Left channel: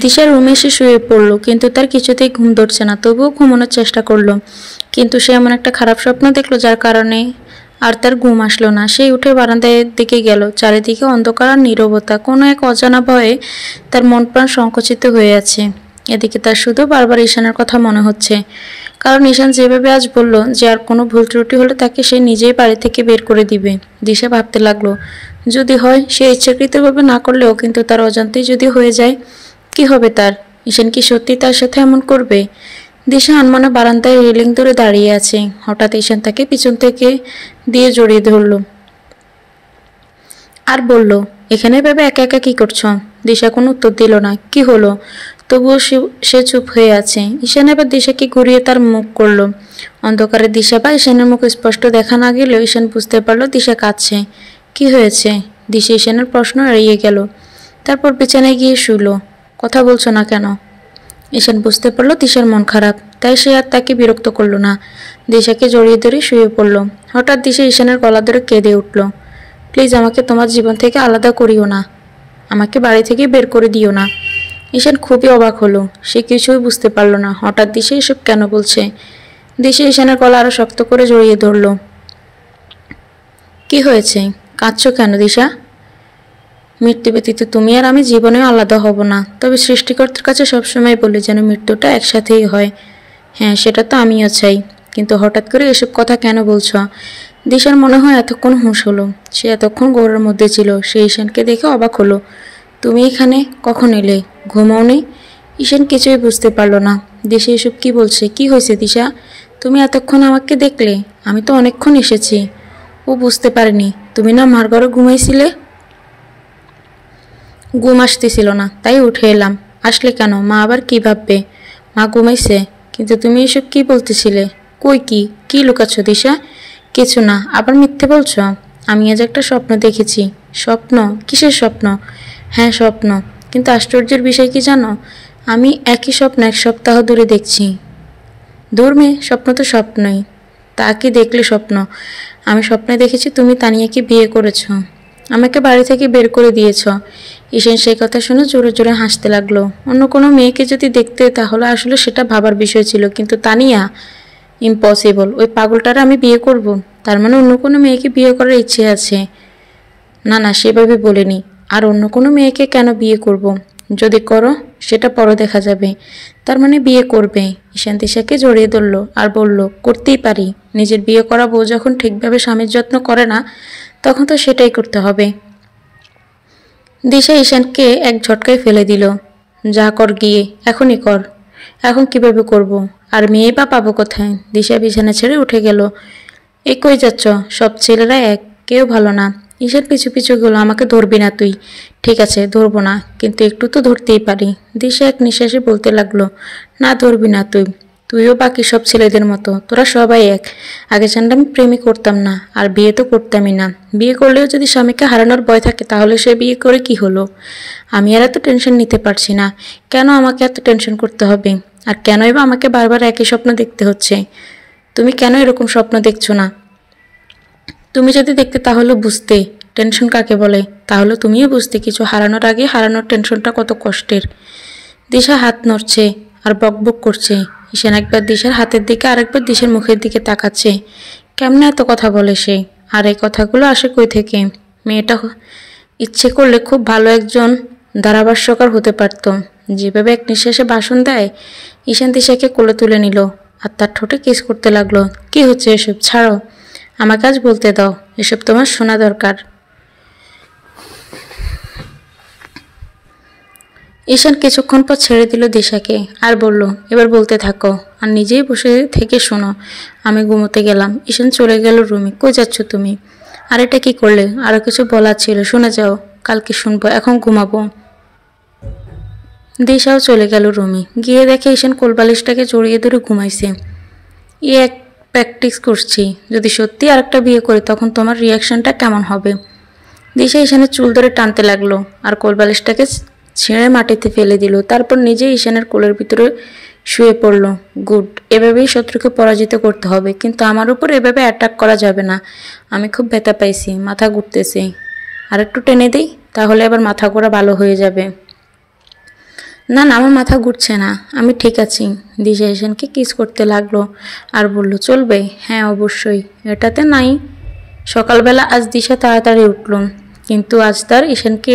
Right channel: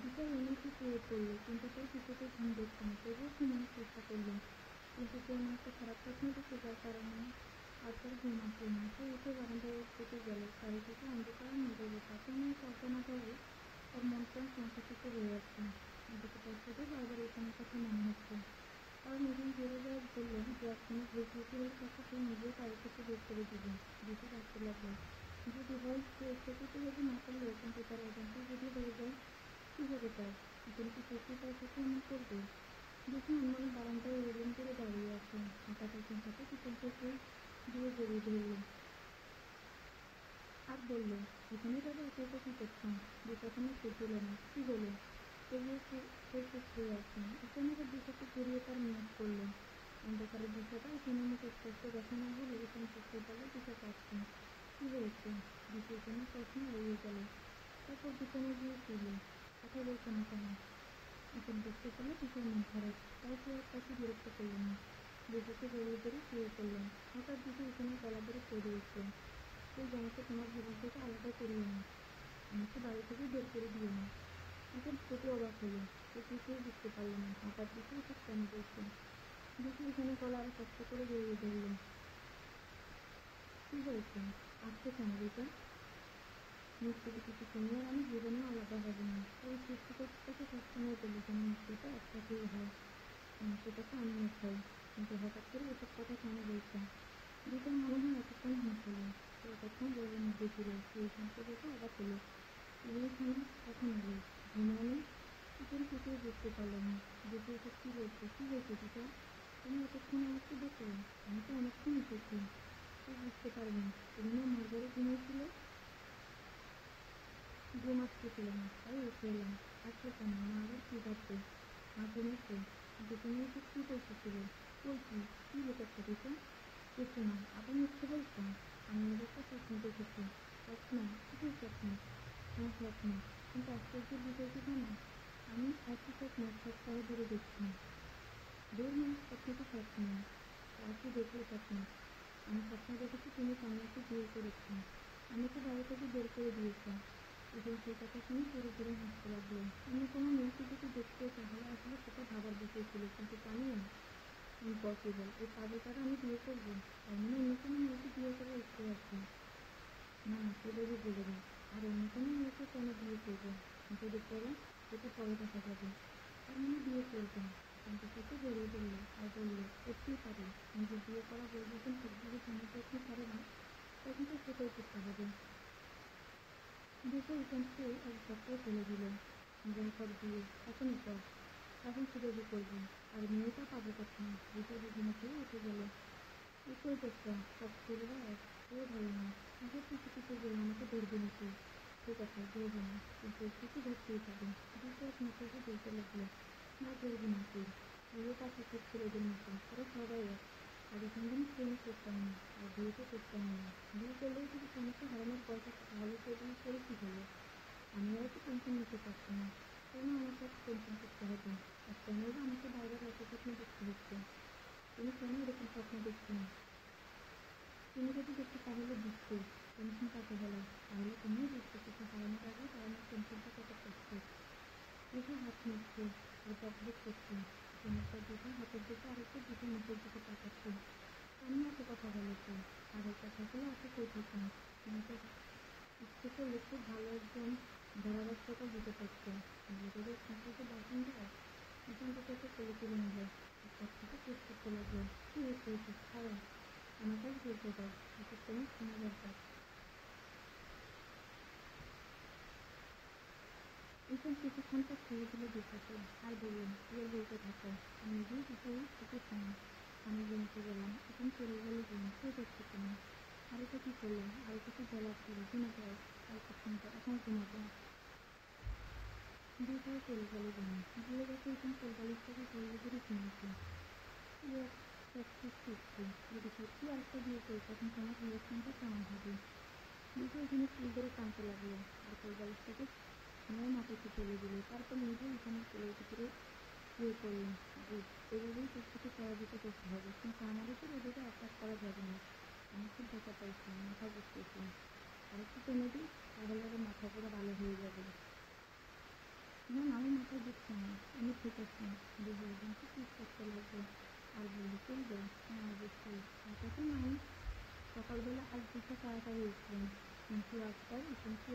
দিশা রুমে এসে শুয়ে পড়লো, কিন্তু তার কিছুতেই ঘুম ধরছে না। তবুও ঘুমানোর চেষ্টা করলো, কিন্তু সে এমন একটা খারাপ স্বপ্ন দেখলো যার কারণে আর তার ঘুম আসলো না। সে উঠে বারান্দার দিকে গেল। চারিদিকে অন্ধকার আর নীরবতা। কোনো এক অজানা ভয়ে তার মন প্রাণ সংকুচিত হয়ে আছে। এদিকে তার শুধু বারবার ঈশানের কথা মনে হচ্ছে, কারণ ঈশান যেভাবে আজ বলল যে আর কোনো ভুল ত্রুটি হলে তাকে সে নিজেই বাড়ি থেকে বের করে দিবে। দিশা ভাবতে লাগলো, যদি হয়, সে ইচ্ছাকৃতভাবে না করলেও কিন্তু তার অজান্তেই যদি হয়ে যায়, কি হবে তার? ঈশান কি সত্যি তার সাথে এমন করবে? দিশা আনমনে বারান্দায় রেলিং ধরে দাঁড়িয়ে আছে। হঠাৎ ঈশান তাকে পিছন থেকে দিয়ে জড়িয়ে ধরল আর বলল, এখানে ভেবে একা একা কি করছো? দিশা কোনো উত্তর দিল না। কি হলো? তবুও সে চুপ হয়ে আছে। ঈশান এবার দিশাকে ঘুরিয়ে তার মুখ করলো। অন্ধকারে দিশা বা ঈশানের মুখ স্পষ্ট দেখা না গেলেও ঈশান বুঝতে পারলো দিশা কাঁদছে। কি হয়েছে? দিশা ঈশানের প্রশ্ন এড়িয়ে গেল। তারপর বিছানায় গিয়ে শুল। কথা বলছো না কেন? ঈশান বুঝতে পারলো দিশার মন খারাপ, তাই সে আর তাকে বিরক্ত করলো না। দিশাকে জড়িয়ে ধরে শুয়ে পড়ল। হঠাৎ দিশা ঈশানের গলা ধরে কেঁদে উঠল। প্লিজ আমাকে তোমার জীবন থেকে আলাদা করিও না, আমাকে বাড়ি থেকে বের করে দিও না। ঈশান খুবই অবাক হলো। সে কিছুই বুঝতে পারল না হঠাৎ দিশা এসব কেন বলছে। দিশা ঈশানের গলা আরো শক্ত করে জড়িয়ে ধরল। কি হয়েছে? কাঁদছো কেন দিশা? মৃত্যু ব্যতীত তুমি আর আমি জীবনেও আলাদা হব না, তবে সৃষ্টিকর্তার কাছে সবসময় বলি যেন মৃত্যুটা একসাথেই হয়। হ্যাঁ, সেটা তো আমিও চাই, কিন্তু হঠাৎ করে এসব কথা কেন বলছো? দিশার মনে হয় এতক্ষণ হুঁশ হলো। সে এতক্ষণ ঘোরের মধ্যে ছিল। সে ঈশানকে দেখে অবাক হলো। তুমি এখানে কখন এলে? ঘুমাও নেই? ঈশান কিছুই বুঝতে পারল না। দিশা এসব কি বলছে? কি হয়েছে দিশা? তুমি এতক্ষণ আমাকে দেখলে? আমি তো অনেকক্ষণ এসেছি। ও বুঝতে পারেনি তুমি না মার ঘরে ঘুমাইছিলে। ঘুম আসতেছিল না, তাই উঠে এলাম। আসলে কেন? মা আবার কি ভাববে? মা ঘুমাইছে। কিন্তু তুমি এসব কি বলতেছিলে? কই কি কি লুকাচ্ছ দিশা? কিছু না, আবার মিথ্যে বলছো। আমি আজ একটা স্বপ্ন দেখেছি। স্বপ্ন? কিসের স্বপ্ন? হ্যাঁ, স্বপ্ন। কিন্তু আশ্চর্যের বিষয় কি জানো? আমি একই স্বপ্ন 1 সপ্তাহ ধরে দেখছি। দূর মেয়ে, স্বপ্ন তো স্বপ্নই। তা কি দেখলে স্বপ্ন? আমি স্বপ্নে দেখেছি তুমি তানিয়াকে বিয়ে করেছ, আমাকে বাড়ি থেকে বের করে দিয়েছ। ঈশান সেই কথা শুনে জোরে জোরে হাসতে লাগলো। অন্য কোনো মেয়েকে যদি দেখতে তাহলে আসলে সেটা ভাবার বিষয় ছিল, কিন্তু তানিয়া? ইম্পসিবল। ওই পাগলটারে আমি বিয়ে করব? তার মানে অন্য কোনো মেয়েকে বিয়ে করার ইচ্ছে আছে? না না, সেভাবে বলিনি। আর অন্য কোনো মেয়েকে কেন বিয়ে করব? যদি করো সেটা পরে দেখা যাবে। তার মানে বিয়ে করবে? ঈশান দিশাকে জড়িয়ে ধরল আর বলল, করতেই পারি। নিজের বিয়ে করা বউ যখন ঠিকভাবে স্বামীর যত্ন করে না, তখন তো সেটাই করতে হবে। দিশা ঈশানকে এক ঝটকায় ফেলে দিল। যা কর গিয়ে, এখনই কর। এখন কিভাবে করব? আর মেয়ে বা পাবো কোথায়? দিশা বিছানা ছেড়ে উঠে গেল। এ কই যাচ্ছ? সব ছেলেরা এক, কেউ ভালো না। ঈশান পিছু পিছু গেল। আমাকে ধরবি না তুই? ঠিক আছে, ধরবো না, কিন্তু একটু তো ধরতেই পারি। দিশা এক নিঃশ্বাসে বলতে লাগলো, না ধরবি না তুই। তুইও বাকি সব ছেলেদের মতো, তোরা সবাই এক। আগে জানলে আমি প্রেমই করতাম না, আর বিয়ে তো করতামই না। বিয়ে করলেও যদি স্বামীকে হারানোর ভয় থাকে তাহলে সে বিয়ে করে কি হলো? আমি আর এত টেনশন নিতে পারছি না। কেন আমাকে এত টেনশন করতে হবে? আর কেনই বা আমাকে বারবার একই স্বপ্ন দেখতে হচ্ছে? তুমি কেন এরকম স্বপ্ন দেখছো না? তুমি যদি দেখতে তাহলে বুঝতে টেনশন কাকে বলে। তাহলে তুমিও বুঝতে কিছু হারানোর আগে হারানোর টেনশনটা কত কষ্টের। দিশা হাত নড়ছে আর বকবক করছে। ঈশান একবার দিশার হাতের দিকে আরেকবার দিশার মুখের দিকে তাকাচ্ছে। কেমনে এত কথা বলে সে? আর এই কথাগুলো আসে কই থেকে? মেয়েটা ইচ্ছে করলে খুব ভালো একজন ধারাভাষ্যকার হতে পারত। যেভাবে এক নিঃশ্বাসে ভাষণ দেয়। ঈশান দিশাকে কোলে তুলে নিল আর তার ঠোঁটে কিস করতে লাগলো। কি হচ্ছে এসব? ছাড়ো, আমাকে আজ বলতে দাও। এসব তোমার শোনা দরকার। ঈশান কিছুক্ষণ পর ছেড়ে দিল দিশাকে আর বলল, এবার বলতে থাকো আর নিজেই বসে থেকে শোনো। আমি ঘুমোতে গেলাম। ঈশান চলে গেল রুমে। কই যাচ্ছ তুমি? আর এটা কি করলে? আরো কিছু বলার ছিল, শুনে যাও। কালকে শুনবো, এখন ঘুমাবো। দিশাও চলে গেল রুমে। গিয়ে দেখে ঈশান কোলবালিশটাকে জড়িয়ে ধরে ঘুমাইছে। এক প্র্যাকটিস করছি, যদি সত্যি আরেকটা বিয়ে করি তখন তোমার রিয়াকশনটা কেমন হবে। দিশা ঈশানের চুল ধরে টানতে লাগলো আর কোলবালিশটাকে ছিঁড়ে মাটিতে ফেলে দিল। তারপর নিজে ঈশানের কোলের ভিতরে শুয়ে পড়ল। গুড, এভাবেই শত্রুকে পরাজিত করতে হবে, কিন্তু আমার উপর এভাবে অ্যাটাক করা যাবে না। আমি খুব ব্যথা পাইছি, মাথা ঘুরতেছে। আর একটু টেনে দিই, তাহলে আবার মাথা ঘোরা ভালো হয়ে যাবে। না না, আমার মাথা ঘুরছে না, আমি ঠিক আছি। দিশা ঈশানকে কিস করতে লাগলো আর বলল, চলবে? হ্যাঁ অবশ্যই, এটাতে নাই। সকালবেলা আজ দিশা তাড়াতাড়ি উঠল, কিন্তু আজ তার ঈশানকে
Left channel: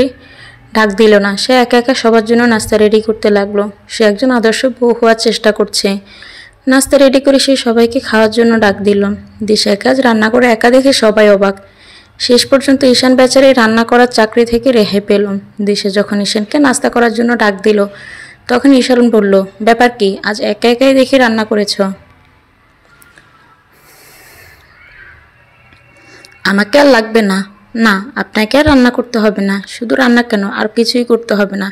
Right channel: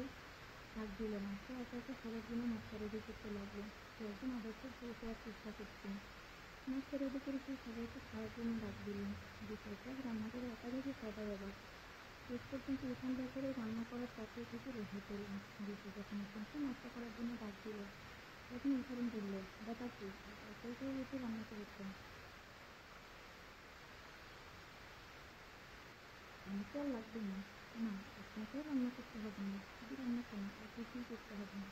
ডাক দিল না। সে একা একা সবার জন্য নাস্তা রেডি করতে লাগলো। সে একজন আদর্শ বউ হওয়ার চেষ্টা করছে। নাস্তা রেডি করে সে সবাইকে খাওয়ার জন্য ডাক দিল। দিশা কাজ রান্না করে একা দেখে সবাই অবাক। শেষ পর্যন্ত ঈশান বেচারি রান্না করার চাকরি থেকে রেহাই পেল। দিশা যখন ঈশানকে নাস্তা করার জন্য ডাক দিল, তখন ঈশান বলল, ব্যাপার কি, আজ একা একাই দেখি রান্না করেছ? আমাকে আর লাগবে না। না, আপনাকে আর রান্না করতে হবে না। শুধু রান্না কেন, আর কিছুই করতে হবে না।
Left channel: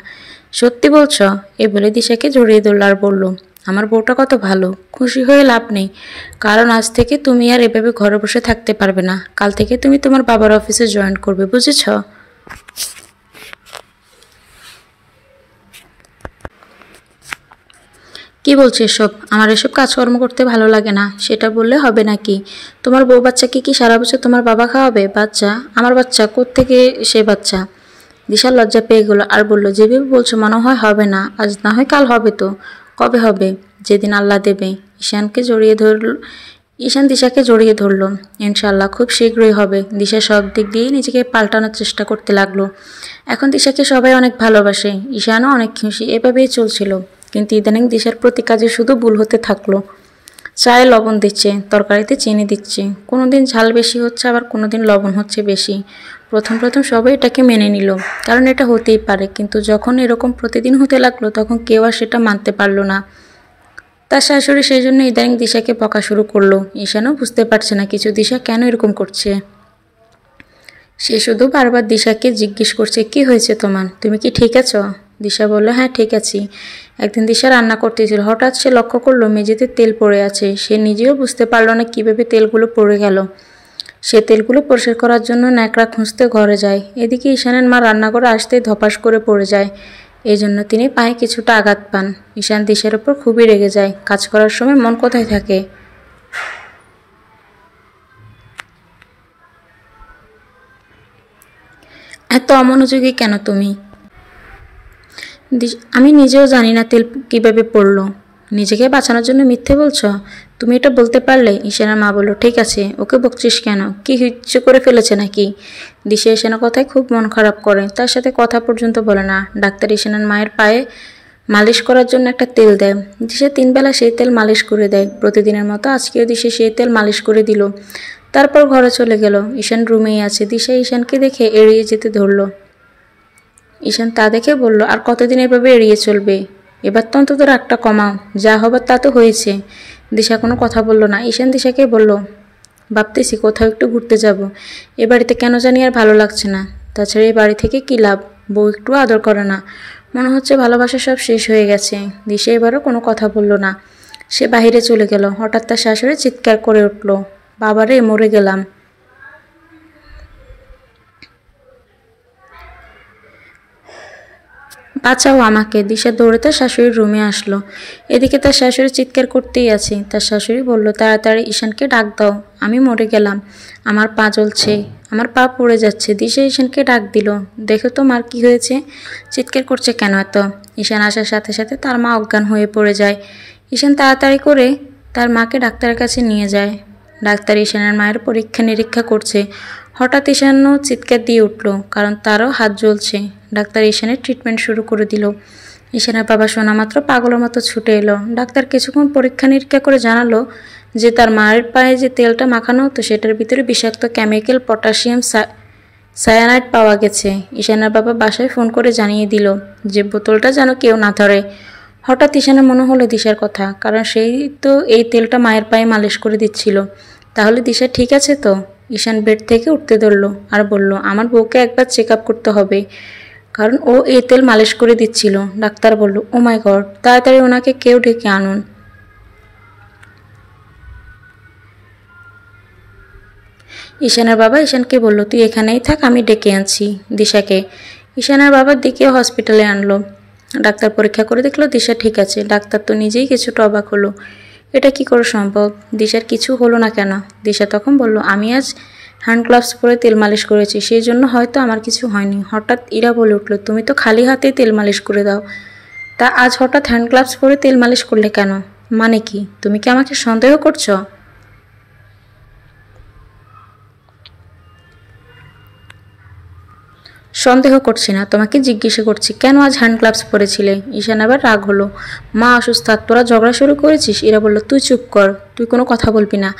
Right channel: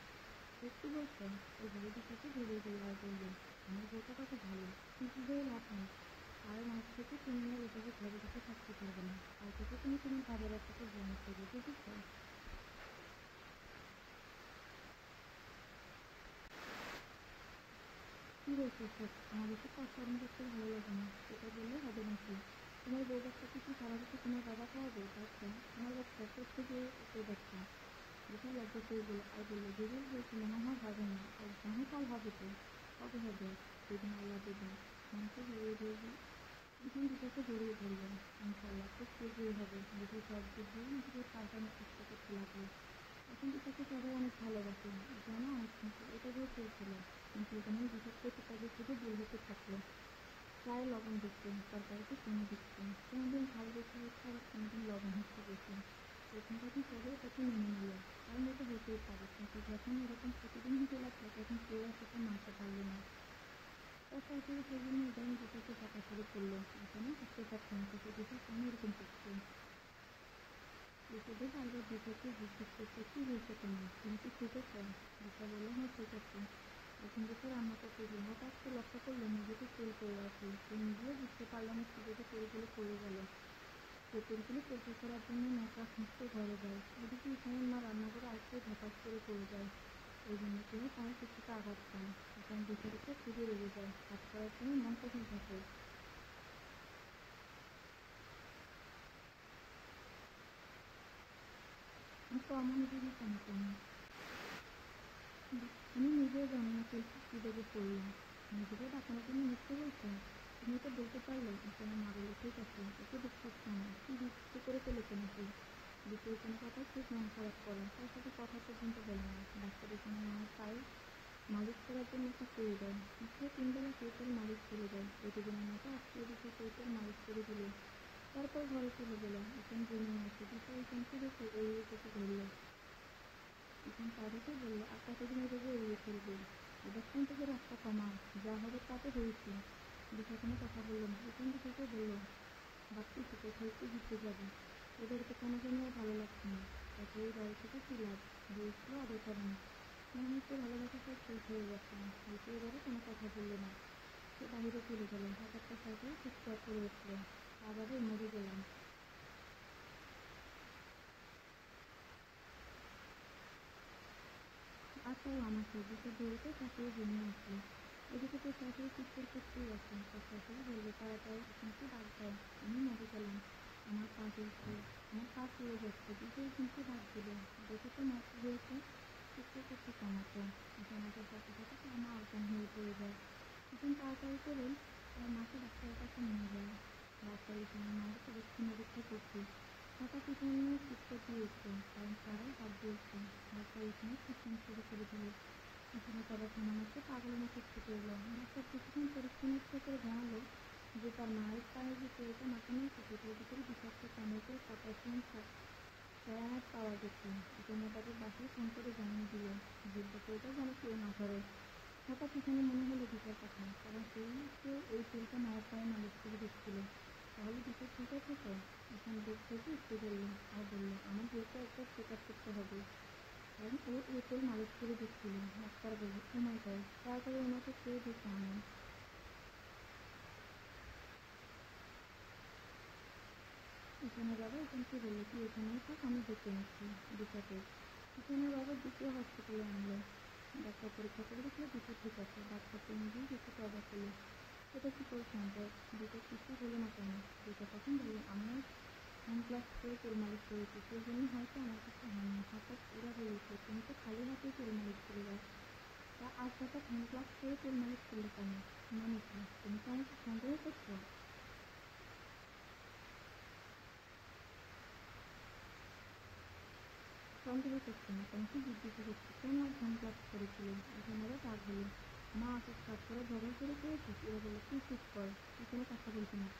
সত্যি বলছ? এই বলে দিশাকে জড়িয়ে ধরল আর বলল, আমার বউটা কত ভালো। খুশি হয়ে লাভ নেই, কারণ আজ থেকে তুমি আর এভাবে ঘরে বসে থাকতে পারবে না। কাল থেকে তুমি তোমার বাবার অফিসে জয়েন করবে, বুঝেছ? কি বলছো এসব? আমার এসব কাজকর্ম করতে ভালো লাগে না, সেটা বললে হবে নাকি? তোমার বউ বাচ্চাকে কি সারা বছর তোমার বাবা খাওয়াবে? বাচ্চা? আমার বাচ্চা কোত্থেকে সে বাচ্চা? দিশা লজ্জা পেয়ে গেল আর বলল, যেভাবে বলছো মনে হয় হবে না। আজ না হয় কাল হবে তো। কবে হবে? যেদিন আল্লাহ দেবে। ঈশান দিশাকে জড়িয়ে ধরল। ইনশাআল্লাহ খুব শীঘ্রই হবে। দিশা সব দিক দিয়ে নিজেকে পাল্টানোর চেষ্টা করতে লাগলো। এখন দিশাকে সবাই অনেক ভালোবাসে, ঈশানও অনেক খুশি। এভাবেই চলছিল। কিন্তু ইদানিং দিশার প্রতি কাজে শুধু ভুল হতে থাকলো। চায়ে লবণ দিচ্ছে, তরকারিতে চিনি দিচ্ছে, কোনোদিন ঝাল বেশি হচ্ছে, আবার কোনোদিন লবণ হচ্ছে বেশি। প্রথম প্রথম সবাই এটাকে মেনে নিল, কারণ এটা হতেই পারে। কিন্তু যখন এরকম প্রতিদিন হতে লাগলো, তখন কেউ আর সেটা মানতে পারলো না। তার শাশুড়ি সেই জন্য ইদানিং দিশাকে বকা শুরু করলো। ঈশানও বুঝতে পারছে না কিছু, দিশা কেন এরকম করছে। সে শুধু বারবার দিশাকে জিজ্ঞেস করছে, কি হয়েছে তোমার? তুমি কি ঠিক আছো? দিশা বলল, হ্যাঁ ঠিক আছি। একদিন দিশা রান্না করতেছিল, হঠাৎ সে লক্ষ্য করলো মেঝেতে তেল পড়ে আছে। সে নিজেও বুঝতে পারলো না কিভাবে তেলগুলো পড়ে গেল। সে তেলগুলো পরিষ্কার করার জন্য ন্যাকড়া খুঁজতে ঘরে যায়। এদিকে ঈশানের মা রান্নাঘরে আসতেই ধপাস করে পড়ে যায়। এই জন্য তিনি পায়ে কিছুটা আঘাত পান। ঈশান দিশার ওপর খুবই রেগে যায়। কাজ করার সময় মন কোথায় থাকে? এত অমনোযোগী কেন তুমি? আমি নিজেও জানি না তেল কিভাবে পড়লো। নিজেকে বাঁচানোর জন্য মিথ্যে বলছো? তুমি এটা বলতে পারলে? ঈশানের মা বলল, ঠিক আছে, ওকে বকছিস কেন? কি ইচ্ছে করে ফেলেছে নাকি? দিশা ঈশানের কথায় খুব মন খারাপ করে, তার সাথে কথা পর্যন্ত বলে না। ডাক্তার ঈশানের মায়ের পায়ে মালিশ করার জন্য একটা তেল দেয়। দিশা 3 বেলা সেই তেল মালিশ করে দেয়। প্রতিদিনের মতো আজকেও দিশা সেই তেল মালিশ করে দিল। তারপর ঘরে চলে গেল। ঈশান রুমেই আছে। দিশা ঈশানকে দেখে এড়িয়ে যেতে ধরল। ঈশান তা দেখে বলল, আর কতদিন এভাবে এড়িয়ে চলবে? এবার তো অন্তত রাগটা কমাও। যা হবার তা তো হয়েছে। দিশা কোনো কথা বলল না। ঈশান দিশাকে বলল, ভাবতেছি কোথাও একটু ঘুরতে যাব। এ বাড়িতে কেন জানি আর ভালো লাগছে না। তাছাড়া এই বাড়ি থেকে কী লাভ? বউ একটু আদর করে না। মনে হচ্ছে ভালোবাসা সব শেষ হয়ে গেছে। দিশা এবারও কোনো কথা বলল না। সে বাহিরে চলে গেল। হঠাৎ তার শাশুড়ি চিৎকার করে উঠল, বাবারে, মরে গেলাম। বাঁচাও আমাকে। দিশা দৌড়ে তার শাশুড়ির রুমে আসলো। এদিকে তার শাশুড়ি চিৎকার করতেই আছে। তার শাশুড়ি বলল, তাড়াতাড়ি ঈশানকে ডাক দাও, আমি মরে গেলাম। আমার পা জ্বলছে, আমার পা পড়ে যাচ্ছে। দিশা ঈশানকে ডাক দিল, দেখো তো মার কি হয়েছে, চিৎকার করছে কেন এত? ঈশান আসার সাথে সাথে তার মা অজ্ঞান হয়ে পড়ে যায়। ঈশান তাড়াতাড়ি করে তার মাকে ডাক্তারের কাছে নিয়ে যায়। ডাক্তার ঈশানের মায়ের পরীক্ষা নিরীক্ষা করছে। হঠাৎ ঈশানও চিৎকার দিয়ে উঠল, কারণ তারও হাত জ্বলছে। ডাক্তার ঈশানের ট্রিটমেন্ট শুরু করে দিল। ঈশানের বাবা শোনা মাত্র পাগলের মতো ছুটে এলো। ডাক্তার কিছুক্ষণ পরীক্ষা নিরীক্ষা করে জানালো যে তার মায়ের পায়ে যে তেলটা মাখানো হতো সেটার ভিতরে বিষাক্ত কেমিক্যাল পটাশিয়াম সায়ানাইড পাওয়া গেছে। ঈশানের বাবা বাসায় ফোন করে জানিয়ে দিল যে বোতলটা যেন কেউ না ধরে। হঠাৎ ঈশানের মনে হলো দিশার কথা, কারণ সেই তো এই তেলটা মায়ের পায়ে মালিশ করে দিচ্ছিল। তাহলে দিশা ঠিক আছে তো? ঈশান বেড থেকে উঠতে ধরল আর বলল, আমার বউকে একবার চেক আপ করতে হবে, কারণ ও এই তেল মালিশ করে দিচ্ছিল। ডাক্তার বলল, ও মাই গড, তাড়াতাড়ি ওনাকে কেউ ডেকে আনুন। ঈশানের বাবা ঈশানকে বলল, তুই এখানেই থাক, আমি ডেকে আনছি দিশাকে। ঈশানের বাবার দিকে হসপিটালে আনলো। ডাক্তার পরীক্ষা করে দেখলো দিশা ঠিক আছে। ডাক্তার তো নিজেই কিছুটা অবাক হলো, এটা কি করে সম্ভব? দিশার কিছু হলো না কেন? দিশা তখন বলল, আমি আজ হ্যান্ড গ্লাভস পরে তেল মালিশ করেছি, সেই জন্য হয়তো আমার কিছু হয়নি। হঠাৎ ইরা বলে উঠল, তুমি তো খালি হাতেই তেল মালিশ করে দাও। তা আজ হঠাৎ হ্যান্ড গ্লাভস পরে তেল মালিশ করলে কেন? মানে কি? তুমি কি আমাকে সন্দেহ করছো? সন্দেহ করছি না, তোমাকে জিজ্ঞাসা করছি কেন আজ হ্যান্ড গ্লাভস পরেছিলে? ঈশান আবার রাগ হলো। মা অসুস্থ আর তোরা ঝগড়া শুরু করেছিস? ইরা বলল, তুই চুপ কর, তুই কোনো কথা বলবি না।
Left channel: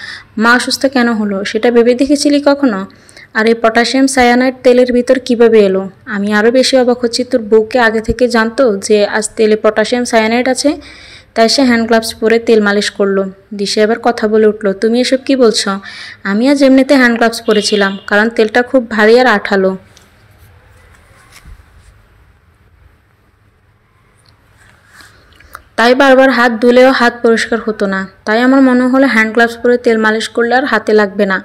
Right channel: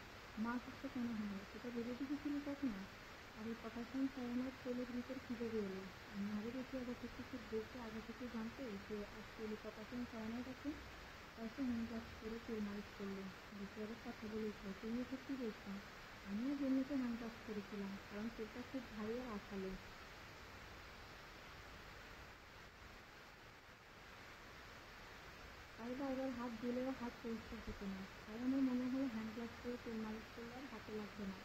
মা অসুস্থ কেন হলো সেটা ভেবে দেখেছিলি কখনো? আর এই পটাশিয়াম সায়ানাইড তেলের ভিতর কিভাবে এলো? আমি আরও বেশি অবাক হচ্ছি, তোর বউকে আগে থেকে জানতো যে আজ তেলে পটাশিয়াম সায়ানাইড আছে, তাই সে হ্যান্ড গ্লাভস পরে তেল মালিশ করলো। দিশা এবার কথা বলে উঠলো, তুমি এসব কি বলছো? আমি আজ এমনিতে হ্যান্ড গ্লাভস পরেছিলাম, কারণ তেলটা খুব ভারী আর আঠালো। তাই বারবার হাত ধুলেও হাত পরিষ্কার হতো না, তাই আমার মনে হলো হ্যান্ড গ্লাভস পরে তেল মালিশ করলে আর হাতে লাগবে না,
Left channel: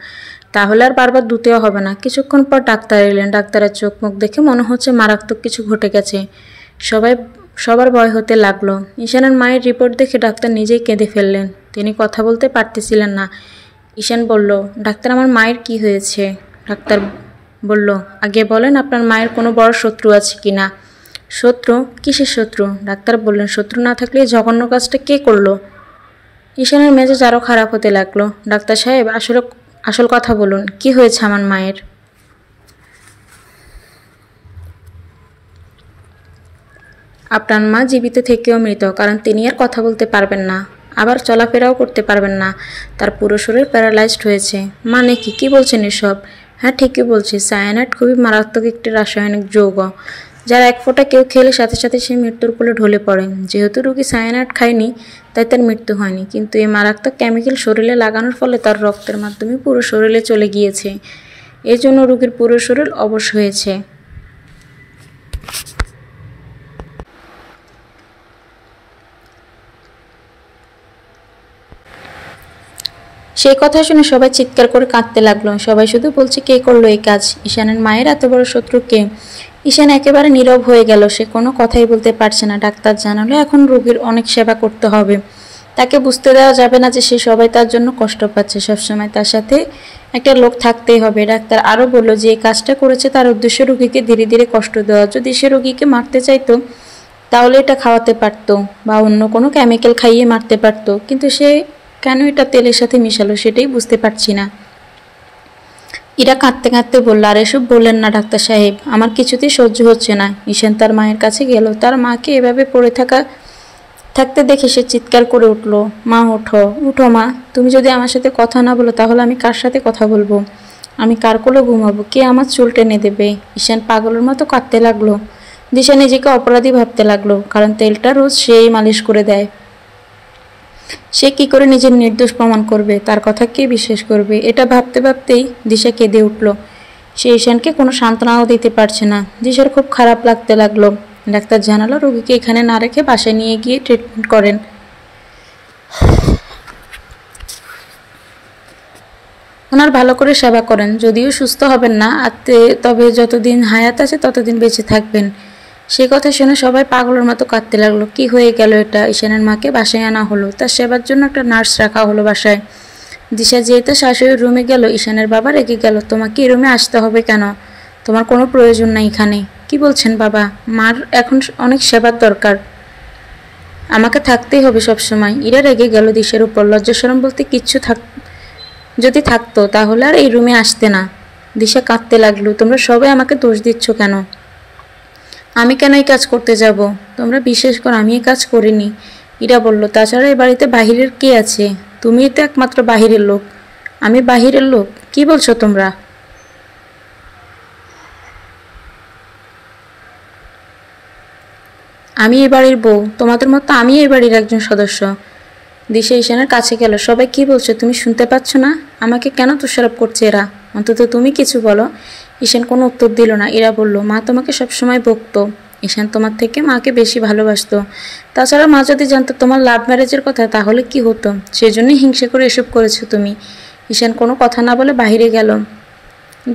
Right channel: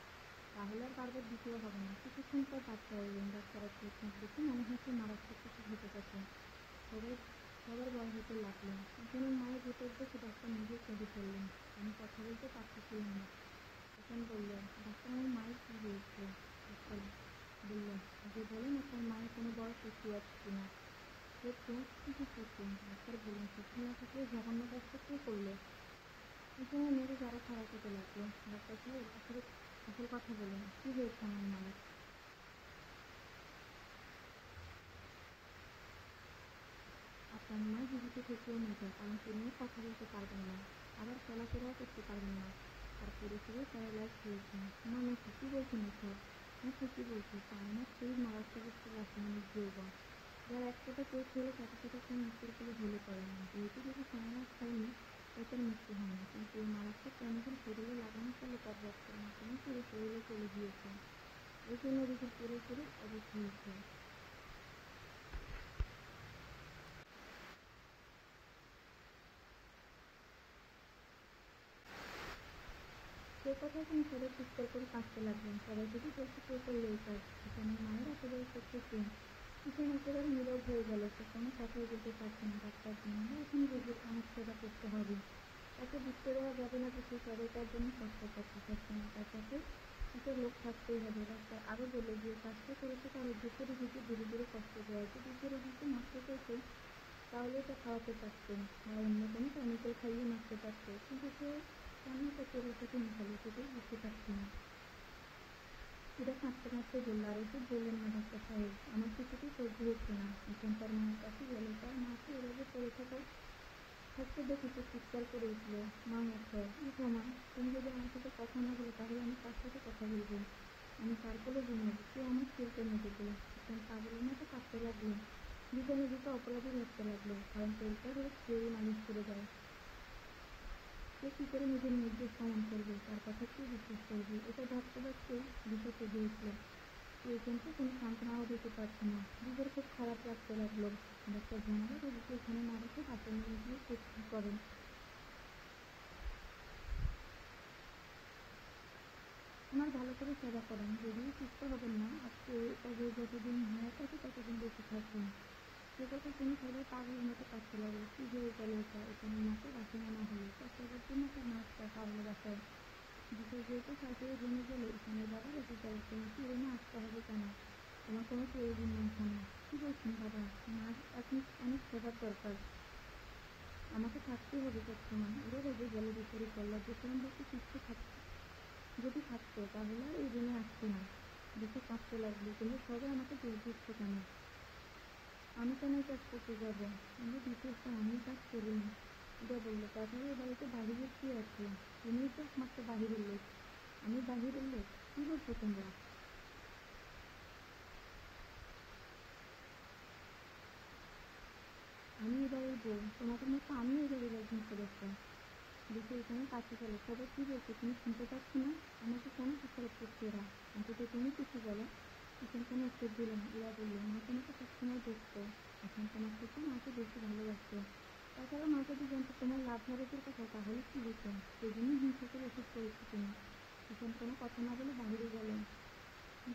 তাহলে আর বারবার ধুতেও হবে না। কিছুক্ষণ পর ডাক্তার এলেন। ডাক্তারের চোখ মুখ দেখে মনে হচ্ছে মারাত্মক কিছু ঘটে গেছে। সবাই সবার ভয় হতে লাগলো। ঈশানের মায়ের রিপোর্ট দেখে ডাক্তার নিজেই কেঁদে ফেললেন। তিনি কথা বলতে পারতেছিলেন না। ঈশান বলল, ডাক্তার আমার মায়ের কি হয়েছে? ডাক্তার বলল, আগে বলেন আপনার মায়ের কোনো বড় শত্রু আছে কি না? শত্রু? কিসের শত্রু? ডাক্তার বললেন, শত্রু না থাকলে জঘন্য কাজটা কে করলো? ঈশানের মেজাজ আরও খারাপ হতে লাগলো। ডাক্তার সাহেব, আসল কথা বলুন, কি হয়েছে আমার মায়ের? আপনার মা জীবিত থেকেও মৃত, কারণ তিনি আর কথা বলতে পারবেন না, আবার চলাফেরাও করতে পারবেন না। তার পুরো শরীর প্যারালাইজড হয়েছে। মানে কি? কি বলছেন এসব? হ্যাঁ, ঠিকই বলছি। সায়ানাইড খুবই মারাত্মক একটি রাসায়নিক যৌগ, যার এক ফোঁটা কেউ খেলে সাথে সাথে সে মৃত্যুর কোলে ঢলে পড়ে। যেহেতু রোগী সায়ানাইড খায়নি, তাই তার মৃত্যু হয়নি, কিন্তু এই মারাত্মক কেমিক্যাল শরীরে লাগানোর ফলে তার রক্তের মাধ্যমে পুরো শরীরে চলে গিয়েছে। এর জন্য রোগীর পুরো শরীর অবশ হয়েছে। সেই কথা শুনে সবাই চিৎকার করে কাঁদতে লাগলো। সবাই শুধু বলছে, কে করলো এই কাজ? ঈশানের মায়ের এত বড় শত্রু কে? ঈশান একেবারে নীরব হয়ে গেল। সে কোনো কথাই বলতে পারছে না। ডাক্তার জানালো এখন রোগীর অনেক সেবা করতে হবে। তাকে বুঝতে দেওয়া যাবে না যে সে সবাই তার জন্য কষ্ট পাচ্ছে। সবসময় তার সাথে একটা লোক থাকতেই হবে। ডাক্তার আরও বলল যে এই কাজটা করেছে তার উদ্দেশ্য রোগীকে ধীরে ধীরে কষ্ট দেওয়া। যদি সে রোগীকে মারতে চাইতো তাহলে এটা খাওয়াতে পারতো বা অন্য কোনো কেমিক্যাল খাইয়ে মারতে পারতো, কিন্তু সে কেন এটা তেলের সাথে মিশালো সেটাই বুঝতে পারছি না। ইরা কাঁদতে কাঁদতে বলল, আর এসব বললেন না ডাক্তার সাহেব, আমার কিছুতেই সহ্য হচ্ছে না। ঈশান তার মায়ের কাছে গেল। তার মাকে এভাবে পড়ে থাকতে দেখে সে চিৎকার করে উঠল, মা ওঠো, উঠো মা, তুমি যদি আমার সাথে কথা না বলো তাহলে আমি কার সাথে কথা বলবো? আমি কার কোলে ঘুমাবো? কে আমার চুল টেনে দেবে? ঈশান পাগলের মতো কাঁদতে লাগলো। দিশা নিজেকে অপরাধী ভাবতে লাগলো, কারণ তেলটা রোজ সেই মালিশ করে দেয়। সে কি করে নিজের নির্দোষ প্রমাণ করবে? তার কথা কে বিশ্বাস করবে? এটা ভাবতে ভাবতেই দিশা কেঁদে উঠল। সে ঈশানকে কোনো সান্ত্বনাও দিতে পারছে না। দিশার খুব খারাপ লাগতে লাগলো। ডাক্তার জানালো রোগীকে এখানে না রেখে বাসায় নিয়ে গিয়ে ট্রিটমেন্ট করেন। ওনার ভালো করে সেবা করেন। যদিও সুস্থ হবেন না, তবে যতদিন হায়াত আছে ততদিন বেঁচে থাকবেন। সে কথা শুনে সবাই পাগলের মতো কাঁদতে লাগলো। কি হয়ে গেল এটা? ঈশানের মাকে বাসায় আনা হলো। তার সেবার জন্য একটা নার্স রাখা হলো বাসায়। দিশা যেহেতু শাশুড়ির রুমে গেল, ঈশানের বাবা রেগে গেল। তোমাকে এই রুমে আসতে হবে কেন? তোমার কোনো প্রয়োজন নাই এখানে। কি বলছেন বাবা? মার এখন অনেক সেবার দরকার, আমাকে থাকতেই হবে সবসময়। ইরা রেগে গেল দিশার উপর। লজ্জাশরম বলতে কিচ্ছু যদি থাকতো তাহলে আর এই রুমে আসতে না। দিশা কাঁদতে লাগলো। তোমরা সবাই আমাকে দোষ দিচ্ছ কেন? আমি কেন এই কাজ করতে যাব? তোমরা বিশ্বাস করো আমি এই কাজ করিনি। ইরা বলল, তাছাড়া এই বাড়িতে বাহিরের কে আছে? তুমিই তো একমাত্র বাহিরের লোক। আমি বাহিরের লোক? কি বলছো তোমরা? আমি এই বাড়ির বউ, তোমাদের মতো আমি এই বাড়ির একজন সদস্য। দিশা ঈশানের কাছে গেল। সবাই কি বলছো তুমি শুনতে পাচ্ছ না? আমাকে কেন দোষারোপ করছে এরা? অন্তত তুমি কিছু বলো। ঈশান কোনো উত্তর দিল না। এরা বলল, মা তোমাকে সবসময় বকতো। ঈশান তোমার থেকে মাকে বেশি ভালোবাসতো। তাছাড়া মা যদি জানতো তোমার লাভ ম্যারেজের কথা তাহলে কি হতো? সেজন্যই হিংসে করে এসব করেছো তুমি। ঈশান কোনো কথা না বলে বাহিরে গেল।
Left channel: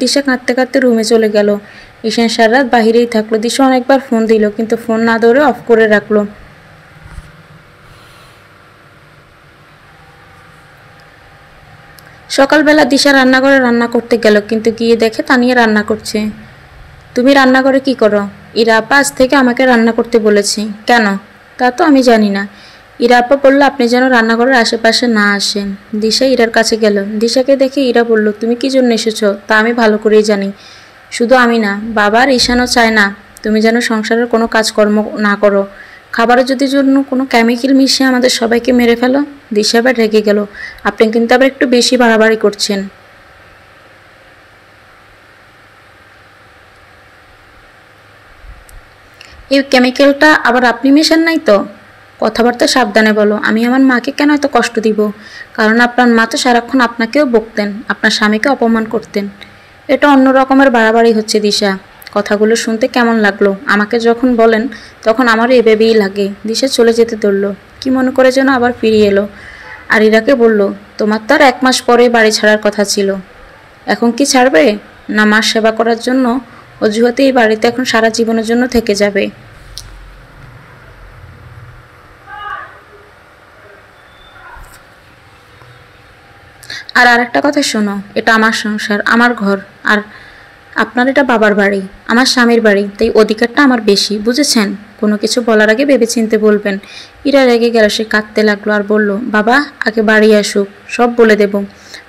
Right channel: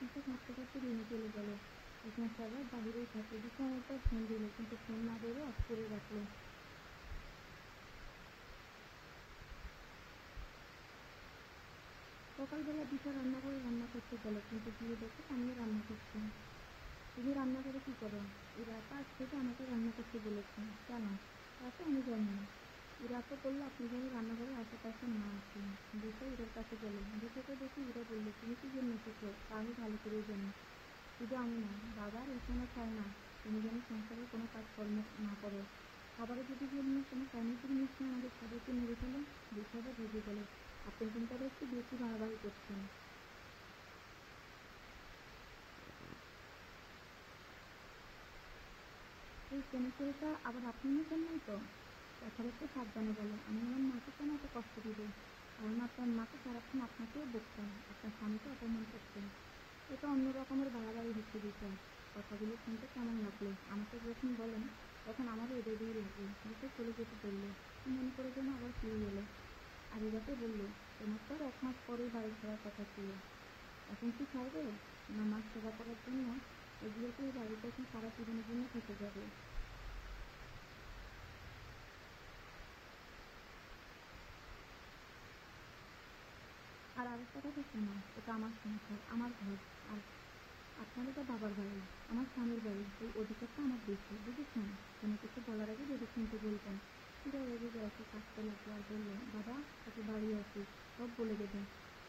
দিশা কাঁদতে কাঁদতে রুমে চলে গেল। ঈশান সারা রাত বাহিরেই থাকলো। দিশা অনেকবার ফোন দিল, কিন্তু ফোন না ধরে অফ করে রাখলো। সকালবেলা দিশা রান্নাঘরে রান্না করতে গেল, কিন্তু গিয়ে দেখে তানিয়া রান্না করছে। তুমি রান্নাঘরে কি করো? ইরা আপা আজ থেকে আমাকে রান্না করতে বলেছি। কেন? তা তো আমি জানি না। ইরা আপা বলল আপনি যেন রান্নাঘরের আশেপাশে না আসেন। দিশা ইরার কাছে গেল। দিশাকে দেখে ইরা বলল, তুমি কি জন্য এসেছো তা আমি ভালো করেই জানি। শুধু আমি না, বাবা আর ঈশানও চায় না তুমি যেন সংসারের কোনো কাজকর্ম না করো। খাবারের যদি জন্য কোনো কেমিক্যাল মিশিয়ে আমাদের সবাইকে মেরে ফেলো। দিশা আবার রেগে গেল। আপনি কিন্তু আবার একটু বেশি বাড়াবাড়ি করছেন। এই কেমিক্যালটা আবার আপনি মেশান নাই তো? কথাবার্তা সাবধানে বলো। আমি আমার মাকে কেন এত কষ্ট দিব? কারণ আপনার মা তো সারাক্ষণ আপনাকেও বকতেন, আপনার স্বামীকে অপমান করতেন। এটা অন্য রকমের বাড়াবাড়ি হচ্ছে দিশা। কথাগুলো শুনতে কেমন লাগলো? আমাকে যখন বলেন তখন আমারও এভাবেই লাগে। দিশা চলে যেতে ধরল। কি মনে করে যেন আবার ফিরিয়ে এলো। আর ইরাকে বলল, তোমার তো আর 1 মাস পরে বাড়ি ছাড়ার কথা ছিল। এখন কি ছাড়বে? না মার সেবা করার জন্য অজুহাতে এই বাড়িতে এখন সারা জীবনের জন্য থেকে যাবে? আর আরেকটা কথা শোনো, এটা আমার সংসার, আমার ঘর। আর আপনার এটা বাবার বাড়ি, আমার স্বামীর বাড়ি, তাই অধিকারটা আমার বেশি, বুঝেছেন? কোনো কিছু বলার আগে ভেবেচিন্তে বলবেন। ইরা রেগে গেল। সে কাঁদতে লাগলো আর বলল, বাবা আগে বাড়ি আসুক, সব বলে দেব।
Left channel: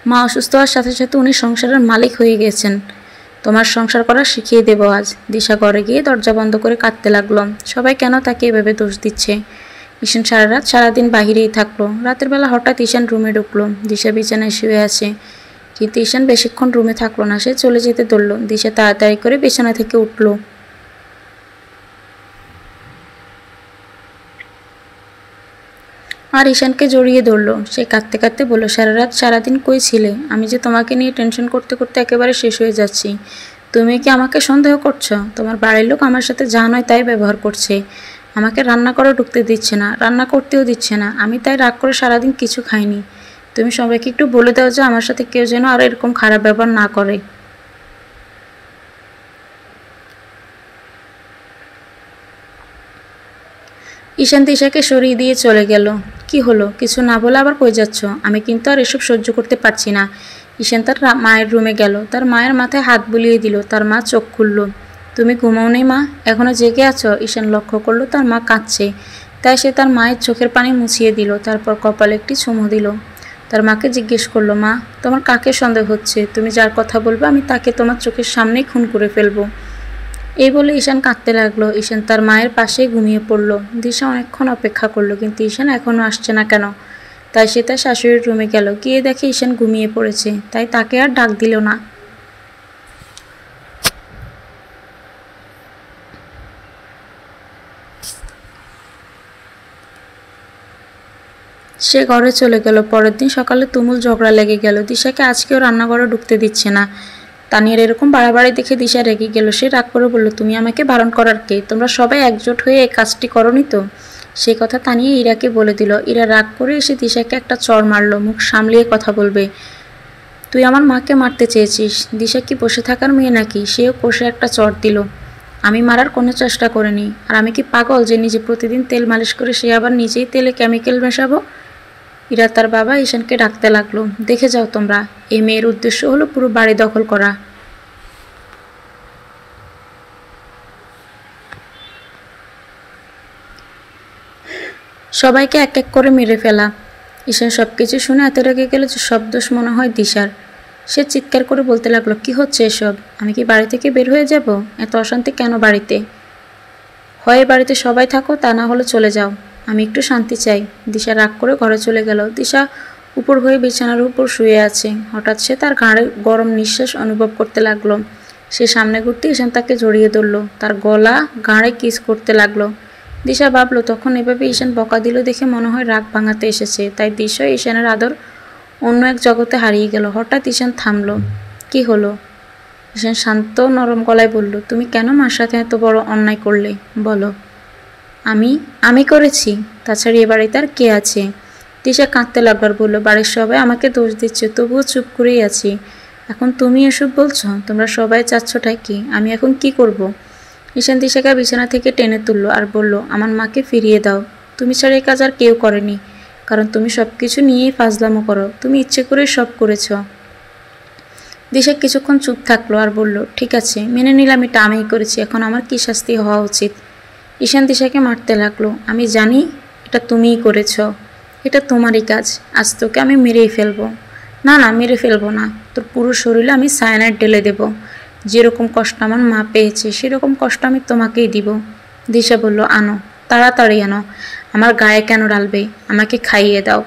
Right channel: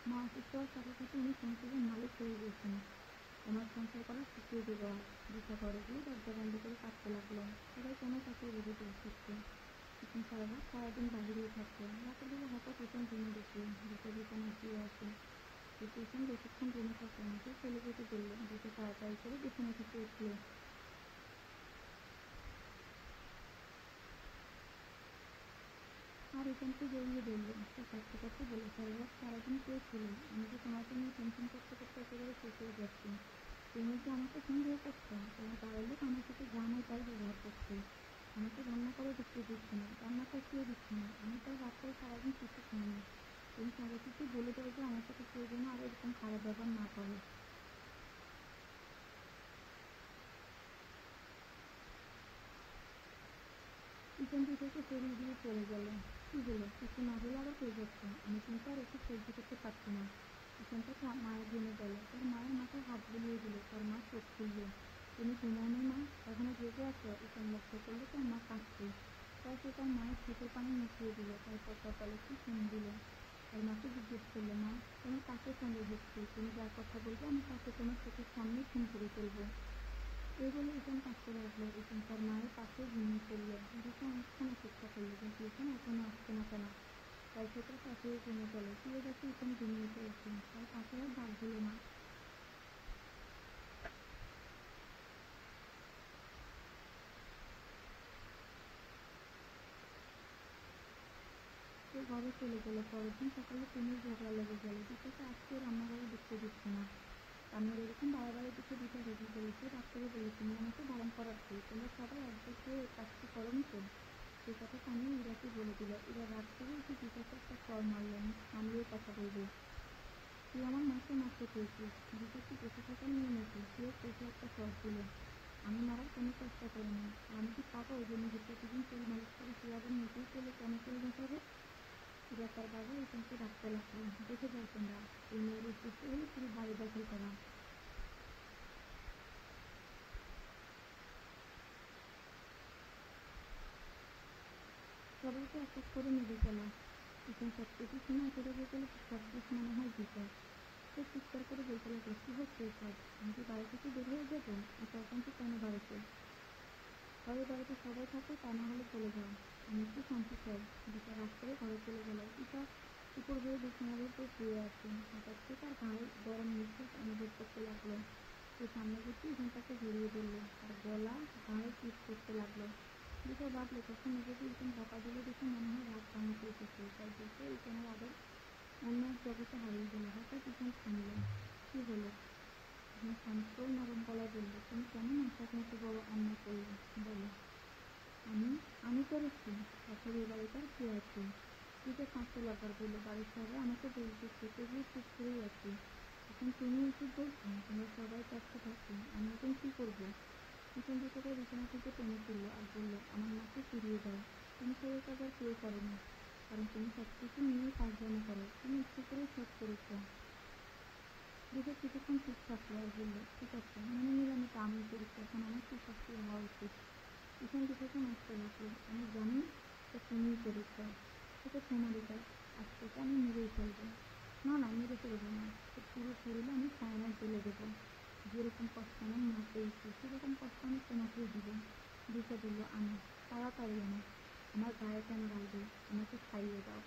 মা অসুস্থ হওয়ার সাথে সাথে উনি সংসারের মালিক হয়ে গেছেন। তোমার সংসার করা শিখিয়ে দেবো আজ। দিশা ঘরে গিয়ে দরজা বন্ধ করে কাঁদতে লাগলো। সবাই কেন তাকে এভাবে দোষ দিচ্ছে? ঈশান সারা রাত সারাদিন বাহিরেই থাকলো। রাতের বেলা হঠাৎ ঈশান রুমে ঢুকলো। দিশা বিছানায় শুয়ে আছে, কিন্তু ঈশান বেশিক্ষণ রুমে থাকলো না। সে চলে যেতে ধরল। দিশা তাড়াতাড়ি করে বিছানা থেকে উঠলো। আর ঈশানকে জড়িয়ে ধরলো। সে কাঁদতে কাঁদতে বলল, সারা রাত সারাদিন কই ছিলে? আমি যে তোমাকে নিয়ে টেনশন করতে করতে একেবারে শেষ হয়ে যাচ্ছি। তুমি কি আমাকে সন্দেহ করছো? তোমার বাড়ির লোক আমার সাথে যা নয় তাই ব্যবহার করছে। আমাকে রান্না করে ঢুকতে দিচ্ছে না, রান্না করতেও দিচ্ছে না। আমি তাই রাগ করে সারাদিন কিছু খাইনি। তুমি সবাইকে একটু বলে দাও যে আমার সাথে কেউ যেন আর এরকম খারাপ ব্যবহার না করে। ঈশান তিশাকে সরিয়ে দিয়ে চলে গেল। কি হলো? কিছু না বলে আবার কই যাচ্ছ? আমি কিন্তু আর এসব সহ্য করতে পারছি না। ঈশান তার মায়ের রুমে গেল। তার মায়ের মাথায় হাত বুলিয়ে দিল। তার মা চোখ খুলল। তুমি ঘুমাও নেই মা? এখনো জেগে আছো? ঈশান লক্ষ্য করলো তার মা কাঁদছে। তাই সে তার মায়ের চোখের পানি মুছিয়ে দিল। তারপর কপালে একটি চুমু দিল। তার মাকে জিজ্ঞেস করলো, মা তোমার কাকে সন্দেহ হচ্ছে? তুমি যার কথা বলবে আমি তাকে তোমার চোখের সামনেই খুন করে ফেলবো। এই বলে ঈশান কাঁদতে লাগলো। ঈশান তার মায়ের পাশেই ঘুমিয়ে পড়ল। দিশা অনেকক্ষণ অপেক্ষা করলো, কিন্তু ঈশান এখনও আসছে না কেন? তাই সে তার শাশুড়ির রুমে গেল। গিয়ে দেখে ঈশান ঘুমিয়ে পড়েছে। তাই তাকে আর ডাক দিল না। সে ঘরে চলে গেল। পরের দিন সকালে তুমুল ঝগড়া লেগে গেল। দিশাকে আজকেও রান্নাঘরে ঢুকতে দিচ্ছে না। তানিয়ার এরকম বাড়াবাড়ি দেখে দিশা রেগে গেল। সে রাগ করে বলল, তুমি আমাকে বারণ করার কে? তোমরা সবাই একজোট হয়ে এই কাজটি করনি তো? সেই কথা তানিয়া ইরাকে বলে দিল। ইরা রাগ করে এসে দিশাকে একটা চড় মারল। মুখ সামলিয়ে কথা বলবে। তুই আমার মাকে মারতে চেয়েছিস। দিশা কি বসে থাকার মেয়ে নাকি? সেও কষে একটা চড় দিল। আমি মারার কোনো চেষ্টা করিনি। আর আমি কি পাগল যে নিজে প্রতিদিন তেল মালিশ করে সে আবার নিজেই তেলে কেমিক্যাল মেশাবো? ইরা তার বাবা ঈশানকে ডাকতে লাগলো। দেখে যাও তোমরা, এই মেয়ের উদ্দেশ্য হলো পুরো বাড়ি দখল করা। সবাইকে এক এক করে মেরে ফেলা। ঈশান সব কিছু শুনে এত রেগে গেল যে সব দোষ মনে হয় দিশার। সে চিৎকার করে বলতে লাগলো, কি হচ্ছে এসব? আমি কি বাড়ি থেকে বের হয়ে যাব? এত অশান্তি কেন বাড়িতে? হয় বাড়িতে সবাই থাকো, তা না হলে চলে যাও। আমি একটু শান্তি চাই। দিশা রাগ করে ঘরে চলে গেল। দিশা উপর হয়ে বিছানার উপর শুয়ে আছে। হঠাৎ সে তার ঘাড়ে গরম নিঃশ্বাস অনুভব করতে লাগলো। সে সামনে ঘুরতে ঈশান তাকে জড়িয়ে ধরলো। তার গলা ঘাড়ে কিস করতে লাগলো। দিশা ভাবলো, তখন এভাবে ঈশান বকা দিল দেখে মনে হয় রাগ ভাঙাতে এসেছে। তাই দিশা ঈশানের আদর অন্য এক জগতে হারিয়ে গেল। হঠাৎ ঈশান থামলো। কি হলো? ঈশান শান্ত নরম গলায় বলল, তুমি কেন মার সাথে এত বড় অন্যায় করলে? বলো। আমি আমি করেছি? তাছাড়া এ বাড়িতে আর কে আছে? দিশা কাঁদতে লাগবার বলল, বাড়ির সবাই আমাকে দোষ দিচ্ছে, তবুও চুপ করেই আছি। এখন তুমি এসব বলছো? তোমরা সবাই চাচ্ছটাই কি? আমি এখন কি করব? ঈশান দিশাকে বিছানা থেকে টেনে তুললো আর বলল, আমার মাকে ফিরিয়ে দাও। তুমি ছাড়া এই কাজ আর কেউ করেনি, কারণ তুমি সব কিছু নিয়েই ফাজলামো করো। তুমি ইচ্ছে করেই সব করেছ। দিশা কিছুক্ষণ চুপ থাকলো আর বলল, ঠিক আছে, মেনে নিলাম এটা আমিই করেছি। এখন আমার কি শাস্তি হওয়া উচিত? ঈশান দিশাকে মারতে লাগলো। আমি জানি এটা তুমিই করেছ, এটা তোমারই কাজ, আজ তোকে আমি মেরেই ফেলবো। না না, মেরে ফেলবো না, তোর পুরো শরীরে আমি সায়ানাইড ঢেলে দেব। যেরকম কষ্ট আমার মা পেয়েছে সেরকম কষ্ট আমি তোমাকেই দিব। দিশা বলল, আনো, তাড়াতাড়ি আনো। আমার গায়ে কেন ঢালবে, আমাকে খাইয়ে দাও।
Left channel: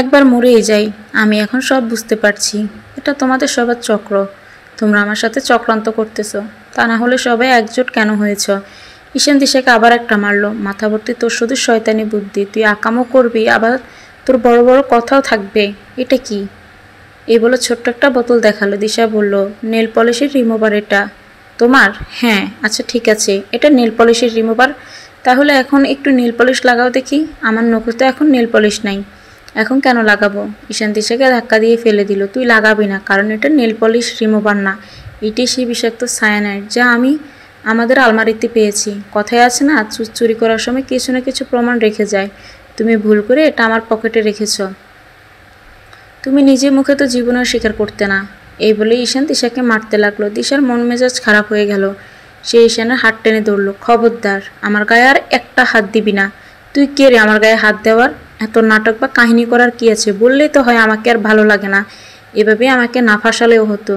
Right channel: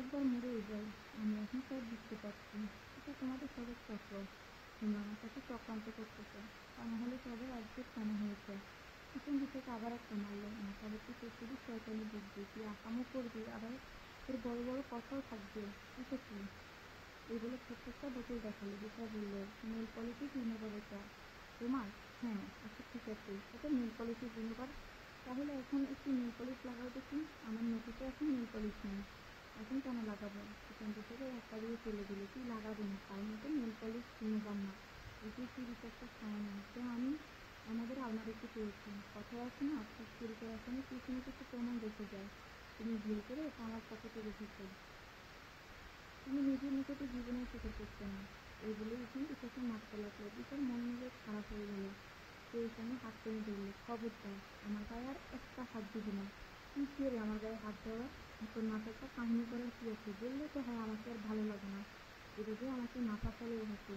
একবার মরেই যাই। আমি এখন সব বুঝতে পারছি, এটা তোমাদের সবার চক্র। তোমরা আমার সাথে চক্রান্ত করতেছো, তা না হলে সবাই একজোট কেন হয়েছ? ঈশান দিশাকে আবার একটা মারলো। মাথা ভর্তি তোর শুধু শয়তানি বুদ্ধি, তুই আকামও করবি আবার তোর বড় বড় কথাও থাকবে। এটা কি? এই বলে ছোট্ট একটা বোতল দেখালো। দিশা বলল, নেল পলিশের রিমুভার এটা। তোমার? হ্যাঁ, আচ্ছা ঠিক আছে, এটা নেল পলিশের রিমুভার। তাহলে এখন একটু নেল পলিশ লাগাও দেখি। আমার নখে তো এখন নেল পলিশ নাই, এখন কেন লাগাবো? ঈশান দিশাকে ধাক্কা দিয়ে ফেলে দিল। তুই লাগাবি না, কারণ এটা নেল পলিশ রিমুভার না, এটাই সেই বিষাক্ত সায়ানাইড যা আমি আমাদের আলমারিতে পেয়েছি। কথায় আছে না, চুরি করার সময় কিছু না কিছু প্রমাণ রেখে যায়। তুমি ভুল করে এটা আমার পকেটে রেখেছ। তুমি নিজের মুখে তো জীবনেও স্বীকার করতে না। এই বলে ঈশান দিশাকে মারতে লাগলো। দিশার মন মেজাজ খারাপ হয়ে গেল। সে ঈশানের হাত টেনে ধরল। খবরদার, আমার গায়ে আর একটা হাত দিবি না। তুই কে রে আমার গায়ে হাত দেওয়ার? এত নাটক বা কাহিনী করার কি আছে? বললেই তো হয় আমাকে আর ভালো লাগে না। এভাবে আমাকে না ফাঁসালেও হতো।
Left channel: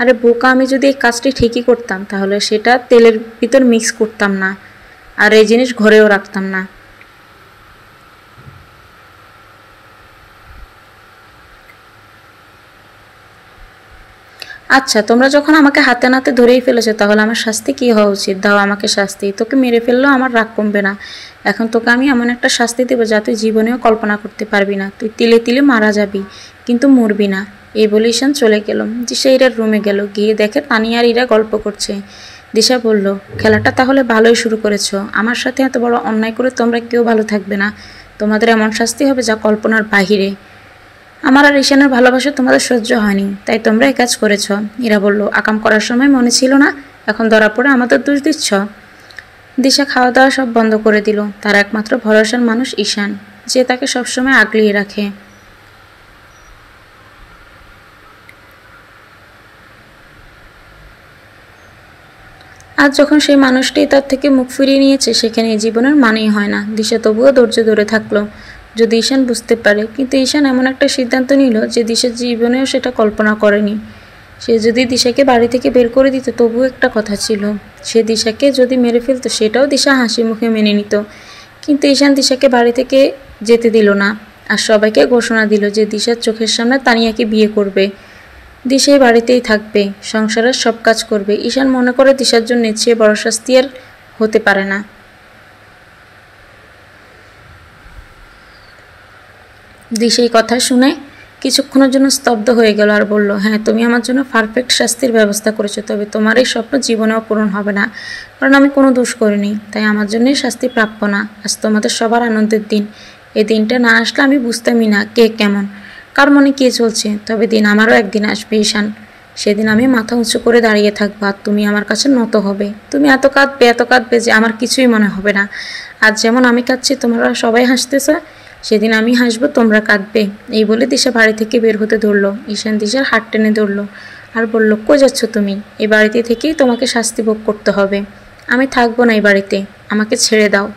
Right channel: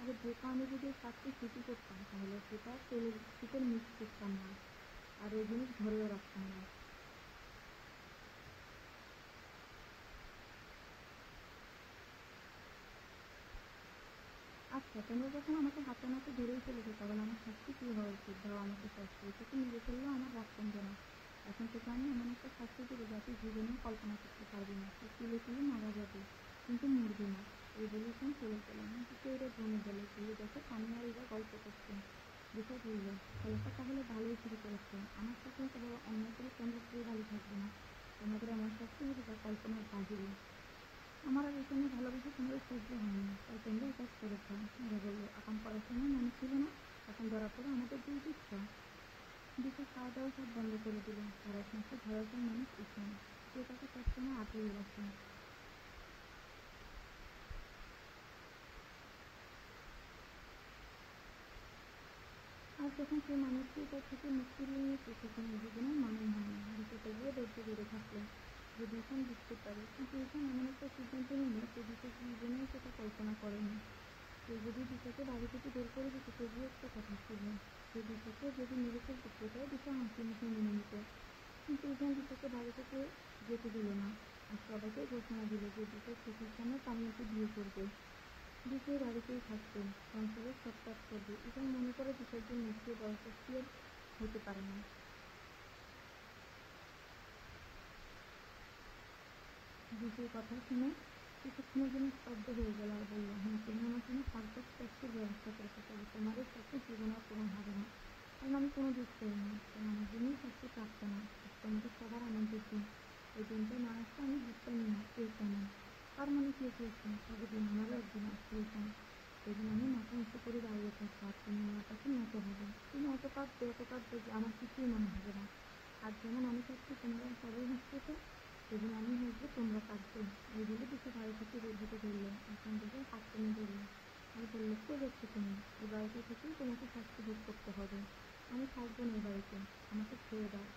আরে বোকা, আমি যদি এই কাজটি ঠিকই করতাম তাহলে সেটা তেলের ভিতর মিক্স করতাম না, আর এই জিনিস ঘরেও রাখতাম না। আচ্ছা, তোমরা যখন আমাকে হাতে নাতে ধরেই ফেলেছো তাহলে আমার শাস্তি কী হওয়া উচিত? দাও আমাকে শাস্তি। তোকে মেরে ফেললেও আমার রাগ কমবে না। এখন তোকে আমি এমন একটা শাস্তি দেবো যা তুই জীবনেও কল্পনা করতে পারবি না। তুই তিলে তিলে মারা যাবি, কিন্তু মরবি না। এই বলে ঈশান চলে গেল। দিশা ইরার রুমে গেল, গিয়ে দেখে তানিয়া আর ইরা গল্প করছে। দিশা বলল, খেলাটা তাহলে ভালোই শুরু করেছো। আমার সাথে এত বড় অন্যায় করে তোমরা কেউ ভালো থাকবে না। তোমাদের এমন শাস্তি হবে যা কল্পনার বাহিরে। আমার আর ঈশানের ভালোবাসা তোমাদের সহ্য হয়নি, তাই তোমরা এই কাজ করেছ। ইরা বলল, আকাম করার সময় মনে ছিল না, এখন ধরা পড়ে আমাদের দোষ দিচ্ছ? দিশা খাওয়া দাওয়া সব বন্ধ করে দিল। তার একমাত্র ভরসার মানুষ ঈশান, যে তাকে সবসময় আগলিয়ে রাখে। আজ যখন সেই মানুষটি তার থেকে মুখ ফিরিয়ে নিয়েছে, সেখানে জীবনের মানেই হয় না। দিশা তবুও ধৈর্য ধরে থাকলো, যদি ঈশান বুঝতে পারে। কিন্তু ঈশান এমন একটা সিদ্ধান্ত নিল যে দিশা জীবনেও সেটা কল্পনা করেনি। সে যদি দিশাকে বাড়ি থেকে বের করে দিত তবুও একটা কথা ছিল, সে দিশাকে যদি মেরে ফেলতো সেটাও দিশা হাসি মুখে মেনে নিত। কিন্তু ঈশান দিশাকে বাড়ি থেকে যেতে দিল না, আর সবাইকে ঘোষণা দিল যে দিশার চোখের সামনে তানিয়াকে বিয়ে করবে। দিশা এই বাড়িতেই থাকবে, সংসারের সব কাজ করবে। ঈশান মনে করে দিশার জন্য চেয়ে বড় শাস্তি আর হতে পারে না। দিশা এই কথা শুনে কিছুক্ষণের জন্য স্তব্ধ হয়ে গেল আর বলল, হ্যাঁ, তুমি আমার জন্য পারফেক্ট শাস্তির ব্যবস্থা করেছো, তবে তোমার এই স্বপ্ন জীবনেও পূরণ হবে না, কারণ আমি কোনো দোষ করিনি, তাই আমার জন্যই শাস্তি প্রাপ্য না। আজ তোমাদের সবার আনন্দের দিন। এই দিনটা না আসলে আমি বুঝতামই না কে কেমন, কার মনে কে চলছে। তবে দিন আমারও একদিন আসবে ঈশান, সেদিন আমি মাথা উঁচু করে দাঁড়িয়ে থাকবো আর তুমি আমার কাছে নত হবে। তুমি এত কাঁদবে যে আমার কিছুই মনে হবে না। আজ যেমন আমি কাঁদছি, তোমরা সবাই হাসতেছে, সেদিন আমি হাসবো, তোমরা কাঁদবে। এই বলে দিশা বাড়ি থেকে বের হতে ধরলো। ঈশান দিশার হাত টেনে ধরলো আর বলল, কই যাচ্ছ তুমি? এই বাড়িতে থেকেই তোমাকে শাস্তি ভোগ করতে হবে। আমি থাকবো না এই বাড়িতে, আমাকে ছেড়ে দাও।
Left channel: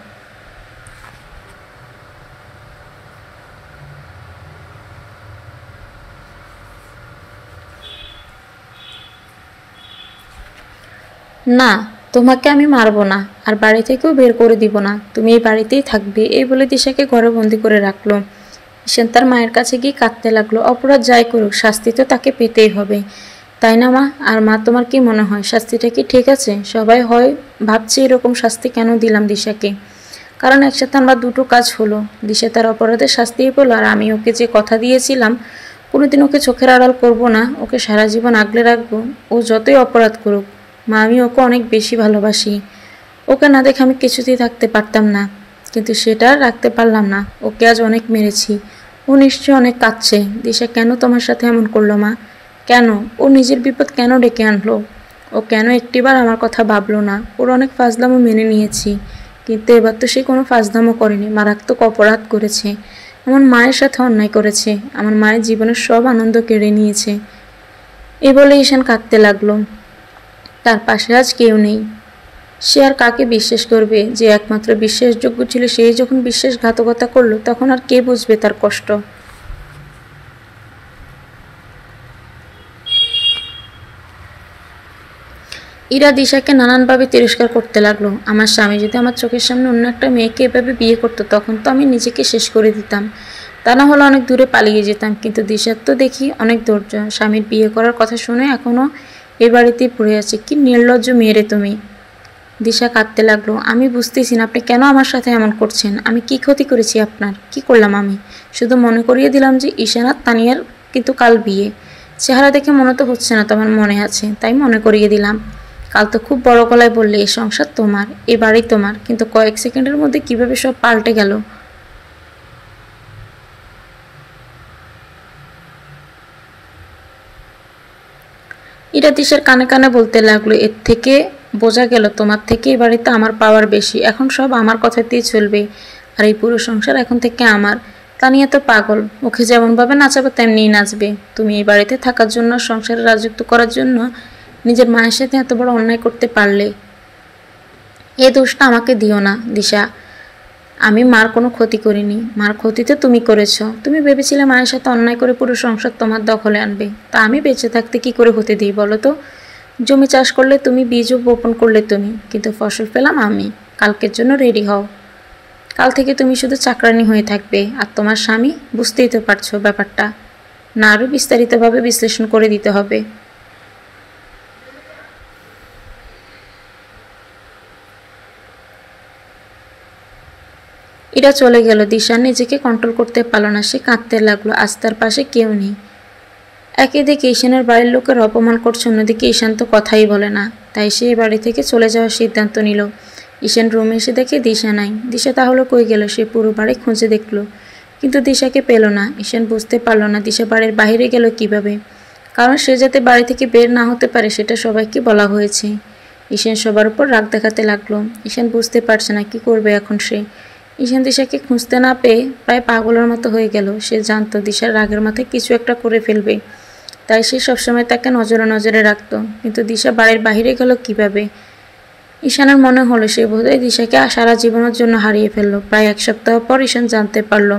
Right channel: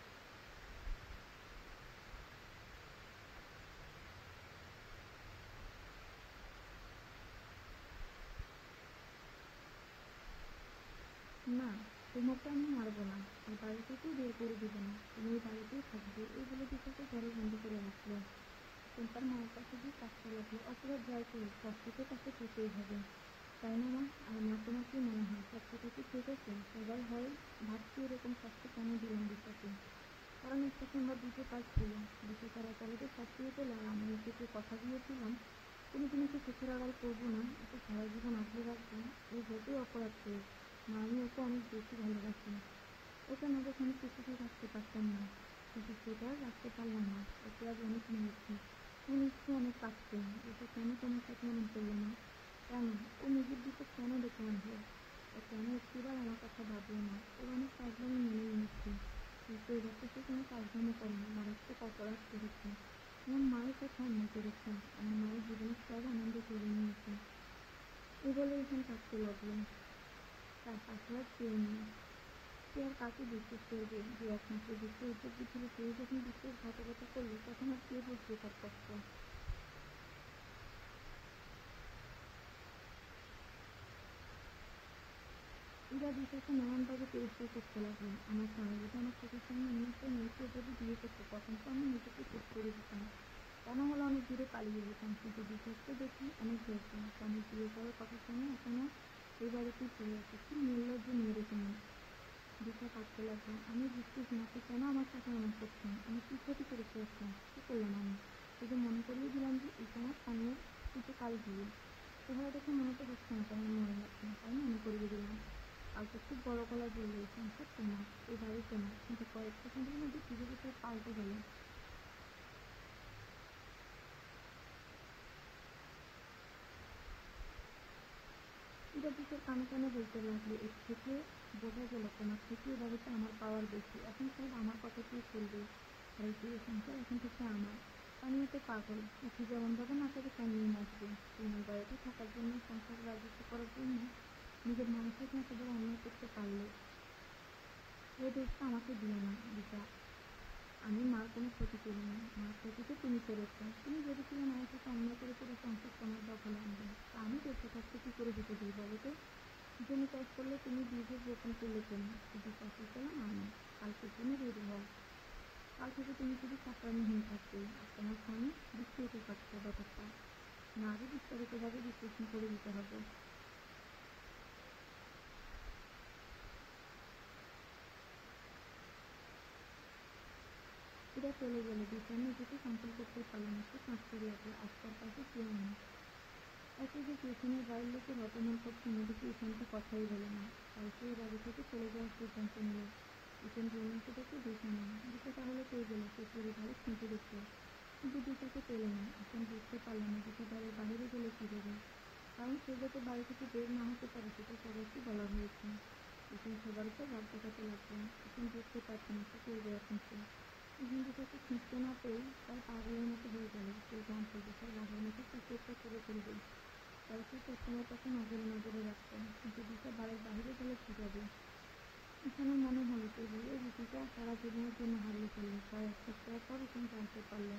না, তোমাকে আমি মারবো না, আর বাড়ি থেকেও বের করে দিব না। তুমি এই বাড়িতেই থাকবে। এই বলে দিশাকে ঘরে বন্দি করে রাখলো। ঈশান তার মায়ের কাছে গিয়ে কাঁদতে লাগলো। অপরাধ যাই করুক, শাস্তি তো তাকে পেতেই হবে, তাই না মা? আর মা, তোমার কি মনে হয় শাস্তিটা কি ঠিক আছে? সবাই হয় ভাবছে এরকম শাস্তি কেন দিলাম দিশাকে, কারণ একসাথে আমরা দুটো কাজ হলো। দিশা তার অপরাধের শাস্তিই পেল, আর আমি ওকে যে কথা দিয়েছিলাম কোনোদিন ওকে চোখের আড়াল করব না, ওকে সারা জীবন আগলে রাখবো, ও যতই অপরাধ করুক। মা, আমি ওকে অনেক বেশি ভালোবাসি। ওকে না দেখে আমি কিছুতেই থাকতে পারতাম না, কিন্তু সেটা আর রাখতে পারলাম না। ওকে আজ অনেক মেরেছি। ও নিশ্চয়ই অনেক কাঁদছে। দিশা কেন তোমার সাথে এমন করলো মা? কেন? ও নিজের বিপদ কেন ডেকে আনলো? ও কেন একটিবার আমার কথা ভাবলো না? ওর অনেক ফাজলামো মেনে নিয়েছি, কিন্তু এবার তো সে কোনো ফাজলামো করেনি, মারাত্মক অপরাধ করেছে। আমার মায়ের সাথে অন্যায় করেছে, আমার মায়ের জীবনের সব আনন্দ কেড়ে নিয়েছে। এ বলে ঈশান কাঁদতে লাগলো। তার পাশে আজ কেউ নেই। সে আর কাকে বিশ্বাস করবে? যে একমাত্র বিশ্বাসযোগ্য ছিল সেই যখন বিশ্বাসঘাতকতা করলো, তখন আর কে বুঝবে তার কষ্ট? ইরা দিশাকে নানানভাবে তিরস্কার করতে লাগলো। আমার স্বামী যদি আমার চোখের সামনে অন্য একটা মেয়েকে এভাবে বিয়ে করতো, তখন তো আমি নিজেকে শেষ করে দিতাম, তা না হলে অনেক দূরে পালিয়ে যেতাম। কিন্তু দিশার তো দেখি অনেক ধৈর্য। স্বামীর বিয়ে করার কথা শুনে এখনও এ বাড়িতেই পড়ে আছে। কি নির্লজ্জ মেয়ে রে তুমি! দিশা কাঁদতে লাগলো। আমি বুঝতেছি না আপনি কেন আমার সাথে এমন করছেন। আমি কি ক্ষতি করেছি আপনার? কি করলাম আমি? শুধু মনে করিয়ে দিলাম যে ঈশান আর তানিয়ার কিন্তু কাল বিয়ে। চেহারা দেখে মনে তো হচ্ছে না তোমার মনে আছে, তাই মনে করিয়ে দিলাম। কাল তো খুব বড় গলায় বললে এই সংসার তোমার, এ বাড়ি তোমার, কিন্তু কয়েক সেকেন্ডের মধ্যে কিভাবে সব পাল্টে গেল। ইরা দিশার কানে কানে বলতে লাগলো, এর থেকে বোঝা গেল তোমার থেকে এ বাড়িতে আমার পাওয়ার বেশি। এখন সব আমার কথাতেই চলবে, আর এই পুরো সংসার এখন থেকে আমার। তানিয়া তো পাগল, ওকে যেমনভাবে নাচাবে তেমনিই নাচবে। তুমি এই বাড়িতে থাকার জন্য, সংসারে রাজত্ব করার জন্য নিজের মায়ের সাথে এত বড় অন্যায় করতে পারলে। এ দোষটা আমাকে দিও না দিশা। আমি মার কোনো ক্ষতি করিনি, মার ক্ষতি তো তুমি করেছ। তুমি ভেবেছিলে মায়ের সাথে অন্যায় করে পুরো সংসার তোমার দখলে আনবে, তা আমি বেঁচে থাকতে কি করে হতে দিই বলো তো? জমি চাষ করলে তুমি, বীজও বপন করলে তুমি, কিন্তু ফসল পেলাম আমি। কালকের জন্য রেডি হও। কাল থেকে তুমি শুধু চাকরানি হয়ে থাকবে, আর তোমার স্বামী, বুঝতেই তো পারছো ব্যাপারটা। না আরও বিস্তারিতভাবে বিশ্লেষণ করে দিতে হবে। এরা চলে গেল। দিশা নিজেকে কন্ট্রোল করতে পারল না, সে কাঁদতে লাগলো। আজ তার পাশে কেউ নেই। একদিকে ঈশানের বাড়ির লোকের অপমান করছে, অন্যদিকে ঈশান তো কথাই বলে না। তাই সে এই বাড়ি থেকে চলে যাওয়ার সিদ্ধান্ত নিল। ঈশান রুমে এসে দেখে দিশা নাই। দিশা তাহলে কই গেল? সে পুরো বাড়ি খুঁজে দেখল, কিন্তু দিশাকে পেল না। ঈশান বুঝতে পারল না দিশা বাড়ির বাইরে গেল কিভাবে, কারণ সে যাতে বাড়ি থেকে বের না হতে পারে সেটা সবাইকে বলা হয়েছে। ঈশান সবার উপর রাগ দেখাতে লাগলো। ঈশান বুঝতে পারছে না কি করবে এখন সে। ঈশান দিশাকে খুঁজতে না পেয়ে প্রায় পাগলের মতো হয়ে গেল। সে জানতো দিশার রাগের মাথায় কিছু একটা করে ফেলবে, তাই সে সবসময় তাকে নজরে নজরে রাখত। কিন্তু দিশা বাড়ির বাইরে গেল কিভাবে? ঈশানের মনে হলো সে বোধহয় দিশাকে সারা জীবনের জন্য হারিয়ে ফেললো। প্রায় এক সপ্তাহ পর ঈশান জানতে পারল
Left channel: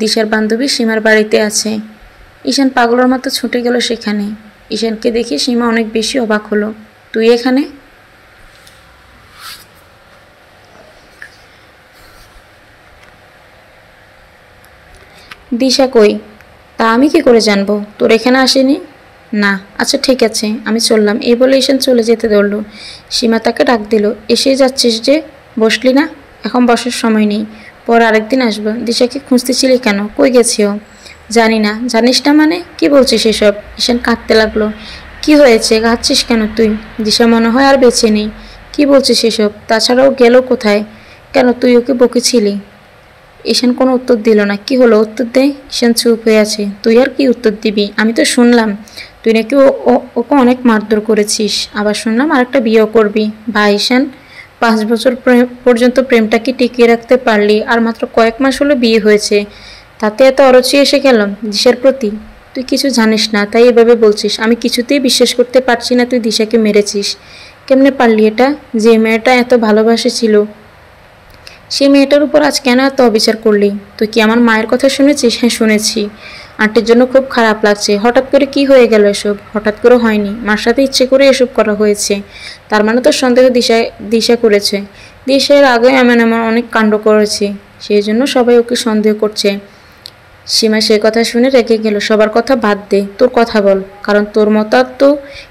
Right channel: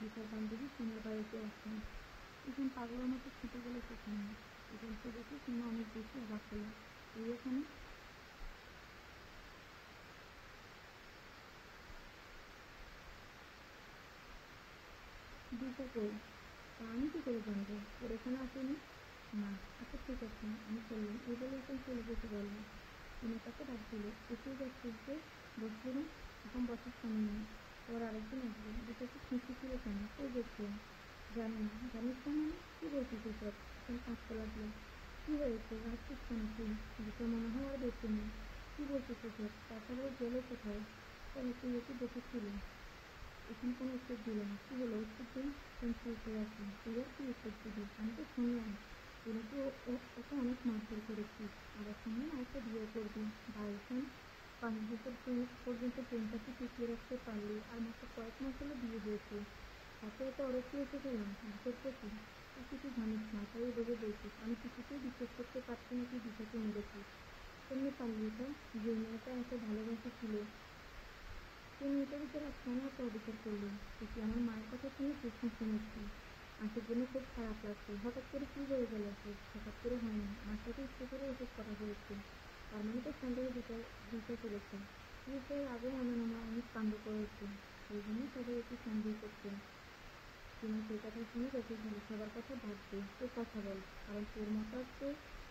দিশার বান্ধবী সীমার বাড়িতে আছে। ঈশান পাগলের মতো ছুটে গেল সেখানে। ঈশানকে দেখে সীমা অনেক বেশি অবাক হলো। তুই এখানে? দিশা কই? তা আমি কি করে জানবো? তোর এখানে আসেনি? না। আচ্ছা ঠিক আছে, আমি চললাম। এই বলে ঈশান চলে যেতে ধরল। সীমা তাকে ডাক দিল, এসেই যাচ্ছিস যে? বসলি না? এখন বসার সময় নেই, পর আরেকদিন আসবো। দিশাকে খুঁজতেছিলি কেন? কই গেছি ও? জানি না। জানিস না মানে? কি বলছিস এসব? ঈশান কাঁদতে লাগলো। কি হয়েছে? কাঁদছিস কেন তুই? দিশা মনে হয় আর বেঁচে নেই। কি বলছিস এসব? তাছাড়াও গেল কোথায়? কেন তুই ওকে বকেছিলি? ঈশান কোনো উত্তর দিল না। কি হলো, উত্তর দে। ঈশান চুপ হয়ে আছে। তুই আর কি উত্তর দিবি? আমি তো শুনলাম তুই নাকি ওকে অনেক মারধর করেছিস, আবার শুনলাম আরেকটা বিয়েও করবি। ভাই ঈশান, 5 বছর পর্যন্ত প্রেমটাকে টিকিয়ে রাখতে পারলি, আর মাত্র কয়েক মাস হলো বিয়ে হয়েছে, তাতে এত অরুচি এসে গেল দিশার প্রতি? তুই কিছু জানিস না তাই এভাবে বলছিস। আমি কিছুতেই বিশ্বাস করতে পারছি না তুই দিশাকে মেরেছিস। কেমনে পারলি এটা? যে মেয়েটা এত ভালোবাসেছিল, সেই মেয়েটার উপর আজ কেন এত অবিচার করলি? তুই কি আমার মায়ের কথা শুনেছিস? হ্যাঁ শুনেছি। আন্টির জন্য খুব খারাপ লাগছে। হঠাৎ করে কি হয়ে গেল এসব? হঠাৎ করে হয়নি, মার সাথে ইচ্ছে করে এসব করা হয়েছে। তার মানে তো সন্দেহ দিশা করেছে। দিশা এর আগে এমন এমন অনেক কাণ্ড করেছে, সেই জন্য সবাই ওকে সন্দেহ করছে। সীমা সে কথা শুনে রেগে গেল। সবার কথা বাদ দে, তোর কথা বল, কারণ তোর মতো তো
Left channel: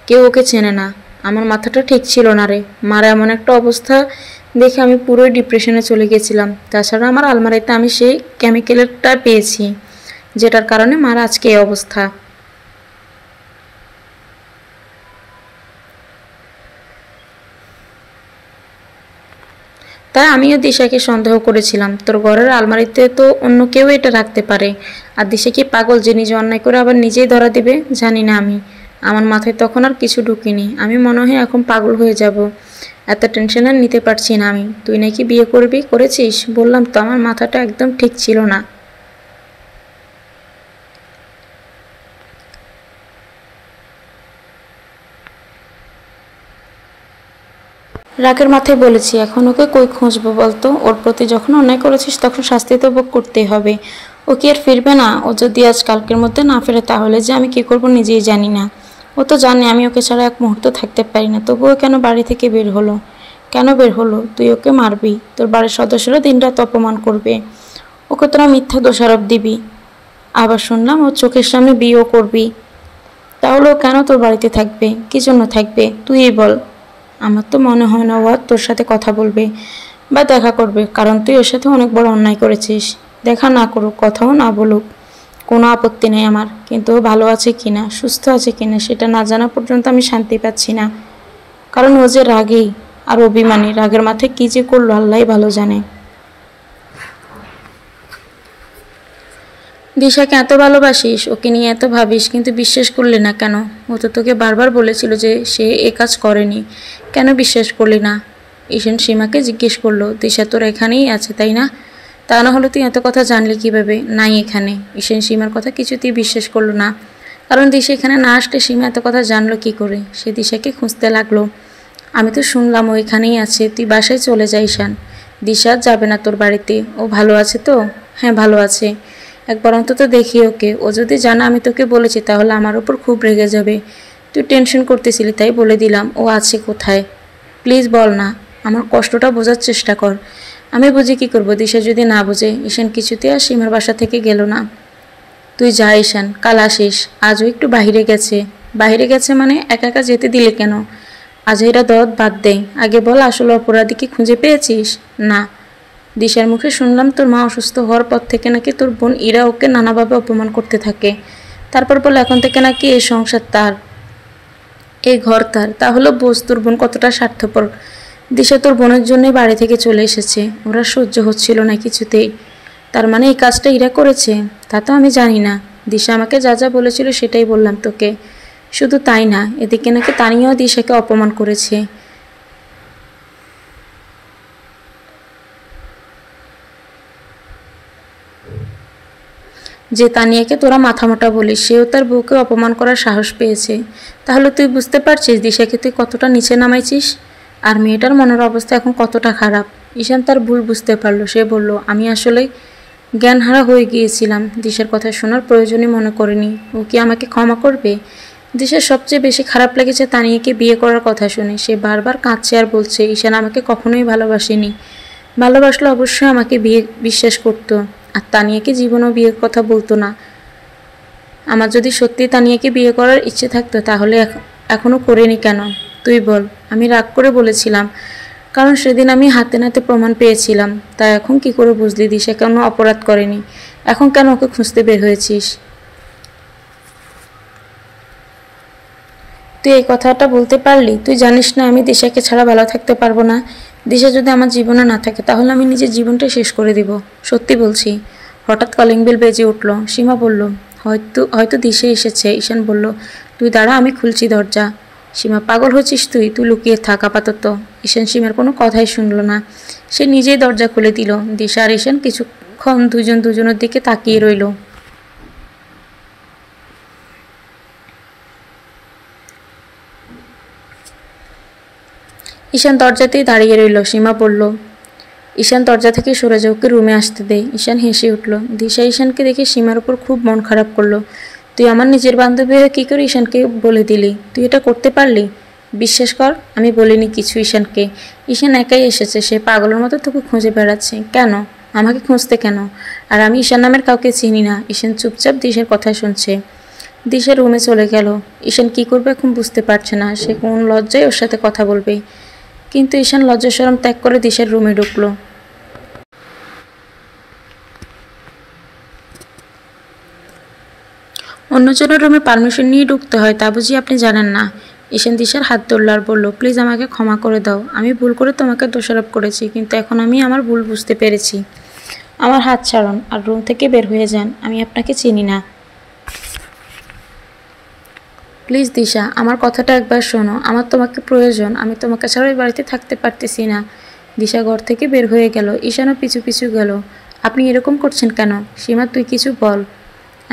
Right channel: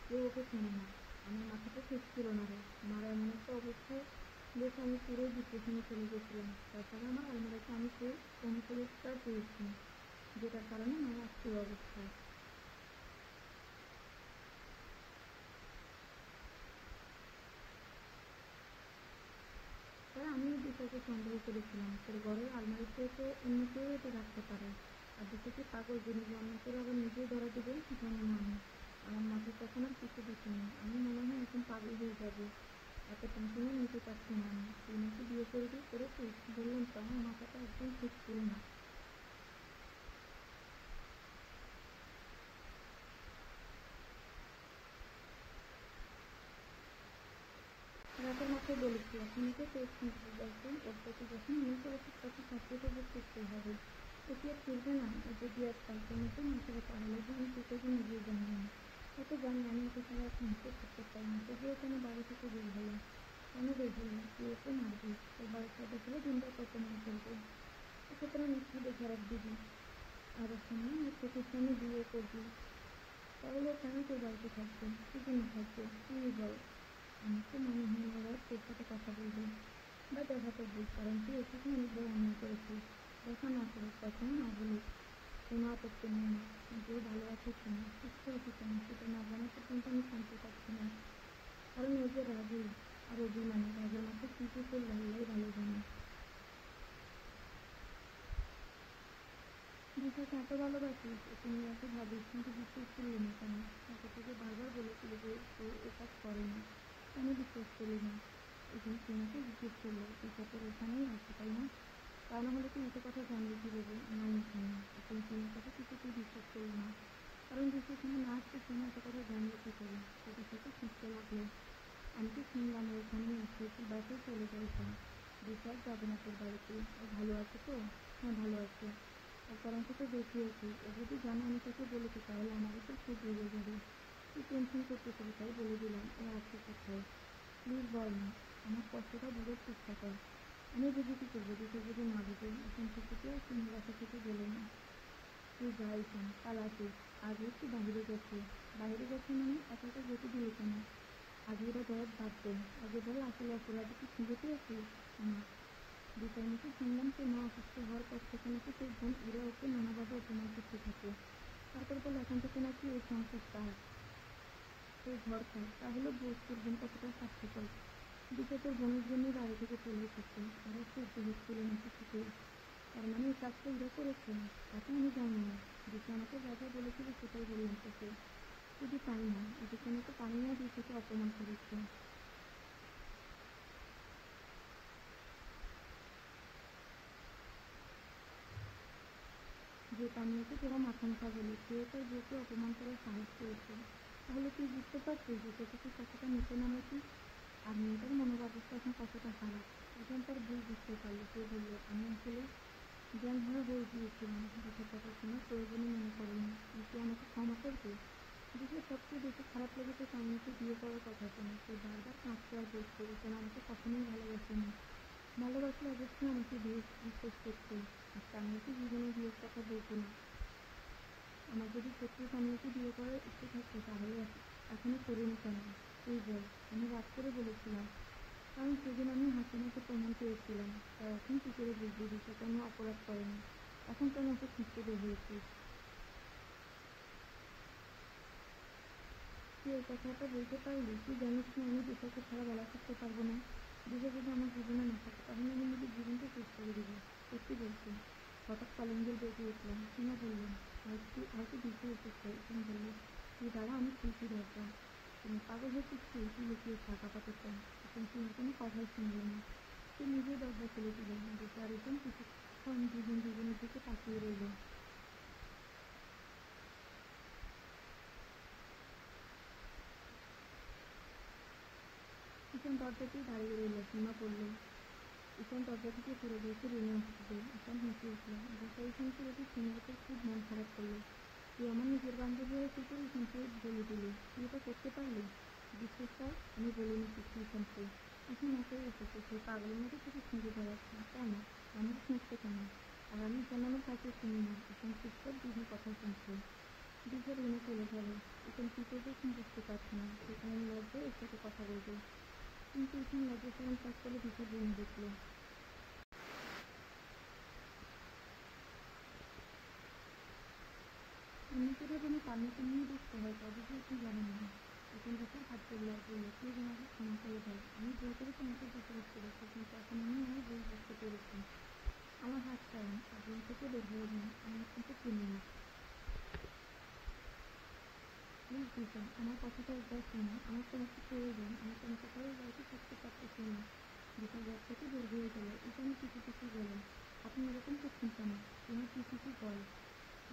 কেউ ওকে চেনে না। আমার মাথাটা ঠিক ছিল না রে। মার এমন একটা অবস্থা দেখে আমি পুরোই ডিপ্রেশনে চলে গেছিলাম। তাছাড়া আমার আলমারিতে আমি সেই কেমিক্যালটা পেয়েছি, যেটার কারণে মার আজকে এই অবস্থা। তাই আমিও দিশাকে সন্দেহ করেছিলাম। তোর ঘরের আলমারিতে তো অন্য কেউ এটা রাখতে পারে। আর দিশা কি পাগল যে নিজে অন্যায় করে আবার নিজেই ধরা দিবে? জানি না আমি। আমার মাথায় তখন আর কিছু ঢুকিনি। আমি মনে হয় এখন পাগল হয়ে যাব। এত টেনশন আর নিতে পারছি না আমি। তুই নাকি বিয়ে করবি, করেছিস? বললাম তো আমার মাথাটা একদম ঠিক ছিল না। রাগের মাথায় বলেছি, এখন ওকে কই খুঁজবো বলতো? ওর প্রতি যখন অন্যায় করেছিস তখন শাস্তি তো ভোগ করতেই হবে। ও কি আর ফিরবে না? ও যদি আজ কালকের মধ্যে না ফেরে তাহলে যে আমি কি করব নিজেই জানি না। ও তো জানে আমি ওকে ছাড়া এক মুহূর্ত থাকতে পারি না, তবুও কেন বাড়ি থেকে বের হলো? কেন বের হলো? তুই ওকে মারবি, তোর বাড়ির সদস্যরা দিনরাত অপমান করবে, ওকে তোরা মিথ্যা দোষারোপ দিবি। আবার শুনলাম ও চোখের সামনে বিয়েও করবি। তাহলে ও কেন তোর বাড়িতে থাকবে? কি জন্য থাকবে তুই বল? আমার তো মনে হয় না ও আর তোর সাথে কথা বলবে বা দেখা করবে, কারণ তুই ওর সাথে অনেক বড় অন্যায় করেছিস। দেখা না করুক, কথাও না বলুক, কোনো আপত্তি নেই আমার, কিন্তু ও ভালো আছে কিনা, সুস্থ আছে কিনা সেটা না জানা পর্যন্ত আমি শান্তি পাচ্ছি না। কারণ ও যে রাগী আর অভিমানী, রাগের মাথায় কী যে করলো আল্লাহই ভালো জানে। দিশাকে এত ভালোবাসিস, ওকে নিয়ে এত ভাবিস, কিন্তু বিশ্বাস করলি না কেন? ও তো তোকে বারবার বলেছিল যে সে এ কাজ করেনি, কেন বিশ্বাস করলি না? ঈশান সীমাকে জিজ্ঞেস করলো, দিশা তোর এখানেই আছে তাই না? তা না হলে তুই এত কথা জানলি কিভাবে নাই এখানে? ঈশান সীমার কথা কিছুতেই বিশ্বাস করলো না, কারণ দিশা এখানে না আসলে সীমা এত কথা জানলো কি করে? সে দিশাকে খুঁজতে লাগলো। আমি তো শুনলাম ও এখানেই আছে, তুই বাসায় চলে যা ঈশান। দিশা যাবে না তোর বাড়িতে, ও ভালো আছে তো? হ্যাঁ ভালো আছে, একবার অন্তত দেখি ওকে। ও যদি জানা আমি তোকে বলেছি তাহলে আমার ওপর খুব রেগে যাবে। তুই টেনশন করতেছিলি তাই বলে দিলাম। ও আছে কোথায়? প্লিজ বল না, আমার কষ্টটা বোঝার চেষ্টা কর। আমি বুঝি কি করবো, দিশা যদি না বোঝে? ঈশান কিছুতে আর সীমার বাসা থেকে গেল না। তুই যা ঈশান, কাল আসিস। আজও একটু বাহিরে গেছে। বাহিরে গেছে মানে একা একা যেতে দিলে কেন? আজেরা দরদ বাদ দে, আগে বল আসলে অপরাধী কি খুঁজে পেয়েছিস? না। দিশার মুখে শুনলাম তোর মা অসুস্থ হওয়ার পর থেকে নাকি তোর বোন ইরা ওকে নানাভাবে অপমান করতে থাকে। তারপর বলে এখন থেকে নাকি এই সংসার তার, এই ঘর তার। তাহলে বোঝ তোর বোন কতটা স্বার্থপর। দিশা তোর বোনের জন্যই বাড়ি থেকে চলে এসেছে, ওরা সহ্য হচ্ছিল না কিছুতেই। তার মানে এই কাজটা ইরা করেছে? তা তো আমি জানি না। দিশা আমাকে যা যা বলেছিল সেটাই বললাম তোকে। শুধু তাই না, এদিকে নাকি তানিয়াও দিশাকে অপমান করেছে। যে তানিয়াকে তোরা মাথামোটা বলিস, সেও তার বউকে অপমান করার সাহস পেয়েছে। তাহলে তুই বুঝতে পারছিস দিশাকে তুই কতটা নিচে নামাইছিস, আর মেয়েটার মনের অবস্থা এখন কতটা খারাপ। ঈশান তার ভুল বুঝতে পারলো, সে বলল আমি আসলে জ্ঞানহারা হয়ে গিয়েছিলাম, দিশার কথা শোনার প্রয়োজনই মনে করিনি। ও কি আমাকে ক্ষমা করবে? দিশার সবচেয়ে বেশি খারাপ লেগেছে তানিয়াকে বিয়ে করার কথা শুনে। সে বারবার কাঁদছে আর বলছে ঈশান আমাকে কখনোই ভালোবাসেনি, ভালোবাসলে অবশ্যই আমাকে বিয়ে বিশ্বাস করতো, আর তানিয়াকে জীবনও বিয়ের কথা বলতো না। আমার যদি সত্যি তানিয়াকে বিয়ে করার ইচ্ছে থাকতো তাহলে এখনও করিনি কেন? তুই বল। আমি রাগ করে বলেছিলাম, কারণ সেদিন আমি হাতে নাতে প্রমাণ পেয়েছিলাম। তা এখন কি করে বুঝলি দিশা কেন অপরাধ করেনি? এখন কেন ওকে খুঁজতে বের হয়েছিস? তুই এই কথাটা বলতে পারলি? তুই জানিস না আমি দিশাকে ছাড়া ভালো থাকতে পারবো না। দিশা যদি আমার জীবনে না থাকে তাহলে আমি নিজের জীবনটা শেষ করে দিব, সত্যি বলছি। হঠাৎ কলিং বেল বেজে উঠল। সীমা বলল, হয়তো হয়তো দিশা এসেছে। ঈশান বলল, তুই দাঁড়া, আমি খুলছি দরজা। সীমা, পাগল হচ্ছিস তুই? তুই লুকিয়ে থাক আপাতত। ঈশান সীমার কোনো কথাই শুনল না, সে নিজেই দরজা খুলে দিল। দিশা আর ঈশান কিছুক্ষণ দুজন দুজনের দিকে তাকিয়ে রইল। ঈশান দরজাতেই দাঁড়িয়ে রইল। সীমা বলল, ঈশান দরজা থেকে সরে যাও, ওকে রুমে আসতে দে। ঈশান হেসে উঠল। দিশা ঈশানকে দেখে সীমার উপর খুব মন খারাপ করলো। তুই আমার নিজের বান্ধবী হয়ে কী করে ঈশানকে বলে দিলি? তুই এটা করতে পারলি? বিশ্বাস কর, আমি বলিনি কিছু ঈশানকে। ঈশান একাই এসেছে, সে পাগলের মতো তোকে খুঁজে বেড়াচ্ছে। কেন? আমাকে খুঁজতে কেন? আর আমি ঈশান নামের কাউকে চিনি না। ঈশান চুপচাপ দিশার কথা শুনছে। দিশা রুমে চলে গেল। ঈশান কী করবে এখন বুঝতে পারছে না। সে কোন লজ্জায় ওর সাথে কথা বলবে, কিন্তু ঈশান লজ্জা শরম ত্যাগ করে দিশার রুমে ঢুকলো। অন্যজনের রুমে পারমিশন নিয়ে ঢুকতে হয়, তা বুঝি আপনি জানেন না? ঈশান দিশার হাত ধরল আর বলল, প্লিজ আমাকে ক্ষমা করে দাও। আমি ভুল করে তোমাকে দোষারোপ করেছি, কিন্তু এখন আমি আমার ভুল বুঝতে পেরেছি। আমার হাত ছাড়ুন আর রুম থেকে বের হয়ে যান, আমি আপনাকে চিনি না। প্লিজ দিশা, আমার কথাটা একবার শোনো, আমার তোমাকে প্রয়োজন। আমি তোমাকে ছাড়া ওই বাড়িতে থাকতে পারতেছি না। দিশা ঘর থেকে বের হয়ে গেল। ঈশানও পিছু পিছু গেল। আপনি এরকম করছেন কেন? সীমা, তুই কিছু বল।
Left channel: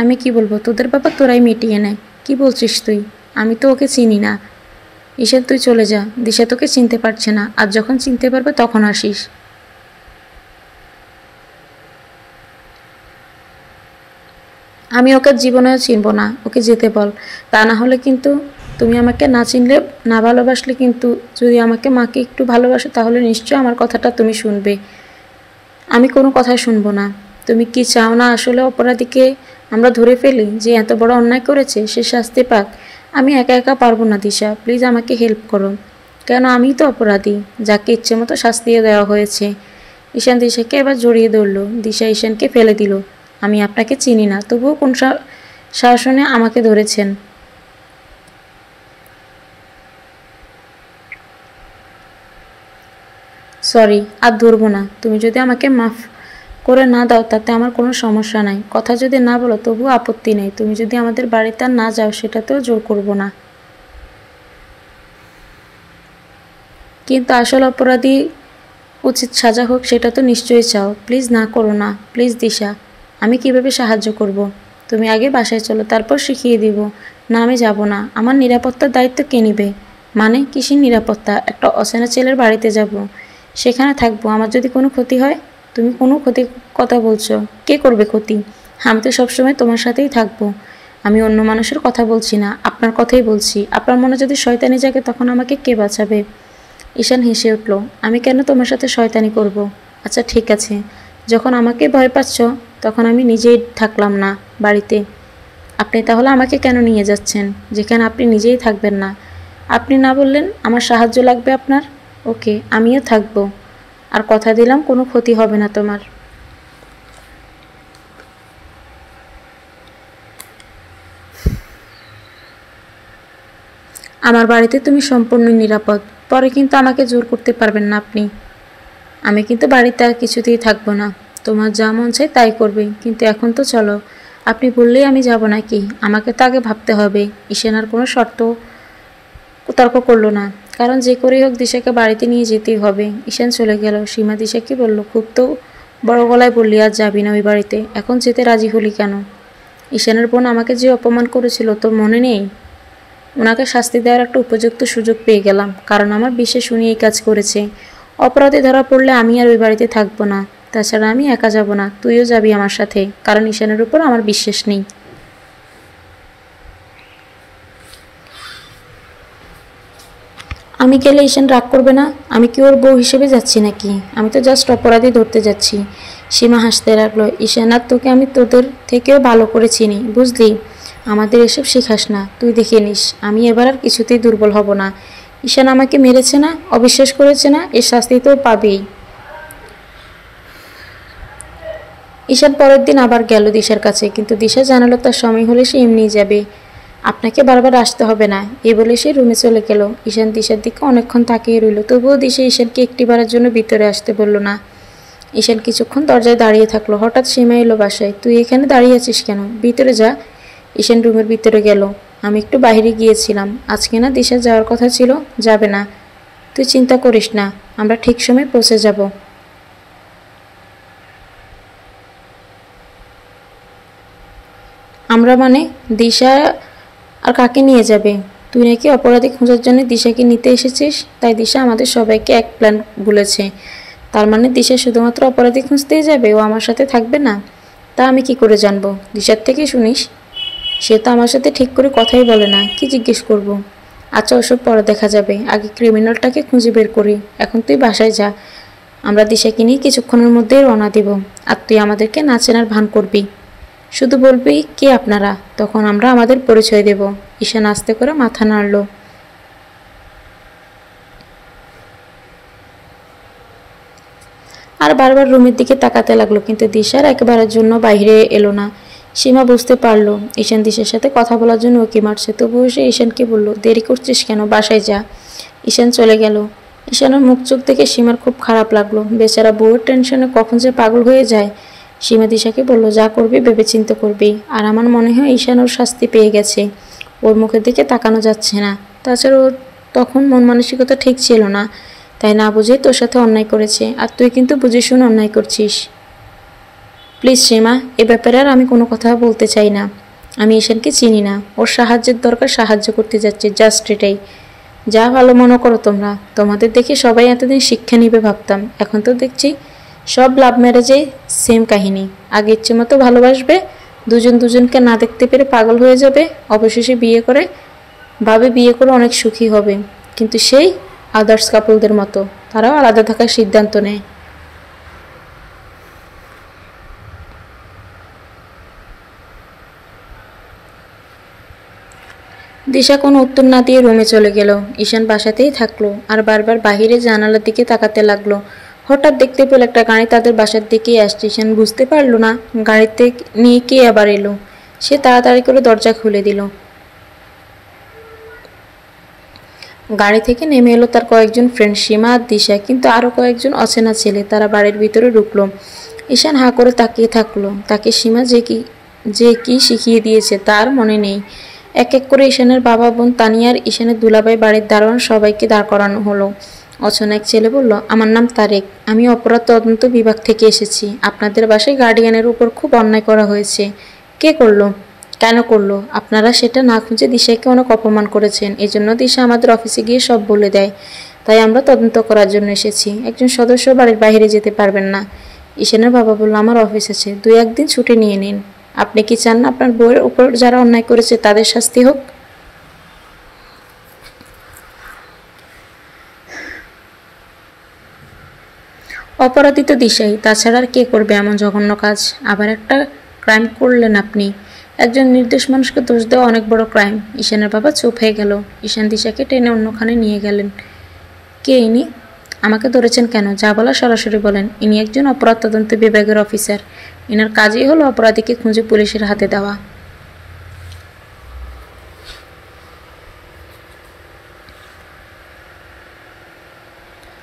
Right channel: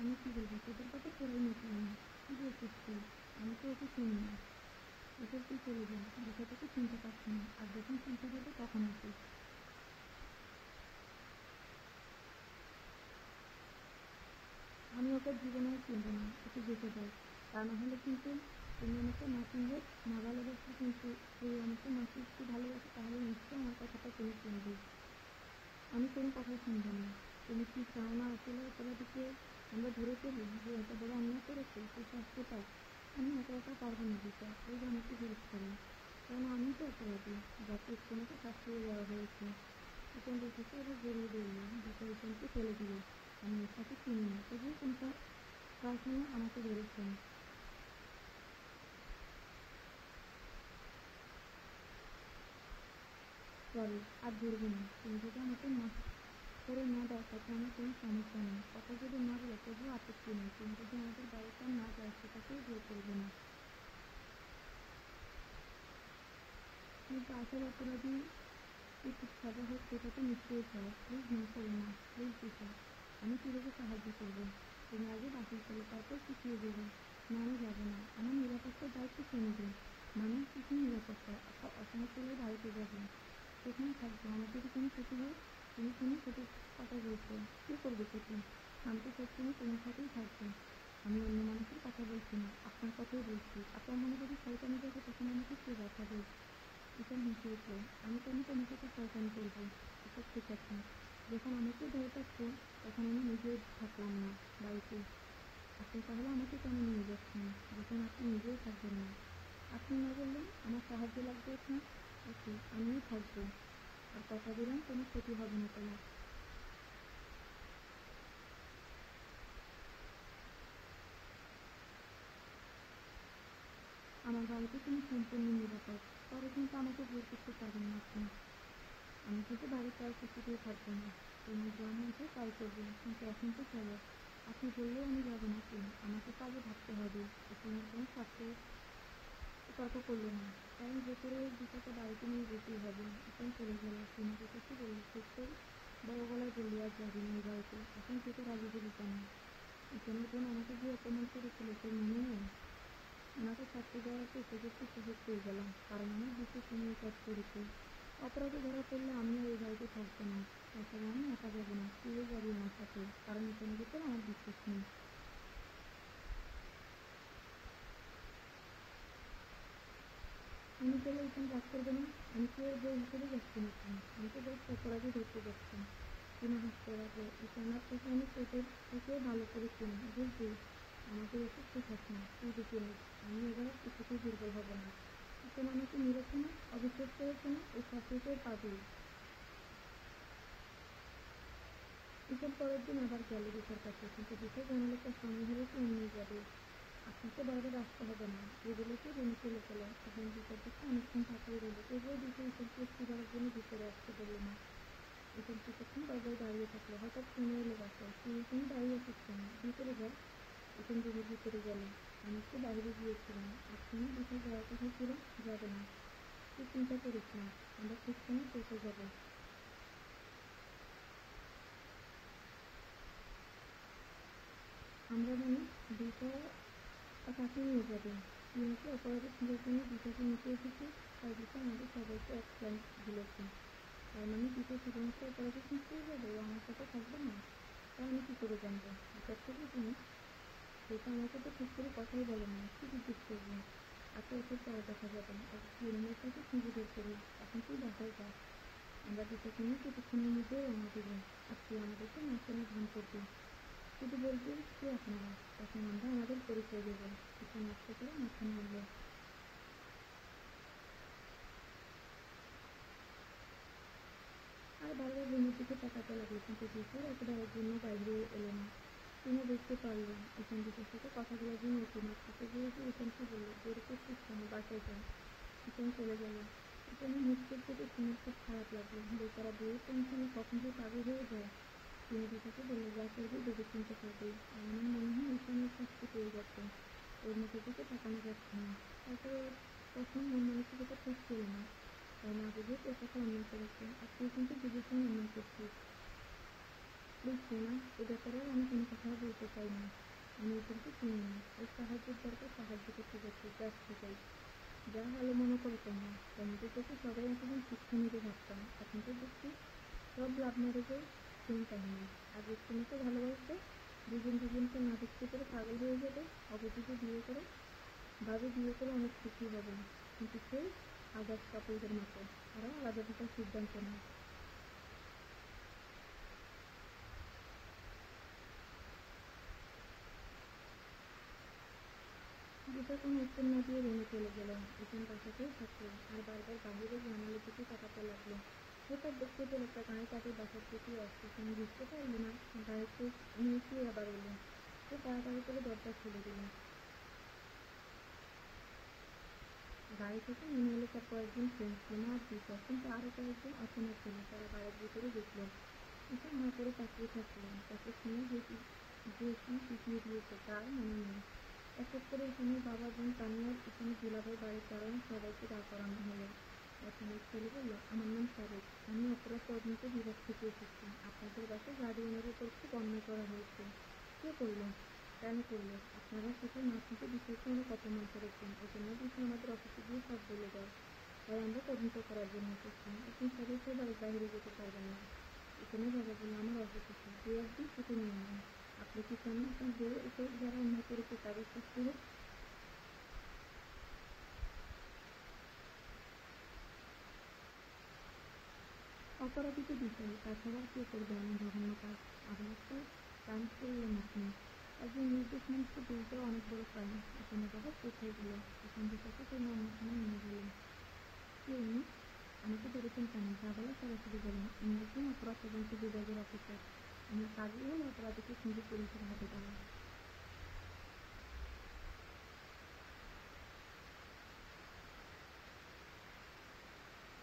আমি কি বলবো? তোদের ব্যাপার তোরাই মিটিয়ে নে। কি বলছিস তুই? আমি তো ওকে চিনি না। ঈশান তুই চলে যা, দিশা তোকে চিনতে পারছে না, আর যখন চিনতে পারবে তখন আসিস। আমি ওকে জীবনেও চিনব না, ওকে যেতে বল। তা না হলে কিন্তু তুমি আমাকে না চিনলে, না ভালোবাসলে, কিন্তু যদি আমাকে মাকে একটু ভালোবাসো তাহলে নিশ্চয় আমার কথাটা তুমি শুনবে। আমি কোনো কথা শুনবো না। তুমি কি চাও না আসলে অপরাধীকে আমরা ধরে ফেলি, যে এত বড় অন্যায় করেছে সে শাস্তি পাক? আমি একা একা পারবো না দিশা, প্লিজ আমাকে হেল্প করো। কেন আমিই তো অপরাধী, যাকে ইচ্ছে মতো শাস্তিও দেওয়া হয়েছে। ঈশান দিশাকে এবার জড়িয়ে ধরল। দিশা ঈশানকে ফেলে দিল। আমি আপনাকে চিনি না, তবুও কোন শাসনে আমাকে ধরেছেন? সরি, আর ধরবো না। তুমি যদি আমাকে মাফ করে না দাও তাতে আমার কোনো সমস্যা নাই। কথা যদি না বলো তবুও আপত্তি নেই। তুমি যদি আমাদের বাড়িতে আর না যাও সেটাতেও জোর করব না। কিন্তু আসল অপরাধী উচিত সাজা হোক সেটা তো নিশ্চয়ই চাও। প্লিজ না করো না, প্লিজ দিশা। আমি কিভাবে সাহায্য করব? তুমি আগে বাসায় চলো, তারপর শিখিয়ে দিব। না, আমি যাব না। আমার নিরাপত্তার দায়িত্ব কে নিবে? মানে কিসের নিরাপত্তা? একটা অচেনা ছেলের বাড়িতে যাব, সেখানে থাকবো। আমার যদি কোনো ক্ষতি হয়? তুমি কোনো ক্ষতির কথা বলছো? কে করবে ক্ষতি? আমি তো সবসময় তোমার সাথেই থাকবো। আমি অন্য মানুষের কথা বলছি না, আপনার কথাই বলছি। আপনার মনে যদি শয়তানি জাগে তখন আমাকে কে বাঁচাবে? ঈশান হেসে উঠল। আমি কেন তোমার সাথে শয়তানি করব? আচ্ছা ঠিক আছে, যখন আমাকে ভয় পাচ্ছ তখন আমি নিজেই থাকলাম না বাড়িতে। আপনি তাহলে আমাকে কেন নিয়ে যাচ্ছেন যেখানে আপনি নিজেই থাকবেন না? আপনি না বললেন আমার সাহায্য লাগবে আপনার? ওকে, আমিও থাকবো। আর কথা দিলাম কোনো ক্ষতি হবে না তোমার। আমার বাড়িতে তুমি সম্পূর্ণ নিরাপদ। পরে কিন্তু আমাকে জোর করতে পারবেন না আপনি। আমি কিন্তু বাড়িতে আর কিছুতেই থাকবো না। তোমার যা মন চায় তাই করবে, কিন্তু এখন তো চলো। আপনি বললেই আমি যাব নাকি? আমাকে তো আগে ভাবতে হবে। ঈশান আর কোনো শর্ত তর্ক করলো না, কারণ যে করেই হোক দিশাকে বাড়িতে নিয়ে যেতেই হবে। ঈশান চলে গেল। সীমা দিশাকে বলল, খুব তো বড় গলায় বললি আজ যাবি না ওই বাড়িতে, এখন যেতে রাজি হলি কেন? ঈশানের বোন আমাকে যে অপমান করেছিল তোর মনে নেই? ওনাকে শাস্তি দেওয়ার একটা উপযুক্ত সুযোগ পেয়ে গেলাম, কারণ আমার বিশ্বাস উনি এই কাজ করেছে। অপরাধী ধরা পড়লে আমি আর ওই বাড়িতে থাকবো না। তাছাড়া আমি একা যাব না, তুইও যাবি আমার সাথে, কারণ ঈশানের উপর আমার বিশ্বাস নেই। আমি গেলে ঈশান রাগ করবে না? আমি কি ওর বউ হিসেবে যাচ্ছি নাকি? আমি তো জাস্ট অপরাধী ধরতে যাচ্ছি। সীমা হাসতে লাগলো। ঈশান আর তোকে আমি তোদের থেকেও ভালো করে চিনি, বুঝলি? আমাদের এসব শেখাস না, তুই দেখে নিস। আমি এবার আর কিছুতেই দুর্বল হব না। ঈশান আমাকে মেরেছে না, অবিশ্বাস করেছে না, এর শাস্তি তো পাবেই। ঈশান পরের দিন আবার গেল দিশার কাছে, কিন্তু দিশা জানালো তার সময় হলে সে এমনিই যাবে, আপনাকে বারবার আসতে হবে না। এই বলে সে রুমে চলে গেল। ঈশান দিশার দিকে অনেকক্ষণ তাকিয়ে রইল, তবুও দিশা ঈশানকে একটিবারের জন্য ভিতরে আসতে বলল না। ঈশান কিছুক্ষণ দরজায় দাঁড়িয়ে থাকলো। হঠাৎ সীমা এলো বাসায়। তুই এখানে দাঁড়িয়ে আছিস কেন? ভিতরে যা। ঈশান রুমের ভিতরে গেল। আমি একটু বাইরে গিয়েছিলাম, আজকে না দিশা যাওয়ার কথা ছিল, যাবে না। তুই চিন্তা করিস না, আমরা ঠিক সময় পৌঁছে যাব। আমরা মানে? দিশা আর কাকে নিয়ে যাবে? তুই নাকি অপরাধী খোঁজার জন্য দিশাকে নিতে এসেছিস, তাই দিশা আমাদের সবাইকে এক প্ল্যান বলেছে। তার মানে দিশা শুধুমাত্র অপরাধী খুঁজতেই যাবে, ও আমার সাথে থাকবে না? তা আমি কি করে জানবো? দিশার থেকে শুনিস। সে তো আমার সাথে ঠিক করে কথাই বলে না, কি জিজ্ঞেস করব? আচ্ছা ওসব পরে দেখা যাবে, আগে ক্রিমিনালটাকে খুঁজে বের করি। এখন তুই বাসায় যা, আমরা দিশাকে নিয়ে কিছুক্ষণের মধ্যেই রওনা দিব। আর তুই আমাদেরকে না চেনার ভান করবি, শুধু বলবি কে আপনারা, তখন আমরা আমাদের পরিচয় দেব। ঈশান আস্তে করে মাথা নাড়ল। আর বারবার রুমের দিকে তাকাতে লাগলো, কিন্তু দিশার একেবারের জন্য বাইরে এলো না। সীমা বুঝতে পারলো ঈশান দিশার সাথে কথা বলার জন্য ওকে মারছে, তবুও সে ঈশানকে বলল, দেরি করছিস কেন, বাসায় যা। ঈশান চলে গেল। ঈশানের মুখ চোখ দেখে সীমার খুব খারাপ লাগলো। বেচারা বউয়ের টেনশনে কখন যে পাগল হয়ে যায়। সীমা দিশাকে বলল, যা করবি ভেবে চিন্তে করবি। আর আমার মনে হয় ঈশান ওর শাস্তি পেয়ে গেছে, ওর মুখের দিকে তাকানো যাচ্ছে না। তাছাড়া ওর তখন মন মানসিকতা ঠিক ছিল না, তাই না বুঝে তোর সাথে অন্যায় করেছে। আর তুই কিন্তু বুঝে শুনে অন্যায় করছিস। প্লিজ সীমা, এ ব্যাপারে আর আমি কোনো কথা বলতে চাই না। আমি ঈশানকে চিনি না, ওর সাহায্যের দরকার, সাহায্য করতে যাচ্ছি, জাস্ট এটাই। যা ভালো মনে করো তোমরা। তোমাদের দেখে সবাই এতদিন শিক্ষা নিবে ভাবতাম, এখন তো দেখছি সব লাভ ম্যারেজে সেম কাহিনী। আগে ইচ্ছে মতো ভালোবাসবে, দুজন দুজনকে না দেখতে পেরে পাগল হয়ে যাবে, অবশেষে বিয়ে করে অনেক সুখী হবে। কিন্তু সেই আদার্স কাপলদের মতো তারাও আলাদা থাকার সিদ্ধান্ত নেয়। দিশা কোনো উত্তর না দিয়ে রুমে চলে গেল। ঈশান বাসাতেই থাকলো আর বারবার বাহিরে জানালার দিকে তাকাতে লাগলো। হঠাৎ দেখতে পেল একটা গাড়ি তাদের বাসার দিকেই আসছে। ঈশান বুঝতে পারল না গাড়িতে নিয়ে কে আবার এলো। সে তাড়াতাড়ি করে দরজা খুলে দিল। গাড়ি থেকে নেমে এলো তার কয়েকজন ফ্রেন্ড, সীমা আর দিশা, কিন্তু আরও কয়েকজন অচেনা ছেলে। তারা বাড়ির ভিতরে ঢুকলো। ঈশান হাঁ করে তাকিয়ে থাকলো। তাকে সীমা যে কি শিখিয়ে দিয়েছে তার মনে নেই। এক এক করে ঈশানের বাবা, বোন, তানিয়া আর ঈশানের দুলাভাই, বাড়ির দারোয়ান সবাইকে দাঁড় করানো হলো। অচেনা এক ছেলে বলল, আমার নাম তারেক, আমি অপরাধ তদন্ত বিভাগ থেকে এসেছি। আপনাদের বাসায় গার্ডিয়ানের উপর খুব অন্যায় করা হয়েছে। কে করলো? কেন করলো? আপনারা সেটা না খুঁজে দিশাকে অনেক অপমান করেছেন। এজন্য দিশা আমাদের অফিসে গিয়ে সব বলে দেয়। তাই আমরা তদন্ত করার জন্য এসেছি। একজন সদস্য বাড়ির বাইরে যেতে পারবেন না। ঈশানের বাবা বলল, আমার অফিস আছে, 2-1 দিন ছুটি নিয়ে নিন। আপনি কি চান না আপনার বউয়ের উপর যারা অন্যায় করেছে তাদের শাস্তি হোক? অপরাধী তো দিশাই, তাছাড়া আর কে করবে এমন জঘন্য কাজ? আবার একটা ক্রাইম করলেন আপনি। একজন নির্দোষ মানুষকে দোষ দেওয়া অনেক বড় ক্রাইম। ঈশানের বাবা চুপ হয়ে গেল। ঈশান দিশাকে টেনে অন্যখানে নিয়ে গেলেন। কে ইনি? আমাকে ধরেছেন কেন? যা বলার সরাসরি বলেন। ইনি একজন অপরাধ তদন্ত বিভাগের অফিসার। ইনার কাজই হলো অপরাধীকে খুঁজে পুলিশের হাতে দেওয়া।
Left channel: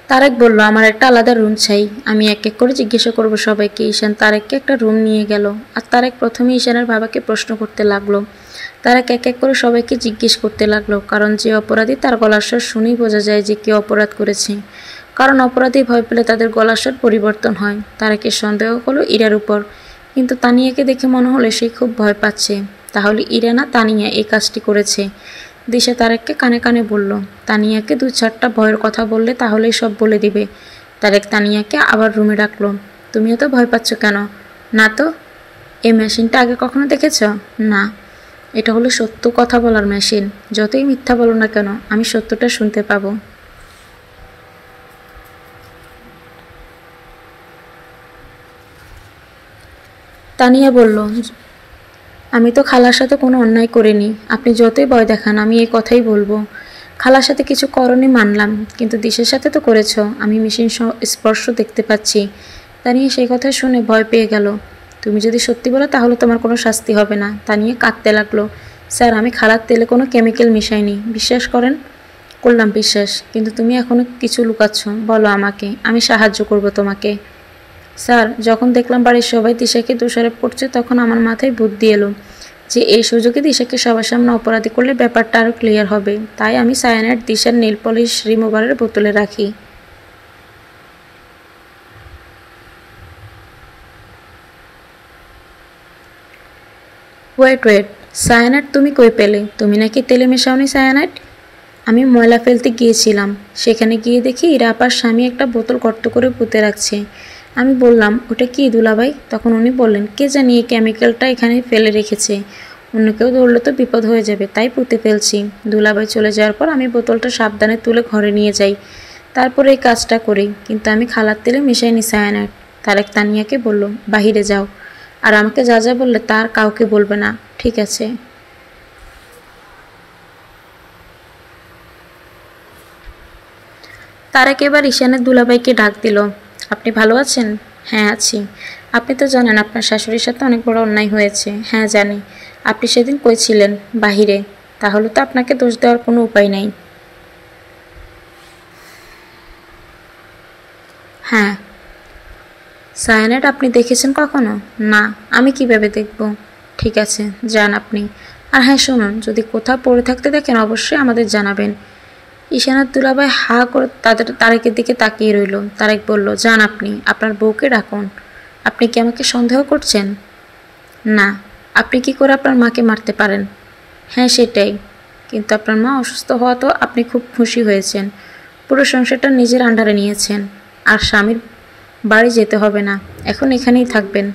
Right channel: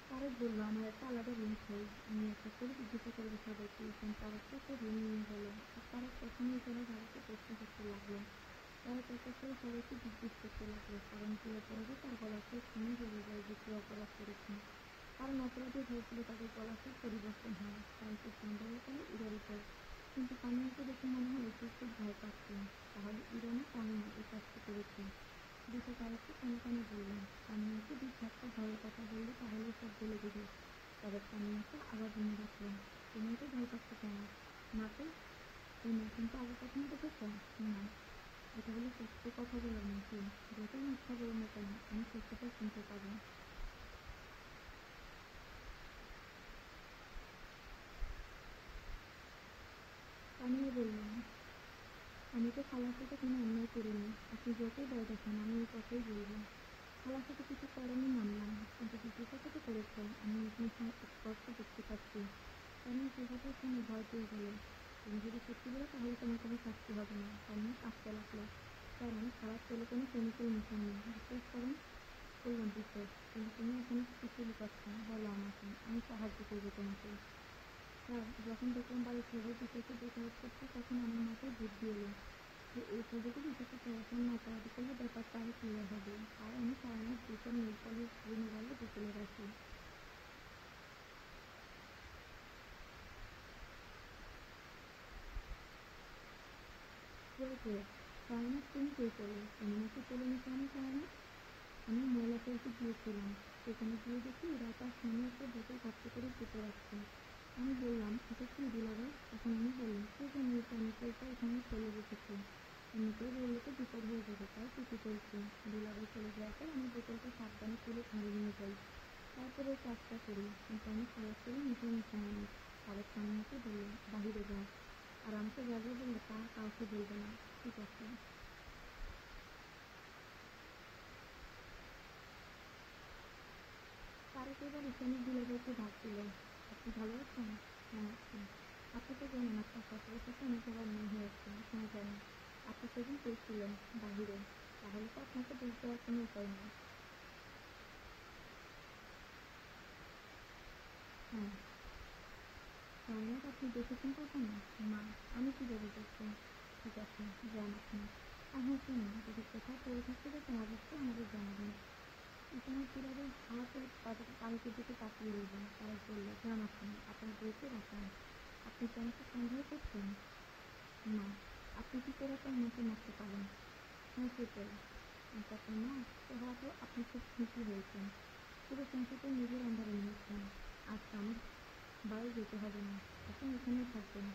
তারেক বলল, আমার একটা আলাদা রুম চাই। আমি এক এক করে জিজ্ঞাসা করব সবাইকে। ঈশান তারেককে একটা রুম নিয়ে গেল। আর তারেক প্রথমে ঈশানের বাবাকে প্রশ্ন করতে লাগলো। তারেক এক এক করে সবাইকে জিজ্ঞেস করতে লাগলো, কারণ যে অপরাধী তার গলার স্বর শুনেই বোঝা যায় যে কে অপরাধ করেছে। কারণ অপরাধী ভয় পেলে তাদের গলার স্বর পরিবর্তন হয়। তারেকের সন্দেহ হলো ইরার উপর, কিন্তু তানিয়াকে দেখে মনে হলো সে খুব ভয় পাচ্ছে। তাহলে ইরা না তানিয়া এই কাজটি করেছে। দিশা তারেককে কানে কানে বলল, তানিয়াকে 2-4টা ভয়ের কথা বললে তাহলেই সব বলে দিবে। তারেক তানিয়াকে আবার রুমে ডাকলো। তুমি এত ভয় পাচ্ছ কেন? না তো। এই মেশিনটা আগে কখনো দেখেছ? না। এটা হলো সত্য কথা বলার মেশিন। যতই মিথ্যা বলো না কেন, আমি সত্যটা শুনতে পাবো। তানিয়া বলল, আমি তো খালার সাথে কোনো অন্যায় করিনি। আপনি যতই ভয় দেখান আমি এই কথাই বলবো। খালার সাথে কিছু করনি মানলাম, কিন্তু দিশের সাথে তো করেছ। আমি মেশিন স্পর্শ দেখতে পাচ্ছি। তানিয়া সেই কথা শুনে ভয় পেয়ে গেল। তুমি যদি সত্যি বলো তাহলে তোমার কোনো শাস্তি হবে না। তানিয়া কাঁদতে লাগলো। স্যার, আমি খালার তেলে কোনো কেমিক্যাল মিশাইনি, বিশ্বাস করেন। করলাম বিশ্বাস, কিন্তু তুমি এখনো কিছু লুকাচ্ছ। বলো আমাকে, আমি সাহায্য করব তোমাকে। স্যার, যখন দেখলাম বাড়ির সবাই দিশাকে দোষারোপ করছে তখন আমার মাথায় বুদ্ধি এলো যে এই সুযোগে দিশাকে সবার সামনে অপরাধী করলে ব্যাপারটা আরও ক্লিয়ার হবে। তাই আমি সায়ানাইড দিশার নেল পলিশ রিমুভারের বোতলে রাখি। ওয়েট, সায়ানাইড তুমি কই পেলে? তুমি নাকি তেলে মেশাওনি সায়ানাইড? আমি ময়লা ফেলতে গিয়েছিলাম, সেখানে গিয়ে দেখি ইরা আপার স্বামী একটা বোতল গর্ত করে পুঁতে রাখছে। আমি বললাম, ওটা কি দুলাভাই? তখন উনি বললেন, কে জানি এই কেমিক্যালটা এখানে ফেলে রেখেছে, অন্য কেউ ধরলে তো বিপদ হয়ে যাবে, তাই পুঁতে ফেলছি। দুলাভাই চলে যাওয়ার পর আমি বোতলটা সাবধানে তুলে ঘরে নিয়ে যাই, তারপর এই কাজটা করি। কিন্তু আমি খালার তেলে মেশাইনি সায়ানাইড। তারেক তানিয়াকে বলল, বাহিরে যাও, আর আমাকে যা যা বললে তার কাউকে বলবে না, ঠিক আছে? তারেক এবার ঈশানের দুলাভাইকে ডাক দিল। আপনি ভালো আছেন? হ্যাঁ আছি। আপনি তো জানেন আপনার শাশুড়ির সাথে অনেক বড় অন্যায় হয়েছে। হ্যাঁ জানি। আপনি সেদিন কই ছিলেন? বাহিরে। তাহলে তো আপনাকে দোষ দেওয়ার কোনো উপায় নাই। হ্যাঁ। সায়ানাইড আপনি দেখেছেন কখনো? না। আমি কিভাবে দেখব? ঠিক আছে, যান আপনি। আর হ্যাঁ শুনুন, যদি কোথাও পড়ে থাকতে দেখেন অবশ্যই আমাদের জানাবেন। ঈশানার দুলাভাই হা করে তারেকের দিকে তাকিয়ে রইল। তারেক বলল, যান আপনি, আপনার বউকে ডাকুন। আপনি কি আমাকে সন্দেহ করছেন? না। আপনি কি করে আপনার মাকে মারতে পারেন? হ্যাঁ সেটাই। কিন্তু আপনার মা অসুস্থ হওয়া তো আপনি খুব খুশি হয়েছেন। পুরো সংসারটা নিজের আন্ডারে নিয়েছেন। আর স্বামীর বাড়ি যেতে হবে না, এখন এখানেই থাকবেন।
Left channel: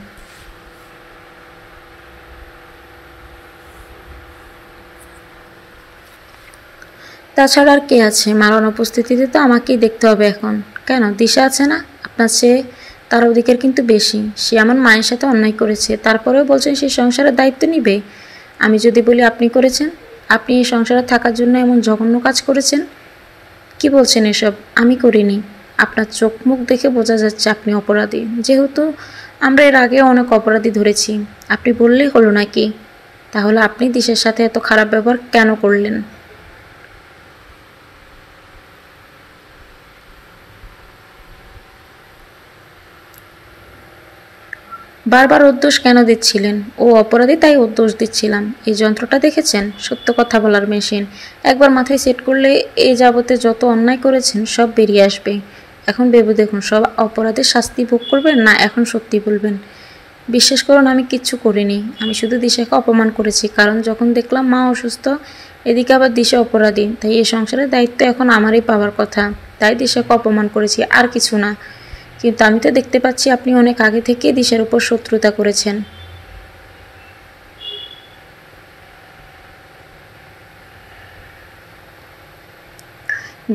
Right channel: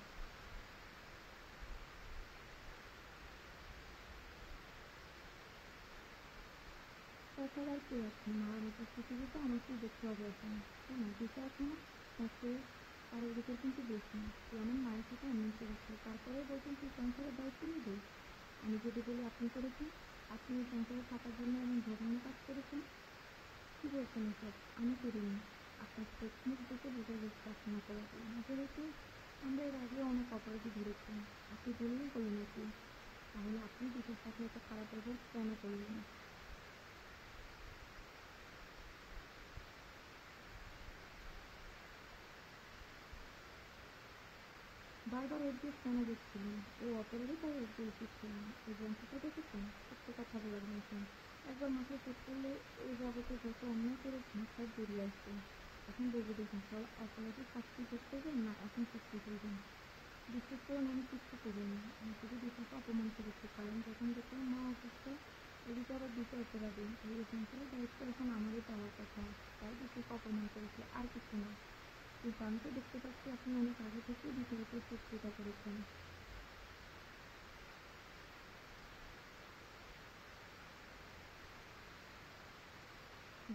তাছাড়া আর কে আছে? মার অনুপস্থিতিতে তো আমাকেই দেখতে হবে এখন। কেন, দিশা আছে না? আপনার চেয়ে তার অধিকার কিন্তু বেশি। সে আমার মায়ের সাথে অন্যায় করেছে, তারপরেও বলছেন সে সংসারের দায়িত্ব নিবে। আমি যদি বলি আপনি করেছেন, আপনি এই সংসারে থাকার জন্য এমন জঘন্য কাজ করেছেন, কি বলছেন এসব? আমি করিনি। আপনার চোখ মুখ দেখে বোঝা যাচ্ছে আপনি অপরাধী। যেহেতু আমরা এর আগে অনেক অপরাধী ধরেছি, আপনি বললেই হলো নাকি? তাহলে আপনি দিশার সাথে এত খারাপ ব্যবহার কেন করলেন? বারবার ওর দোষ কেন দিচ্ছিলেন? ও অপরাধী তাই ওর দোষ দিচ্ছিলাম। এই যন্ত্রটা দেখেছেন? সত্য কথা বলার মেশিন। একবার মাথায় সেট করলে এই যাবতে যত অন্যায় করেছেন সব বেরিয়ে আসবে। এখন ভেবে দেখুন, সব অপরাধের শাস্তি ভোগ করবেন না এখন সত্যি বলবেন? বিশ্বাস করুন, আমি কিচ্ছু করিনি। আমি শুধু দিশাকে অপমান করেছি, কারণ যখন দেখলাম মা অসুস্থ, এদিকে আবার দিশা অপরাধী, তাই এই সংসারের দায়িত্ব এখন আমারই পাওয়ার কথা। তাই দিশাকে অপমান করেছি, আর কিছু না। কিন্তু আমি তো দেখতে পাচ্ছি আপনি অনেক আগে থেকে দিশার উপর শত্রুতা করেছেন।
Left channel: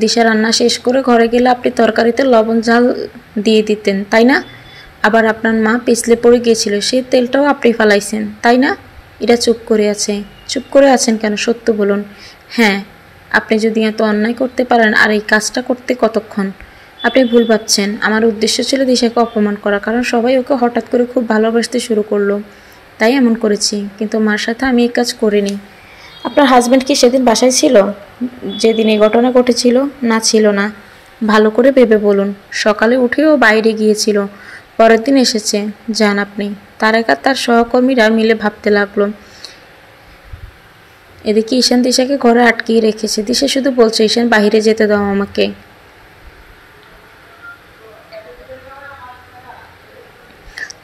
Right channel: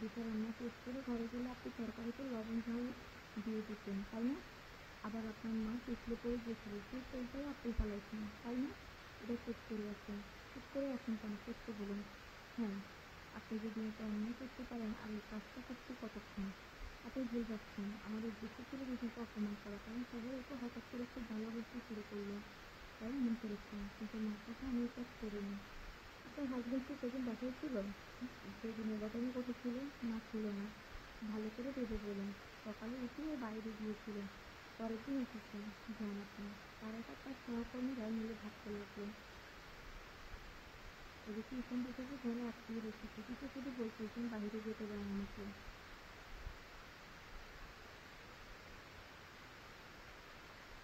দিশা রান্না শেষ করে ঘরে গেলে আপনি তরকারিতে লবণ ঝাল দিয়ে দিতেন, তাই না? আবার আপনার মা পিছলে পড়ে গিয়েছিল, সেই তেলটাও আপনি ফালাইছেন, তাই না? এরা চুপ করে আছে। চুপ করে আছেন কেন, সত্য বলুন। হ্যাঁ, আপনি যদি এত অন্যায় করতে পারেন, আর এই কাজটা করতে কতক্ষণ? আপনি ভুল ভাবছেন। আমার উদ্দেশ্য ছিল দিশাকে অপমান করা, কারণ সবাই ওকে হঠাৎ করে খুব ভালোবাসতে শুরু করলো, তাই এমন করেছি। কিন্তু মার সাথে আমি এই কাজ করিনি। আপনার হাজব্যান্ড কি সেদিন বাসায় ছিল যেদিন এই ঘটনা ঘটেছিল? না, ছিল না। ভালো করে ভেবে বলুন। সকালে উঠেও বাইরে গিয়েছিল, পরের দিন এসেছে। যান আপনি। তারেক আর তার সহকর্মীরা মিলে ভাবতে লাগলো। এদিকে ঈশান দিশাকে ঘরে আটকিয়ে রেখেছে। দিশা শুধু বলছে, ঈশান বাহিরে যেতে দাও আমাকে।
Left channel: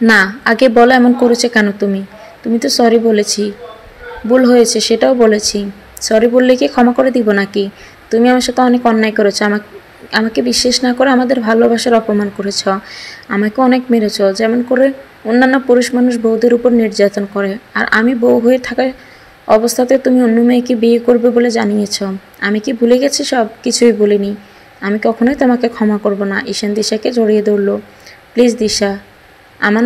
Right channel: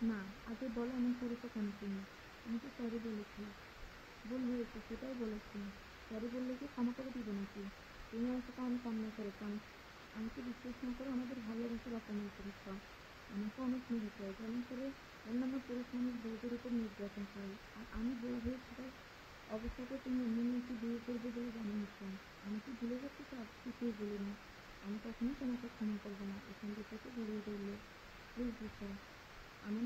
না, আগে বলো এমন করেছে কেন তুমি? তুমি তো সরি বলেছি। ভুল হয়েছে সেটাও বলেছি। সরি বললে কি ক্ষমা করে দিব নাকি? তুমি আমার সাথে অনেক অন্যায় করেছো। আমাকে বিশ্বাস না করে আমাদের ভালোবাসার অপমান করেছ। আমাকে অনেক মেরেছ, যেমন করে অন্যান্য পুরুষ মানুষ বউদের উপর নির্যাতন করে। আর আমি বউ হয়ে থাকা অবস্থাতে তুমি অন্য মেয়েকে বিয়ে করবে বলে জানিয়েছ। আমি কি ভুলে গেছি? সব কিছুই বলিনি। আমি কখনোই তোমাকে ক্ষমা করব না। ঈশান দিশাকে জড়িয়ে ধরল। প্লিজ দিশা, আমার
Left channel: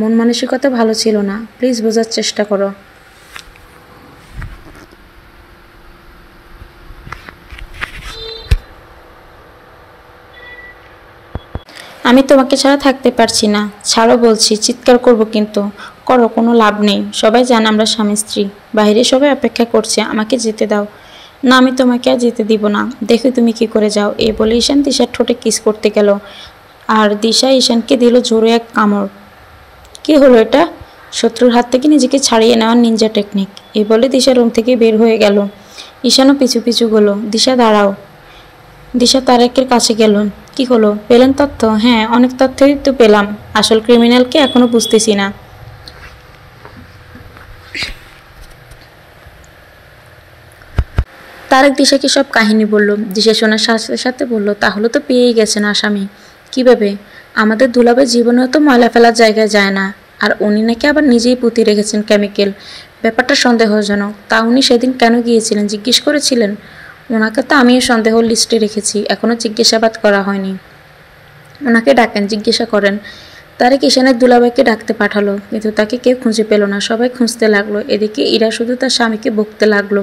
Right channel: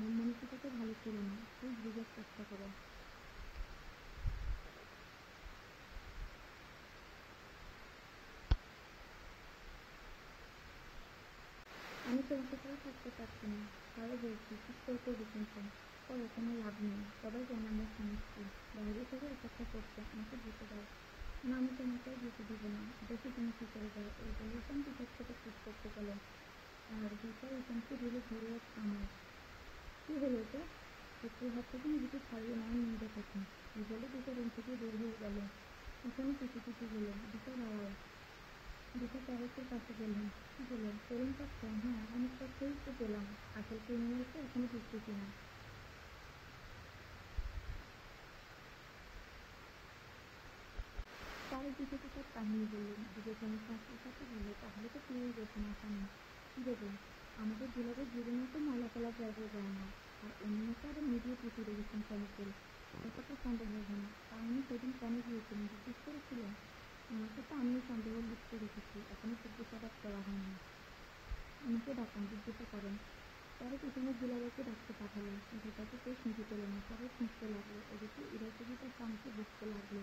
মন মানসিকতা ভালো ছিল না, প্লিজ বোঝার চেষ্টা করো। আমি তোমাকে ছাড়া থাকতে পারছি না। ছাড়ো বলছি, চিৎকার করব কিন্তু। করো, কোনো লাভ নেই। সবাই জানে আমরা স্বামী স্ত্রী। বাইরে সবাই অপেক্ষা করছে, আমাকে যেতে দাও। না, আমি তোমাকে আর যেতে দিব না। দেখো তুমি কি করে যাও। এই বলে ঈশান দিশার ঠোঁটে কিস করতে গেল, আর দিশা ঈশানকে দিল জোরে এক কামড়। কি হলো এটা? শত্রুর হাত থেকে নিজেকে ছাড়িয়ে নেওয়ার নিনজা টেকনিক। এই বলে দিশা রুম থেকে বের হয়ে গেল। ঈশানও পিছু পিছু গেল। দিশা দাঁড়াও। দিশা তারেকের কাছে গেল। কি হলো, পেলেন তথ্য? হ্যাঁ, অনেক তথ্যই তো পেলাম। আসল ক্রিমিনালকে এখনো বুঝতেছি না। তারেক দিশাকে সব কাহিনী বলল। দিশা শোনার সাথে সাথে বলল, তাহলে তো পেয়েই গেছেন আসামি। কিভাবে? আমাদের দুলাভাই জীবনেও তো ময়লা ফেলার জায়গায় যায় না, আর উনি নাকি আবার নিজেই পুঁতে রেখেছেন কেমিক্যাল। ব্যাপারটা সন্দেহজনক। তা উনি সেদিন কেন গিয়েছিলেন জিজ্ঞেস করেছিলেন? ওনাকে তো আমিও সন্দেহ লিস্টে রেখেছি, এখনও জিজ্ঞাসাবাদ করা হয়নি। ওনাকে ডাকেন, জিজ্ঞাসা করেন। তারেক ঈশানের দুলাভাইকে ডাকতে পাঠালো, কিন্তু তাকে কেউ খুঁজে পেল না। সবাই খুঁজতে লাগলো। এদিকে ইরা শুধু তার স্বামীকে বকতে লাগলো।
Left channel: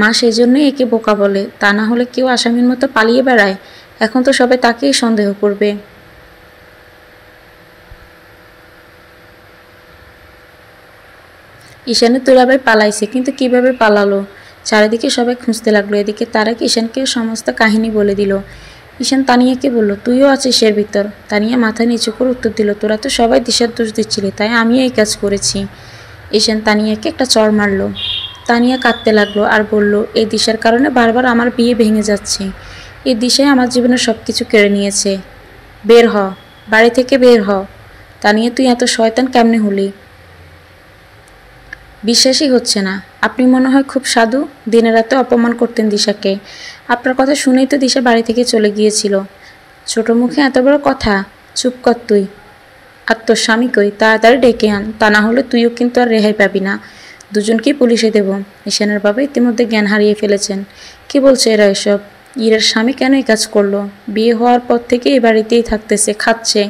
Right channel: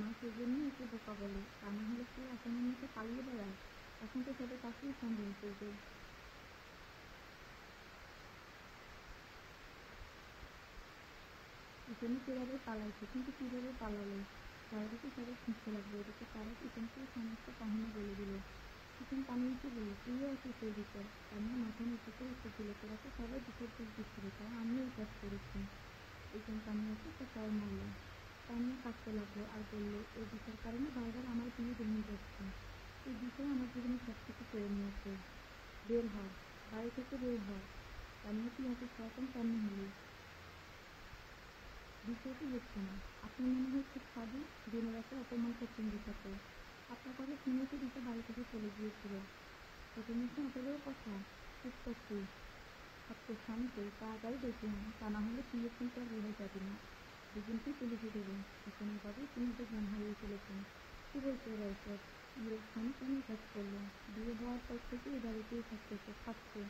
মা সেই জন্যই একে বোকা বলে, তা না হলে কেউ আসামির মতো পালিয়ে বেড়ায়। এখন তো সবাই তাকেই সন্দেহ করবে। ঈশানের দুলাভাই পালাইছে, কিন্তু কিভাবে পালালো? চারিদিকে সবাই খুঁজতে লাগলো। এদিকে তারেক ঈশানকে সমস্ত কাহিনী বলে দিল। ঈশান তানিয়াকে বলল, তুইও আছিস এর ভিতর? তানিয়া মাথা নিচু করে উত্তর দিল, তোরা তো সবাই দিশার দোষ দিচ্ছিলি, তাই আমিও এই কাজ করেছি। ঈশান তানিয়াকে একটা চড় মারল। তানিয়া কাঁদতে লাগলো আর বলল, এই দিশার কারণে বারবার আমার বিয়ে ভেঙে যাচ্ছে। এই দিশাই আমার জীবনের সব কিছু কেড়ে নিয়েছে। বের হ, বাড়ি থেকে বের হ। তানিয়া, তুই এত শয়তান কেমনে হলি? বিশ্বাসই হচ্ছে না। আপনি মনে হয় খুব সাধু, দিনে রাতে অপমান করতেন দিশাকে। আপনার কথা শুনেই তো দিশা বাড়ি থেকে চলে গিয়েছিল। ছোট মুখে এত বড় কথা, চুপ কর তুই। আর তোর স্বামী কই? তাড়াতাড়ি ডেকে আন, তা না হলে তুইও কিন্তু আর রেহাই পাবি না। দুজনকেই পুলিশে দেব। ঈশানের বাবা ইতিমধ্যে জ্ঞান হারিয়ে ফেলেছেন। কি বলছে এরা এসব? ইরার স্বামী কেন এই কাজ করলো? বিয়ে হওয়ার পর থেকে এই বাড়িতেই থাকতেছে, খাচ্ছে,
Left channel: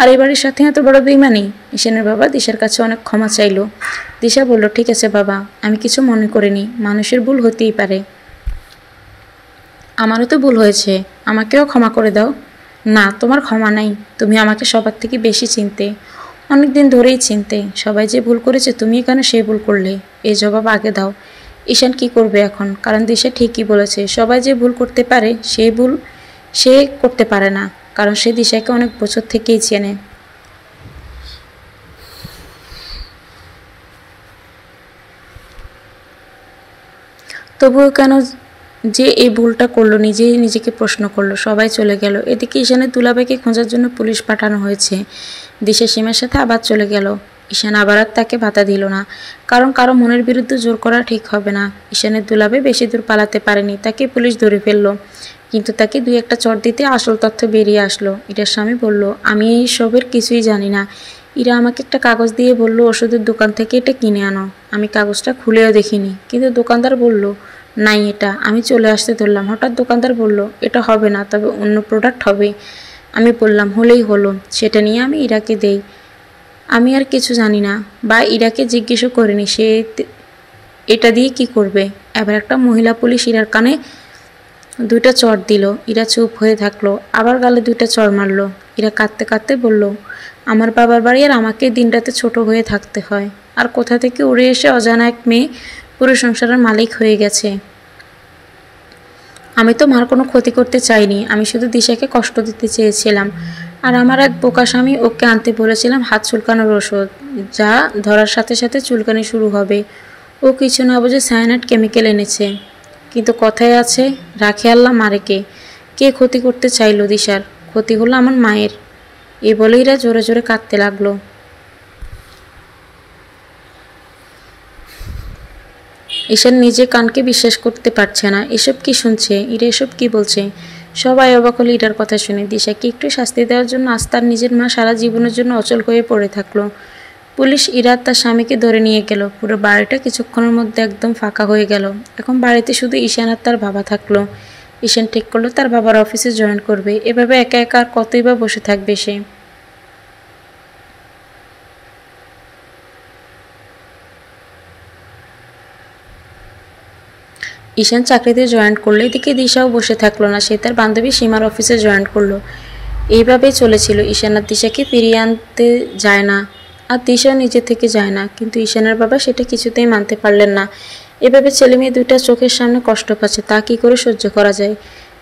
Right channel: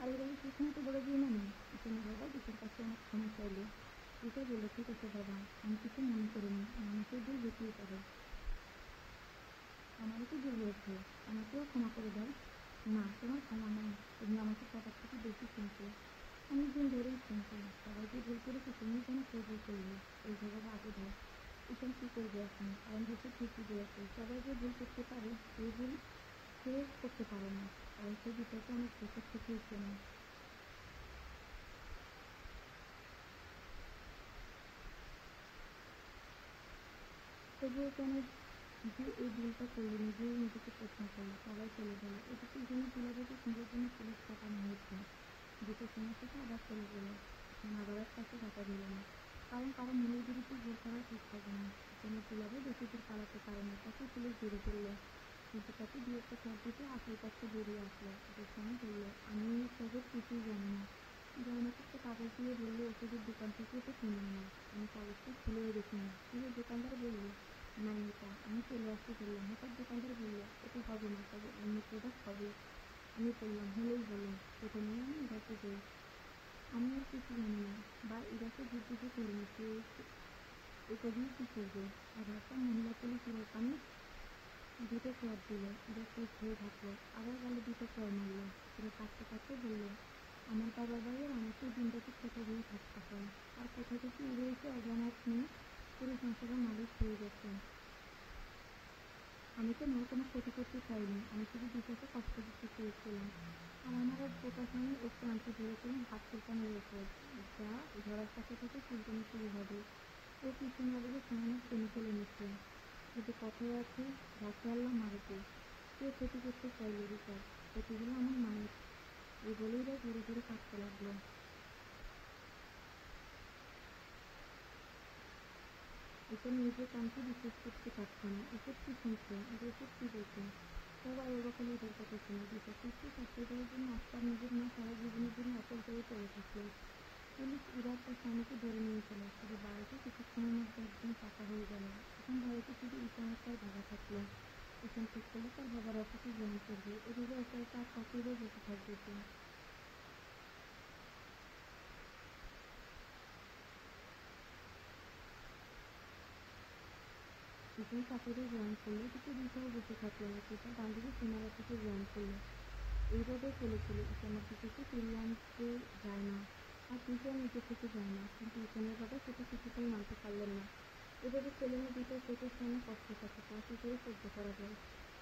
আর এই বাড়ির সাথে এত বড় বেইমানি? ঈশানের বাবা দিশার কাছে অনেক ক্ষমা চাইল। দিশা বলল, ঠিক আছে বাবা, আমি কিছু মনে করিনি, মানুষের ভুল হতেই পারে। আমারও তো ভুল হয়েছে, আমাকেও ক্ষমা করে দাও। না, তোমার ক্ষমা নাই, তুমি আমাকে সবার থেকে বেশি চিনতে, অনেক দিন ধরেই চিনতে। সবাই যে ভুল করেছে, তুমি কেন সেই ভুল করলে? এই জবাব আগে দাও। ঈশান কি করবে এখন? কারণ দিশা ঠিকই বলেছে, সবাই যে ভুল করতে পারে সেই ভুল সে করতে পারে না, কারণ সে দিশাকে অনেক বছর থেকেই চেনে। তবুও কেন যে এই ভুলটা করলো, নিজেই নিজেকে প্রশ্ন করলো। সবাই চলে গেল। এদিকে ঈশানের দুলাভাইকে খোঁজার জন্য পুলিশ পাঠানো হয়েছে। দিশা সীমার সাথে আবার চলে গেল। ঈশান আবার আর তাকে বাধা দিল না, কারণ কারো মনের বিরুদ্ধে জোর করা ঠিক হবে না। ঈশানের দুলাভাই বেশি দূর পালাতে পারেনি, তাকে পুলিশ ধরে ফেললো। কিন্তু তাকে দুই একটা চড় দিতে আসল তথ্য বেরিয়ে আসলো। ইরার স্বামী বলল, আমি এই সবের কিছুই জানি না। ইরা আমাকে একটা কাগজ দিয়ে বলল ওষুধের দোকান থেকে এটা কিনে আনো। আমি কাগজটা খুলেও দেখিনি, কিন্তু দোকানদার বলল নাই এটা। আমি চলে আসতে ধরলাম, হঠাৎ দোকানদার বলল এটা হবে না, তবে অন্য প্রোডাক্ট হবে। আমি বললাম হলেই হলো, সেটা নিয়ে আমি ইরাকে দেই। আমি আর কিছু জানি না, বা ইরাকে জিজ্ঞেসও করিনি সে এটা দিয়ে কি করবে। এবার একটা মহিলা পুলিশ ইরার কানে দুইটা চড় দিল। ইরা চুপ হয়ে থাকলো, আবার গালে দুইটা চড় মারলো। ইরা কাঁদতে কাঁদতে বলল, আমার বাবার বাড়ি আর আমাকে দিনরাতে ছোট হয়ে থাকতে হয়, আর কোথা থেকে উড়ে এসে অজানা এক মেয়ে পুরো সংসারের মালিক হয়ে গেছে। আমি তো মার কোনো ক্ষতি করতে চাইনি, আমি শুধু দিশাকে কষ্ট দিতে চেয়েছিলাম। আর আমার এক বোকা স্বামী, ওকে আনতে বলেছিলাম হাত চুলকানোর ওষুধ, যা ধরার সাথে সাথে চুলকানি শুরু হবে। ও কিছু না বুঝে সায়ানাইড কেমিক্যাল এনেছে। কিন্তু কথায় আছে, রাখে আল্লাহ মারে কে। কে ক্ষতি করতে চাইলো দিশার? ক্ষতি হলো আমার মায়ের। এই বলেই এরা জোরে জোরে কাঁদতে লাগলো। ঈশান নিজে কানকে বিশ্বাস করতে পারছে না। এসব কি শুনছে? ইরা এসব কি বলছে? সবাই অবাক হলো ইরার কথা শুনে। দিশাকে একটু শাস্তি দেওয়ার জন্য আজ তার নিজের মা সারা জীবনের জন্য অচল হয়ে পড়ে থাকলো। পুলিশ ইরা তার স্বামীকে ধরে নিয়ে গেল। পুরো বাড়িটা কিছুক্ষণের মধ্যে একদম ফাঁকা হয়ে গেল। এখন বাড়িতে শুধু ঈশান আর তার বাবা থাকলো। ঈশান ঠিক করলো তার বাবার অফিসে জয়েন করবে। এভাবে একা একা আর কতই বা বসে থাকবে সে। ঈশান চাকরিতে জয়েন করলো। এদিকে দিশাও বসে থাকলো না, সে তার বান্ধবী সীমার অফিসে জয়েন করলো। এইভাবেই চলেছিল। ঈশান আর দিশাকে ফিরিয়ে আনতে যায় না, আর দিশাও নিজে থেকে যায় না, কিন্তু ঈশানের বাবা সেটা কিছুতেই মানতে পারলেন না। এভাবে ছেলে মেয়ে দুইটা চোখের সামনে কষ্ট পাচ্ছে, তা কি করে সহ্য করা যায়।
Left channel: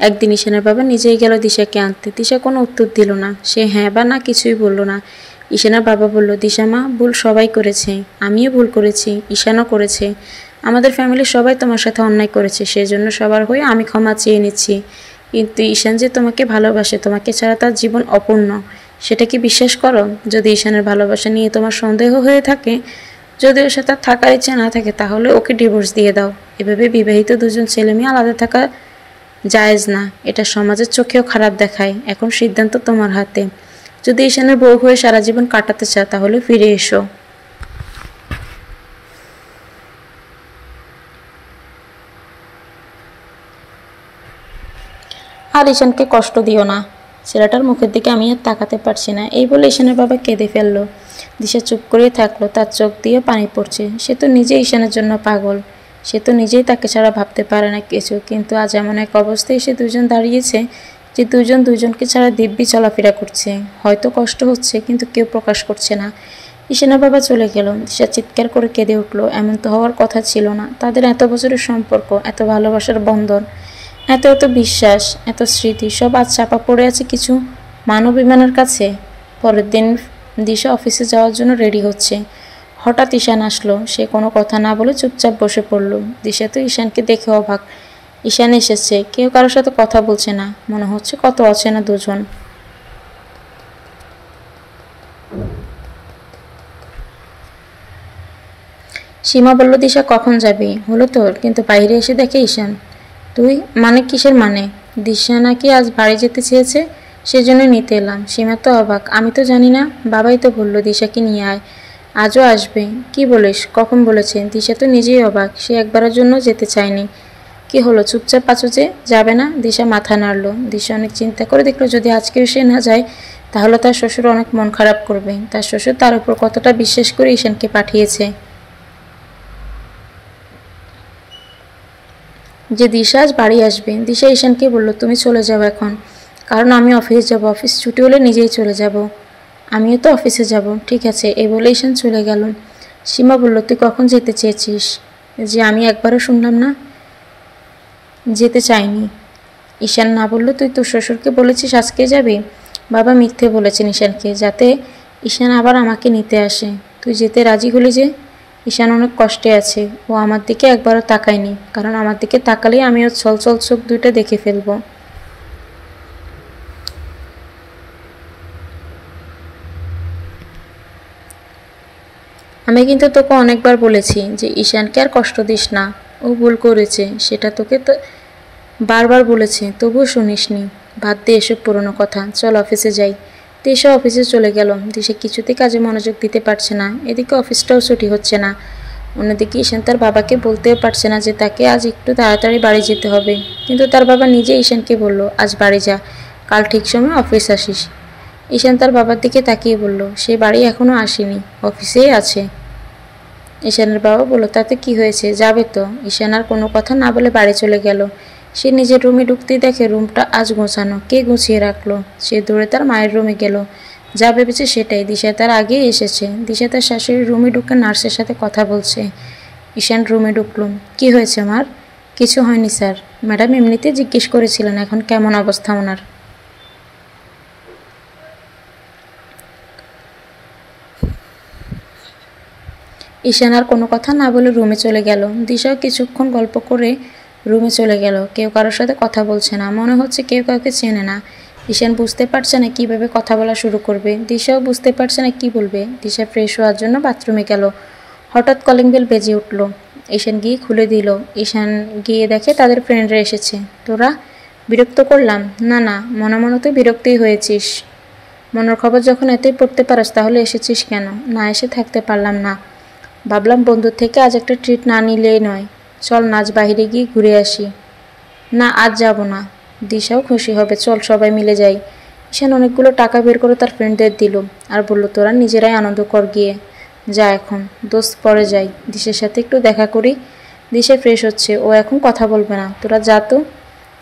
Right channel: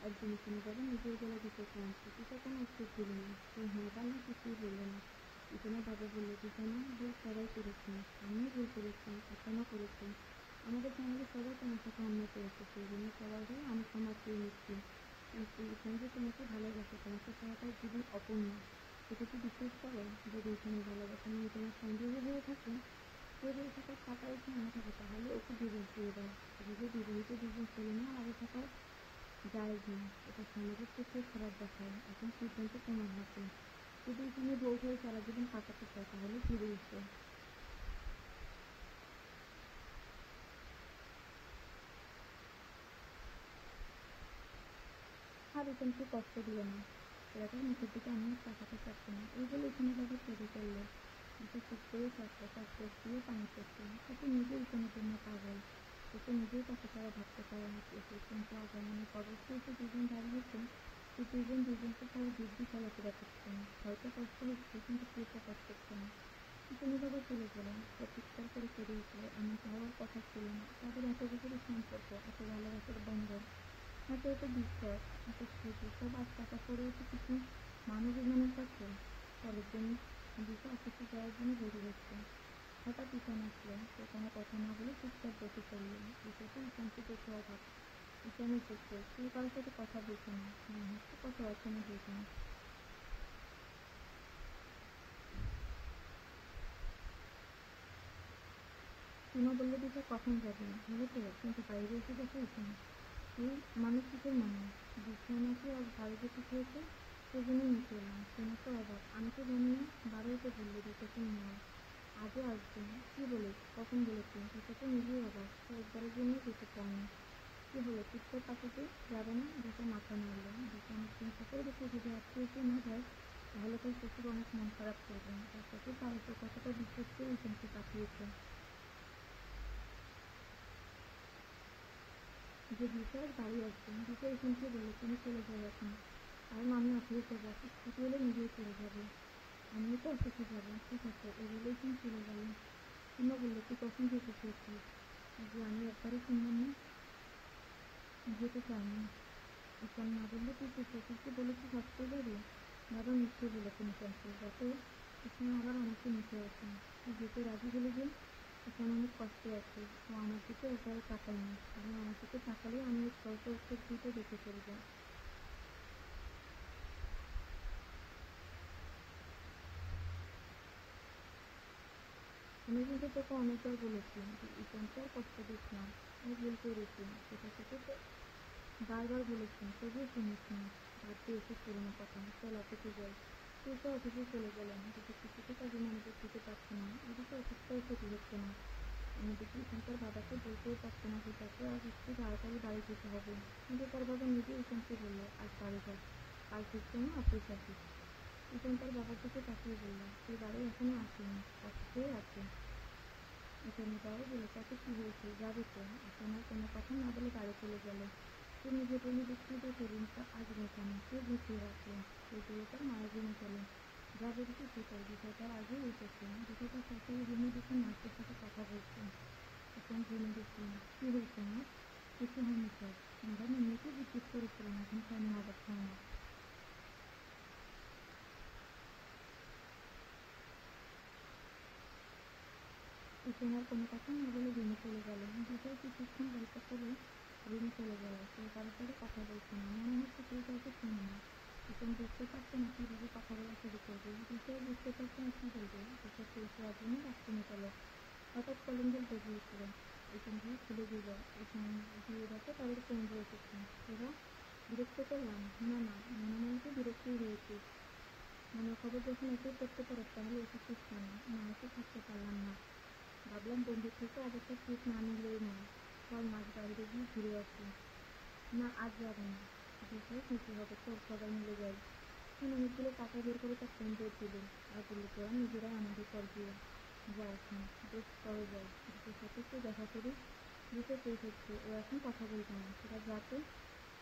একদিন ঈশানের বাবা নিজেই গেল দিশাকে আনতে। দিশা কোনো উত্তর দিল না, সে হ্যাঁ বা না কিছুই বলল না। ঈশানের বাবা বলল, দিশা মা, ভুল সবাই করেছে, আমিও ভুল করেছি, ঈশানও করেছে, আমাদের ফ্যামিলির সবাই তোমার সাথে অন্যায় করেছে, সেজন্য সবার হয়ে আমি ক্ষমা চেয়ে নিচ্ছি। কিন্তু ঈশান যে তোমাকে ভালোবাসে, তোমাকে ছাড়া তার জীবন অপূর্ণ, সেটা কি বিশ্বাস করো? যদি ঈশানের ভালোবাসা নিয়ে তোমার সন্দেহ হয়ে থাকে, যদি ওর সাথে থাকার ইচ্ছা না থাকে, তাহলে ওকে ডিভোর্স দিয়ে দাও। এভাবে বিবাহিত দুজন ছেলে মেয়ে আলাদা থাকা জায়েজ না, এটা সমাজের চোখেও খারাপ দেখায়। এখন সিদ্ধান্ত তোমার হাতে। যদি ঈশানের বউ হয়ে সারা জীবন কাটাতে চাও, তাহলে ফিরে এসো। আর ঈশানকে কষ্ট দিও না। ছেলেটার মুখের দিকে আমি আর তাকাতে পারছি না, এই বলে ঈশানের বাবা কেঁদে ফেললো। দিশা চুপ করেই থাকলো, তার চোখ দিয়ে পানি পড়ছে। সে তো নিজে ঈশানের জন্য পাগল, সে তো নিজেই তাকে ছাড়া ভাবতে পারে না কিছু। কিন্তু আজ এমন এক অবস্থায় এসে দুজন দাঁড়িয়েছে যে দুজন দুজনকে ছাড়া দিব্যি চলাফেরা করছে। হয়তো কষ্ট হচ্ছে, কিন্তু কেউ প্রকাশ করছে না। ঈশানের বাবা চলে গেল। দিশা চিৎকার করে কেঁদে উঠলো। এমন তো হওয়ার কথা ছিল না। তাদের এত বছরের সম্পর্ক, এত ভালোবাসার বন্ধন, এত এত বিশ্বাস, এত স্মৃতি, সব আজ চাপা পড়ে আছে কিছু মানবিমানের কাছে। পরের দিন দিশা অফিসে যাওয়ার জন্য রেডি হচ্ছে। হঠাৎ ঈশান আসলো। সে কোনো কথা না বলে চুপচাপ বসে পড়ল। দিশা তো ঈশানকে দেখে অবাক। ঈশান এসেছে, কেউ কারোর সাথে কথা বলছে না, মনে হচ্ছে কত অচেনা দুজন। সীমা বলল, দিশা কখন যাবি? হলো তোর? কিন্তু বাইরে এসে দেখে ঈশান। তুই? মানে কিসের মানে? দিশা নাকি আজ বাড়ি যেতে চেয়েছে, সেজন্য নিতে এলাম। সীমা তো অবাক। আমি তো জানি না, বাবাই তো বললো দিশাকে নিয়ে আয়, আজও আসবে। কি বলিস? কখন বলেছে? দিশা তো নিজেই অবাক, সে একবারের জন্য যেতে চায়নি। কি হলো, চুপচাপ আছো যে? যাবে না? দিশা মাথা নাড়ল। দিশা অনেক চিন্তা করে দেখলো, যদি আজকেও সে না যায় তাহলে তার শ্বশুর অনেক মন খারাপ করবে। তার শ্বশুর তার উপর কতটা বিশ্বাস করে ঈশানকে পাঠিয়েছে, যে দিশা আজ বাড়ি আসবে। দিশা ঈশানকে বলল, তুমি চলে যাও এখন, কারণ আমি অফিস যাব, অফিস ছুটি হলে নিজেই চলে যাব। আমিও তো অফিসে যাব। ঠিক আছে, এই বলে ঈশান চলে গেল। সীমা বলল, তুই কখন যেতে চেয়েছিস? যে আমি একবারও শুনলাম না, যেতে চাইনি। ঈশান না বলল, তুই তোর শ্বশুরকে বলেছিস আজকে যাবি? বাবা মিথ্যে বলেছেন ঈশানকে, যাতে ঈশান আবার আমাকে নিতে আসে। তুই যেতে রাজি হলি যে? ঈশান অনেক কষ্টে আছে। ও আমার দিকে একবারও তাকায়নি, কারণ আমার দিকে তাকালেই আমি ওর ছলছল চোখ দুইটা দেখে ফেলবো। আমি কিন্তু তোকে অনেকবার বলেছি যে ঈশানকে আর কষ্ট দিস না, ও ভুল করেছে, সেটা তোকে তো বারবার বলেছে, তবুও শুনিসনি। বাদ দে এসব পুরনো কথা, চল অফিসে যাই। দিশা অফিসে চলে গেল। দিশা কিছুতেই কাজে মনোযোগ দিতে পারছে না। এদিকে অফিসটাও ছুটি হচ্ছে না। অন্যদিকে ঈশান তার বাবাকে বলতেও পারছে না যে তাকে আজ একটু তাড়াতাড়ি বাড়ি যেতে হবে। কিন্তু তার বাবা নিজে ঈশানকে বলল, আজ বাড়ি যা, কাল ঠিক সময় অফিস আসিস। ঈশান তার বাবার দিকে তাকিয়ে বলল, সে বাড়ি এখনও আসেনি, অফিসেই আছে। ঈশানের বাবা বলল, তাতে কি হয়েছে, যাবে তো। ঈশান আর কোনো কথা না বলে বাড়ি চলে গেল। সে নিজের রুমে ঢুকতেই দেখে রুমটা আজ গোছানো, কে গুছিয়ে রাখলো। সে দৌড়ে তার মায়ের রুমে গেল। যা ভেবেছে সেটাই, দিশা তার আগেই এসেছে। দিশা তার শাশুড়ির রুমে ঢুকে নার্সের সাথে কথা বলছে। ঈশান রুমে ঢুকলো। কি হয়েছে মার? কিছু হয়নি স্যার, ম্যাডাম এমনিতে জিজ্ঞেস করেছিলেন এখন কেমন অবস্থা ওনার। ঈশান আর কোনো কথা না বলে রুমে চলে গেল। দিশাও কিছুক্ষণ গল্প করে রুমে চলে গেল। কেউ কারোর সাথে কথা বলছে না, মনে হচ্ছে কেউ কাউকে চেনে না। ঈশান বুঝতে পারছে না কীভাবে কথা বলা শুরু করবে। দিশাও বুঝতে পারছে না কি বলবে। দিশা ফ্রেশ হওয়ার জন্য বাথরুমে গেল। হঠাৎ কলিং বেল বেজে উঠল। ঈশান গিয়ে খুলে দিল। ঈশান গিয়ে দেখে তাদের ফ্রেন্ডরা এসেছে। তোরা? বিরক্ত করলাম? না না, মনে মনে তুই বিরক্তই হয়েছিস। মনের খবর যখন এতই পড়তে পারস তাহলে এসেছিস কেন? না এসে থাকতে পারলাম না, ভাবলাম বন্ধুর থেকে আজ একটা ট্রিট না নিলেই নয়। চল নাচ বাইরে গিয়ে ঘুরে আসি। না আজ যাব না। দিশাও খুশি হবে, চল সবাই মিলে যাই। ঈশান অনেকগুলো টাকা বের করে তার ফ্রেন্ডদের দিল আর বলল, তোরা নিজেরাই আনন্দ কর গিয়ে। যা এখন, দোস্ত পরে যাই, দিশার সাথে একটু দেখা করি। দিশা ফ্রেশ হচ্ছে, ও এখন কথা বলবে না, তোরা যা তো।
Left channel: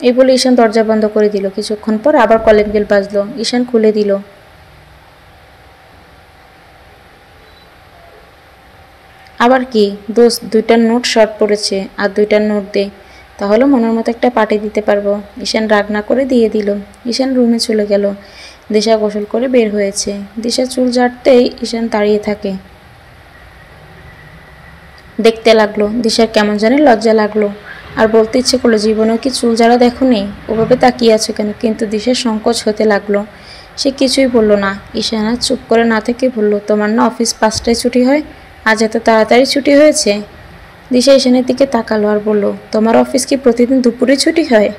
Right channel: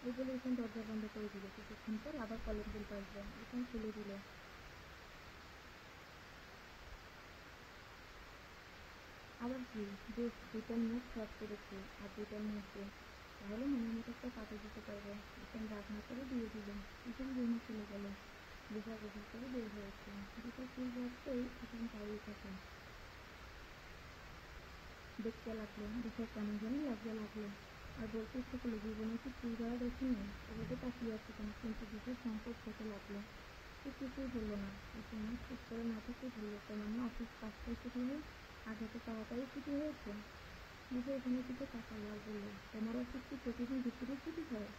এই বলে ঈশান দরজা বন্ধ করে দিল। কিছুক্ষণ পর আবার কলিং বেল বাজলো। ঈশান খুলে দিল। আবার কি? দোস্ত, 2টা নোট শর্ট পড়েছে, আর 2টা নোট দে, তাহলে মনের মতো একটা পার্টি দিতে পারবো। ঈশান রাগ না করে দিয়ে দিল। ঈশান রুমে চলে গেল। দিশা গোসল করে বের হয়েছে। দিশা চুল ঝাড়তেই ঈশান দাঁড়িয়ে থাকে, দেখতে লাগলো। দিশার কেমন জানি লজ্জা লাগলো, আর বলতে ইচ্ছে করলো, জীবনেও কি চুল ঝাড়া দেখো নি? ওভাবে তাকিয়ে আছো কেন? কিন্তু দিশার সংকোচ হতে লাগলো। সে কিছুই বলল না। ঈশান আর চুপ করে না থেকে বলল, তোমার না অফিস 5টায় ছুটি হয়, আজ এত তাড়াতাড়ি ছুটি হয়েছে? দিশা ঈশানের দিকে তাকালো আর বলল, তোমার অফিস কি প্রতিদিন দুপুরে ছুটি হয়?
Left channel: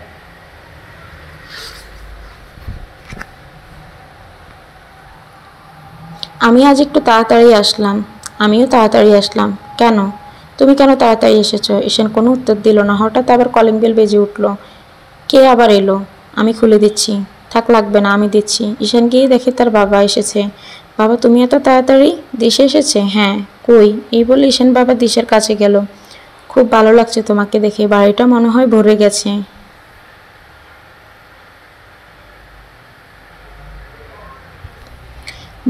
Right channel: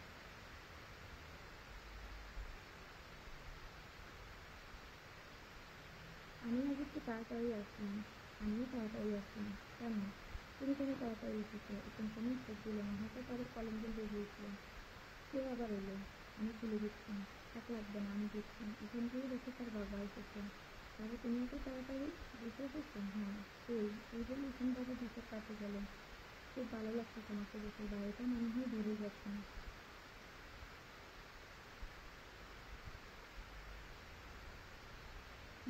আমি আজ একটু তাড়াতাড়ি আসলাম। আমিও তাড়াতাড়ি আসলাম। কেন? তুমি কেন তাড়াতাড়ি এসেছো? ঈশান কোনো উত্তর দিল না। হঠাৎ আবার কলিং বেল বেজে উঠল। কে আবার এলো? আমি খুলে দিচ্ছি। থাক, লাগবে না, আমি দিচ্ছি। ঈশান গিয়ে দেখে তার বাবা এসেছে। বাবা, তুমি এত তাড়াতাড়ি? দিশা এসেছে? হ্যাঁ। কই? এই বলে ঈশান বাবা দিশার কাছে গেল। খুব ভালো লাগছে তোমাকে দেখে, বাড়িটা মনে হয় ভরে গেছে।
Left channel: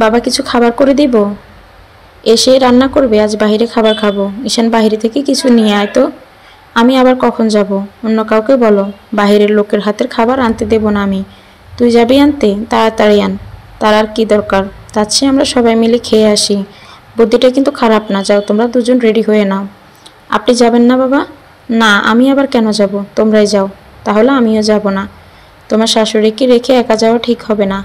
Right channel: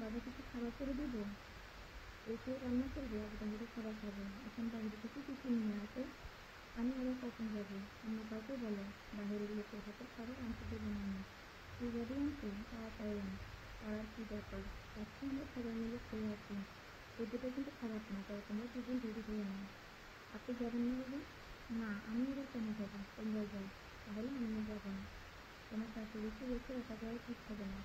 বাবা, কিছু খাবার করে দিব? এসেই রান্না করবে? আজ বাইরে খাবার খাবো। ঈশান বাইরে থেকে কিছু নিয়ে আয় তো। আমি আবার কখন যাব? অন্য কাউকে বলো, বাইরের লোকের হাতের খাবার আনতে দেব না আমি। তুই যাবি আনতে? তাড়াতাড়ি আন। তার আর কি দরকার? তার চেয়ে আমরা সবাই মিলে খেয়ে আসি। বুদ্ধিটা কিন্তু খারাপ না, যাও তোমরা দুজন রেডি হয়ে নাও। আপনি যাবেন না বাবা? না, আমি আবার কেন যাব? তোমরাই যাও। তাহলে আমিও যাব না। তোমার শাশুড়িকে রেখে একা যাওয়া ঠিক হবে না।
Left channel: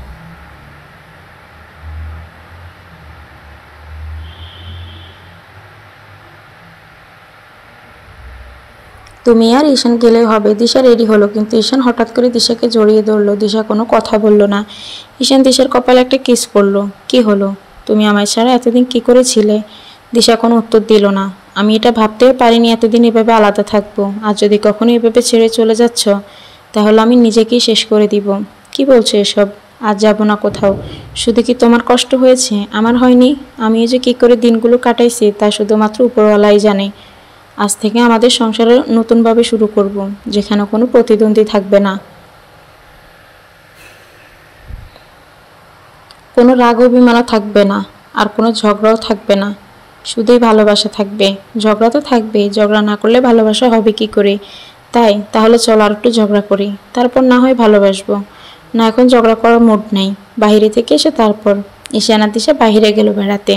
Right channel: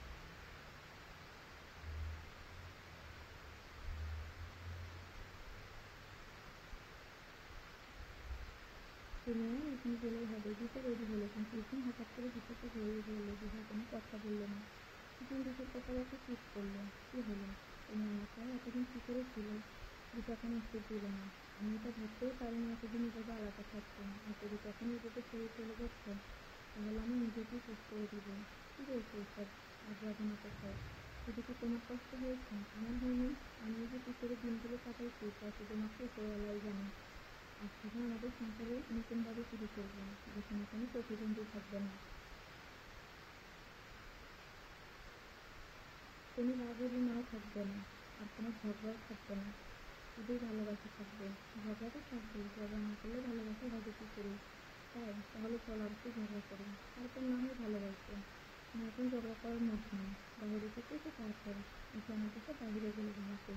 তুমি আর ঈশান গেলেই হবে। দিশা রেডি হলো, কিন্তু ঈশান হঠাৎ করে দিশাকে জড়িয়ে ধরলো। দিশা কোনো কথা বলল না। ঈশান দিশার কপালে একটা কিস করলো। কি হলো? তুমি আমায় ছাড়া এতদিন কি করেছিলে? দিশা কোনো উত্তর দিল না। আমি এটা ভাবতেও পারিনি এতদিন এভাবে আলাদা থাকবো। আর যদি কখনো এভাবে ছেড়ে চলে যাচ্ছ, তাহলে আমি নিজেকেই শেষ করে দিব। কি বলছো এসব? আজ যাব না কোথাও। শুধু কি তোমার কষ্ট হয়েছে? আমার হয়নি? আমিও যে কি করে দিনগুলো কাটাইছি তা শুধুমাত্র উপরওয়ালাই জানে। আজ থেকে আমাদের সংসারে নতুনভাবে শুরু করব, যেখানে কোনো প্রতিদ্বন্দ্বী থাকবে না, কোনো রাগ অভিমানও থাকবে না, আর কোনো ঝগড়াও থাকবে না। শুধুই ভালোবাসা থাকবে। ঝগড়া তো থাকবেই, ঝগড়া না করলে ভালোবাসা হবে কি করে? তাহলে চলো আর একটু ঝগড়া করি, তারপর না হয় ভালোবাসবো। না, এখন ঝগড়া করার মুড নেই। বাইরে থেকে এসে তারপর ঈশান আর দিশা বাইরে গেল বেড়াতে।